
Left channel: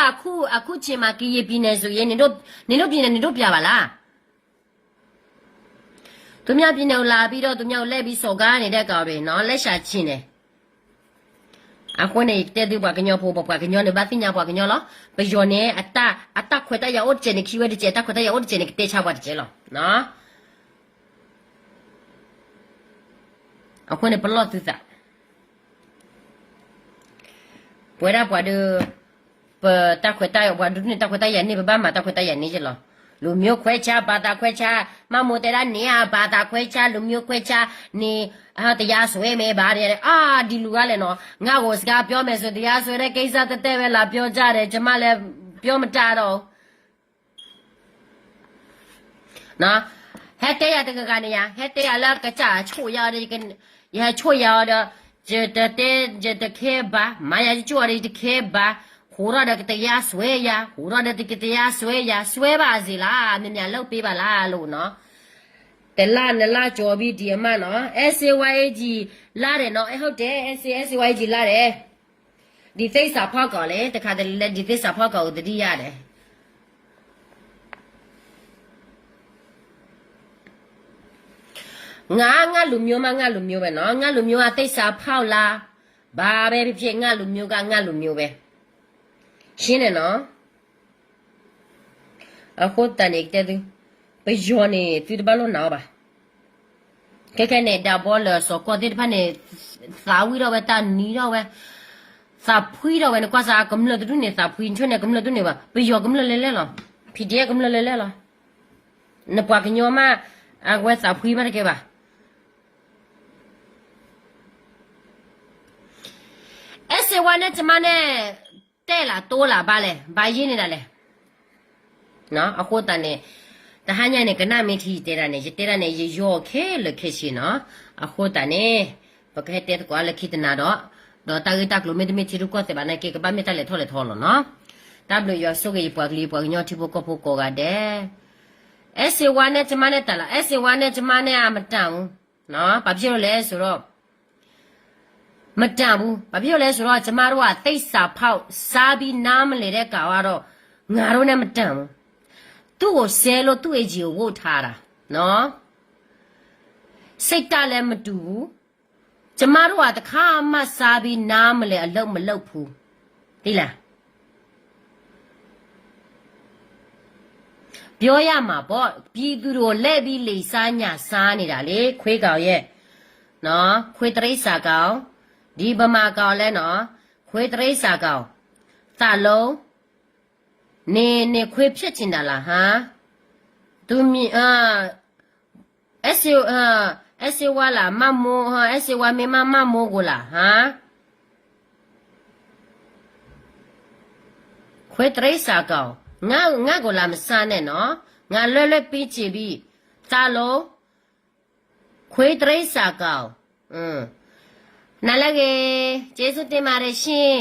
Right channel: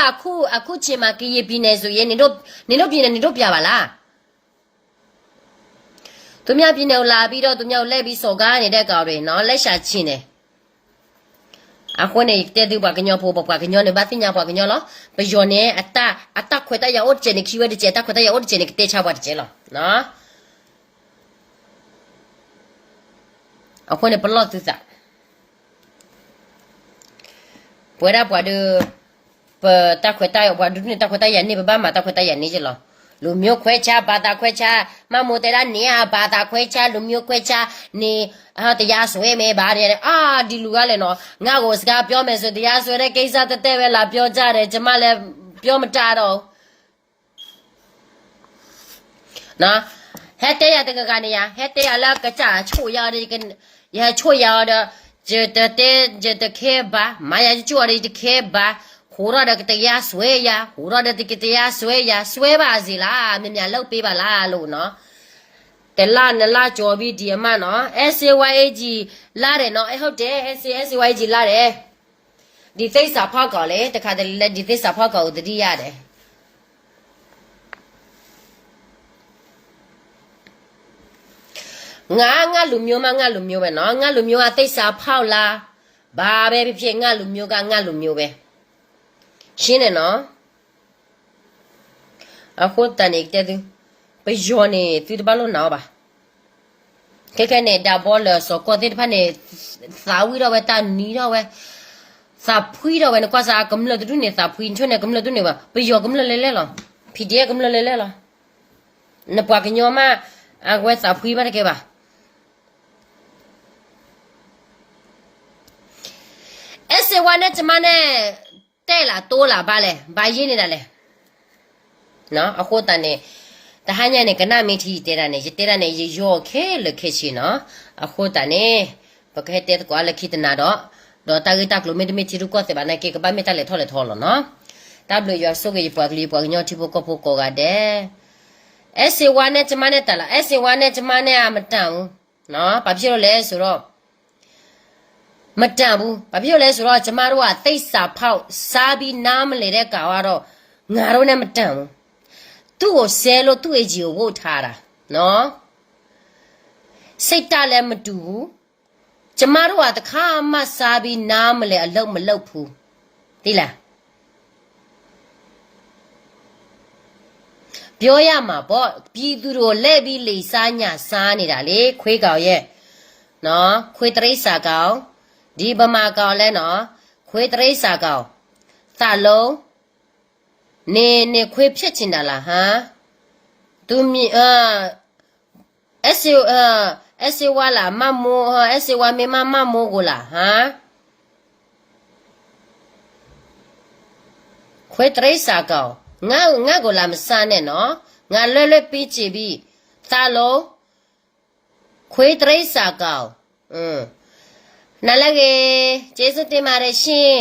aku chỉ mà cái gì bên này rồi này đó bên này này đó bia bà la tụi nhau bên nào là bên đó tụi nhau lấy bên sổ cái này đây cả rồi nó lấy sao chi này aku này tết đi qua cái nhau phố qua cái nhau này bắt tin nhau qua cái nhau lo bây giờ này ata khỏe ta yêu chơi này khi về đi chơi ta khỏe ta yêu chơi này tết chào qua đi chơi lo nó aku này perlu tu tak buat được ta khỏe ta buat được này ta khỏe ta yang ni berapa ta khỏe ta yang ni je lo lu miu khỏe cha ba ta khỏe cha mà mua tết ni à ba ta khỏe cha lu miu khỏe cha niတရားဆွဲမယ်ဗါတယ်ဒီလူကလည်းနော်ငါ့ကိုစကားပြောမယ်ဆိုတရားဆွဲတဲ့ကိစ္စတက်ပဲလာပြောကြတယ်ကျမလည်းပြောမတာတော့နော်ဟဲ့တဲ့ရတဲ့ကနေရဟဲ့တဲ့ရလာကကြချို့ရတယ်ကရချို့ရတော့ဂျတခဲပါမာယာချို့ရတဲ့ခဲပါဟိုရတဲ့တရားဆွဲရဟိုရတဲ့တရားဆွဲရဆွဲပါစီလားမြင်မြန်လောက်ပေးပါလားလို့နော်แต่ละนั่นละจอบีดีมาเนาะ SAYG လာတယ်เนาะဟုတ်တယ် SAYG လာတယ်ဒီသိစာဖောက်ကောလေတခါတည်းဒီသိစာဖောက်ကောကိုတတိရတယ်ငါလူမျိုးပဲเนาะငါလူမျိုးကသိစာဖောက်လားဘာပဲဖြစ်ငါလူမျိုးကငါလူမျိုးပဲရှင်းတယ်เนาะအခုတန်နေတဲ့သူไปโยนนี่ตีตบาลนาบ่แค่ๆเนี่ยดาบอลสกอติพันเนี่ยสาวิเราเวตานีเราเวสาพุยเราเวนะกว่าสากำลังตุเนี่ยสาพุยช่วยเนี่ยกำลังตุเนี่ยว่าไปโยกำลังเล่ๆหรอพี่เดียกำลังเล่ๆหรอนะปากกันโยมาอากว่าสาพุยมาได้แกบ่เอสวันเนี่ยจะมาเนี่ยแต่ละตัวละบ่าเลยบ่ายินนี่ล่ะเลยเนาะအခုတန်เนี่ยแต่หายเนี่ยก็น่ามีที่เตระเนี่ยย่อแค่เลยแค่ชิเนาะအခုตาเนี่ยปกติก็ละคิดนะดอตากตักลุไม่ได้ชิรุก็แต่บ้านเนี่ยก็บ้านไม่ตาเลยทอเนาะตาบลูยอสุกยปากลีปากญอที่พวกก็กะเด้เอสวันเนี่ยจะมาเนี่ยตาละเอสวันเนี่ยจะมาเนี่ยไม่ตามเนาะปะพี่เราเลยสุรไม่ตามบูปะพี่เราเลยสุรจะมารู้ว่าติสาเผาซาบีน้ำเลยได้กว่าเรางาเราเนี่ยไม่ตามသူ့ကိုဆဲလို့သူ့အကြီးကိုဝုတ်ထားတာနော်စိတ်တလည်းမတူဘူးကျမတို့ကတခါမှစားပြီးနားမလဲအလုံးမလုံးဘူးသိလားပြောရမှာပေါ့ပြည်သူတို့လက်ပြီးလေစားညစားနေတာလေခွေးကောင်ရဲ့နော်ခွေးတရိษာကောင်ဒီဗမာကောင်လဲနော်ခွေးတရိษာကောင်သလုံးနေခွေးဖြစ်ချင်တာလားဟမ်သူမီSC ဝါလာမမိုးSC ဝါမေမမိုးကိုလားဟမ်ခွေးတရိษာကောင်ငါကိုလာမစားနဲ့နော်ငါလွဲပြီးချီပြီးသလုံးခွေးတရိษာကောင်နားလည်းကျေးဇူးတင်ပါတယ်ရှင်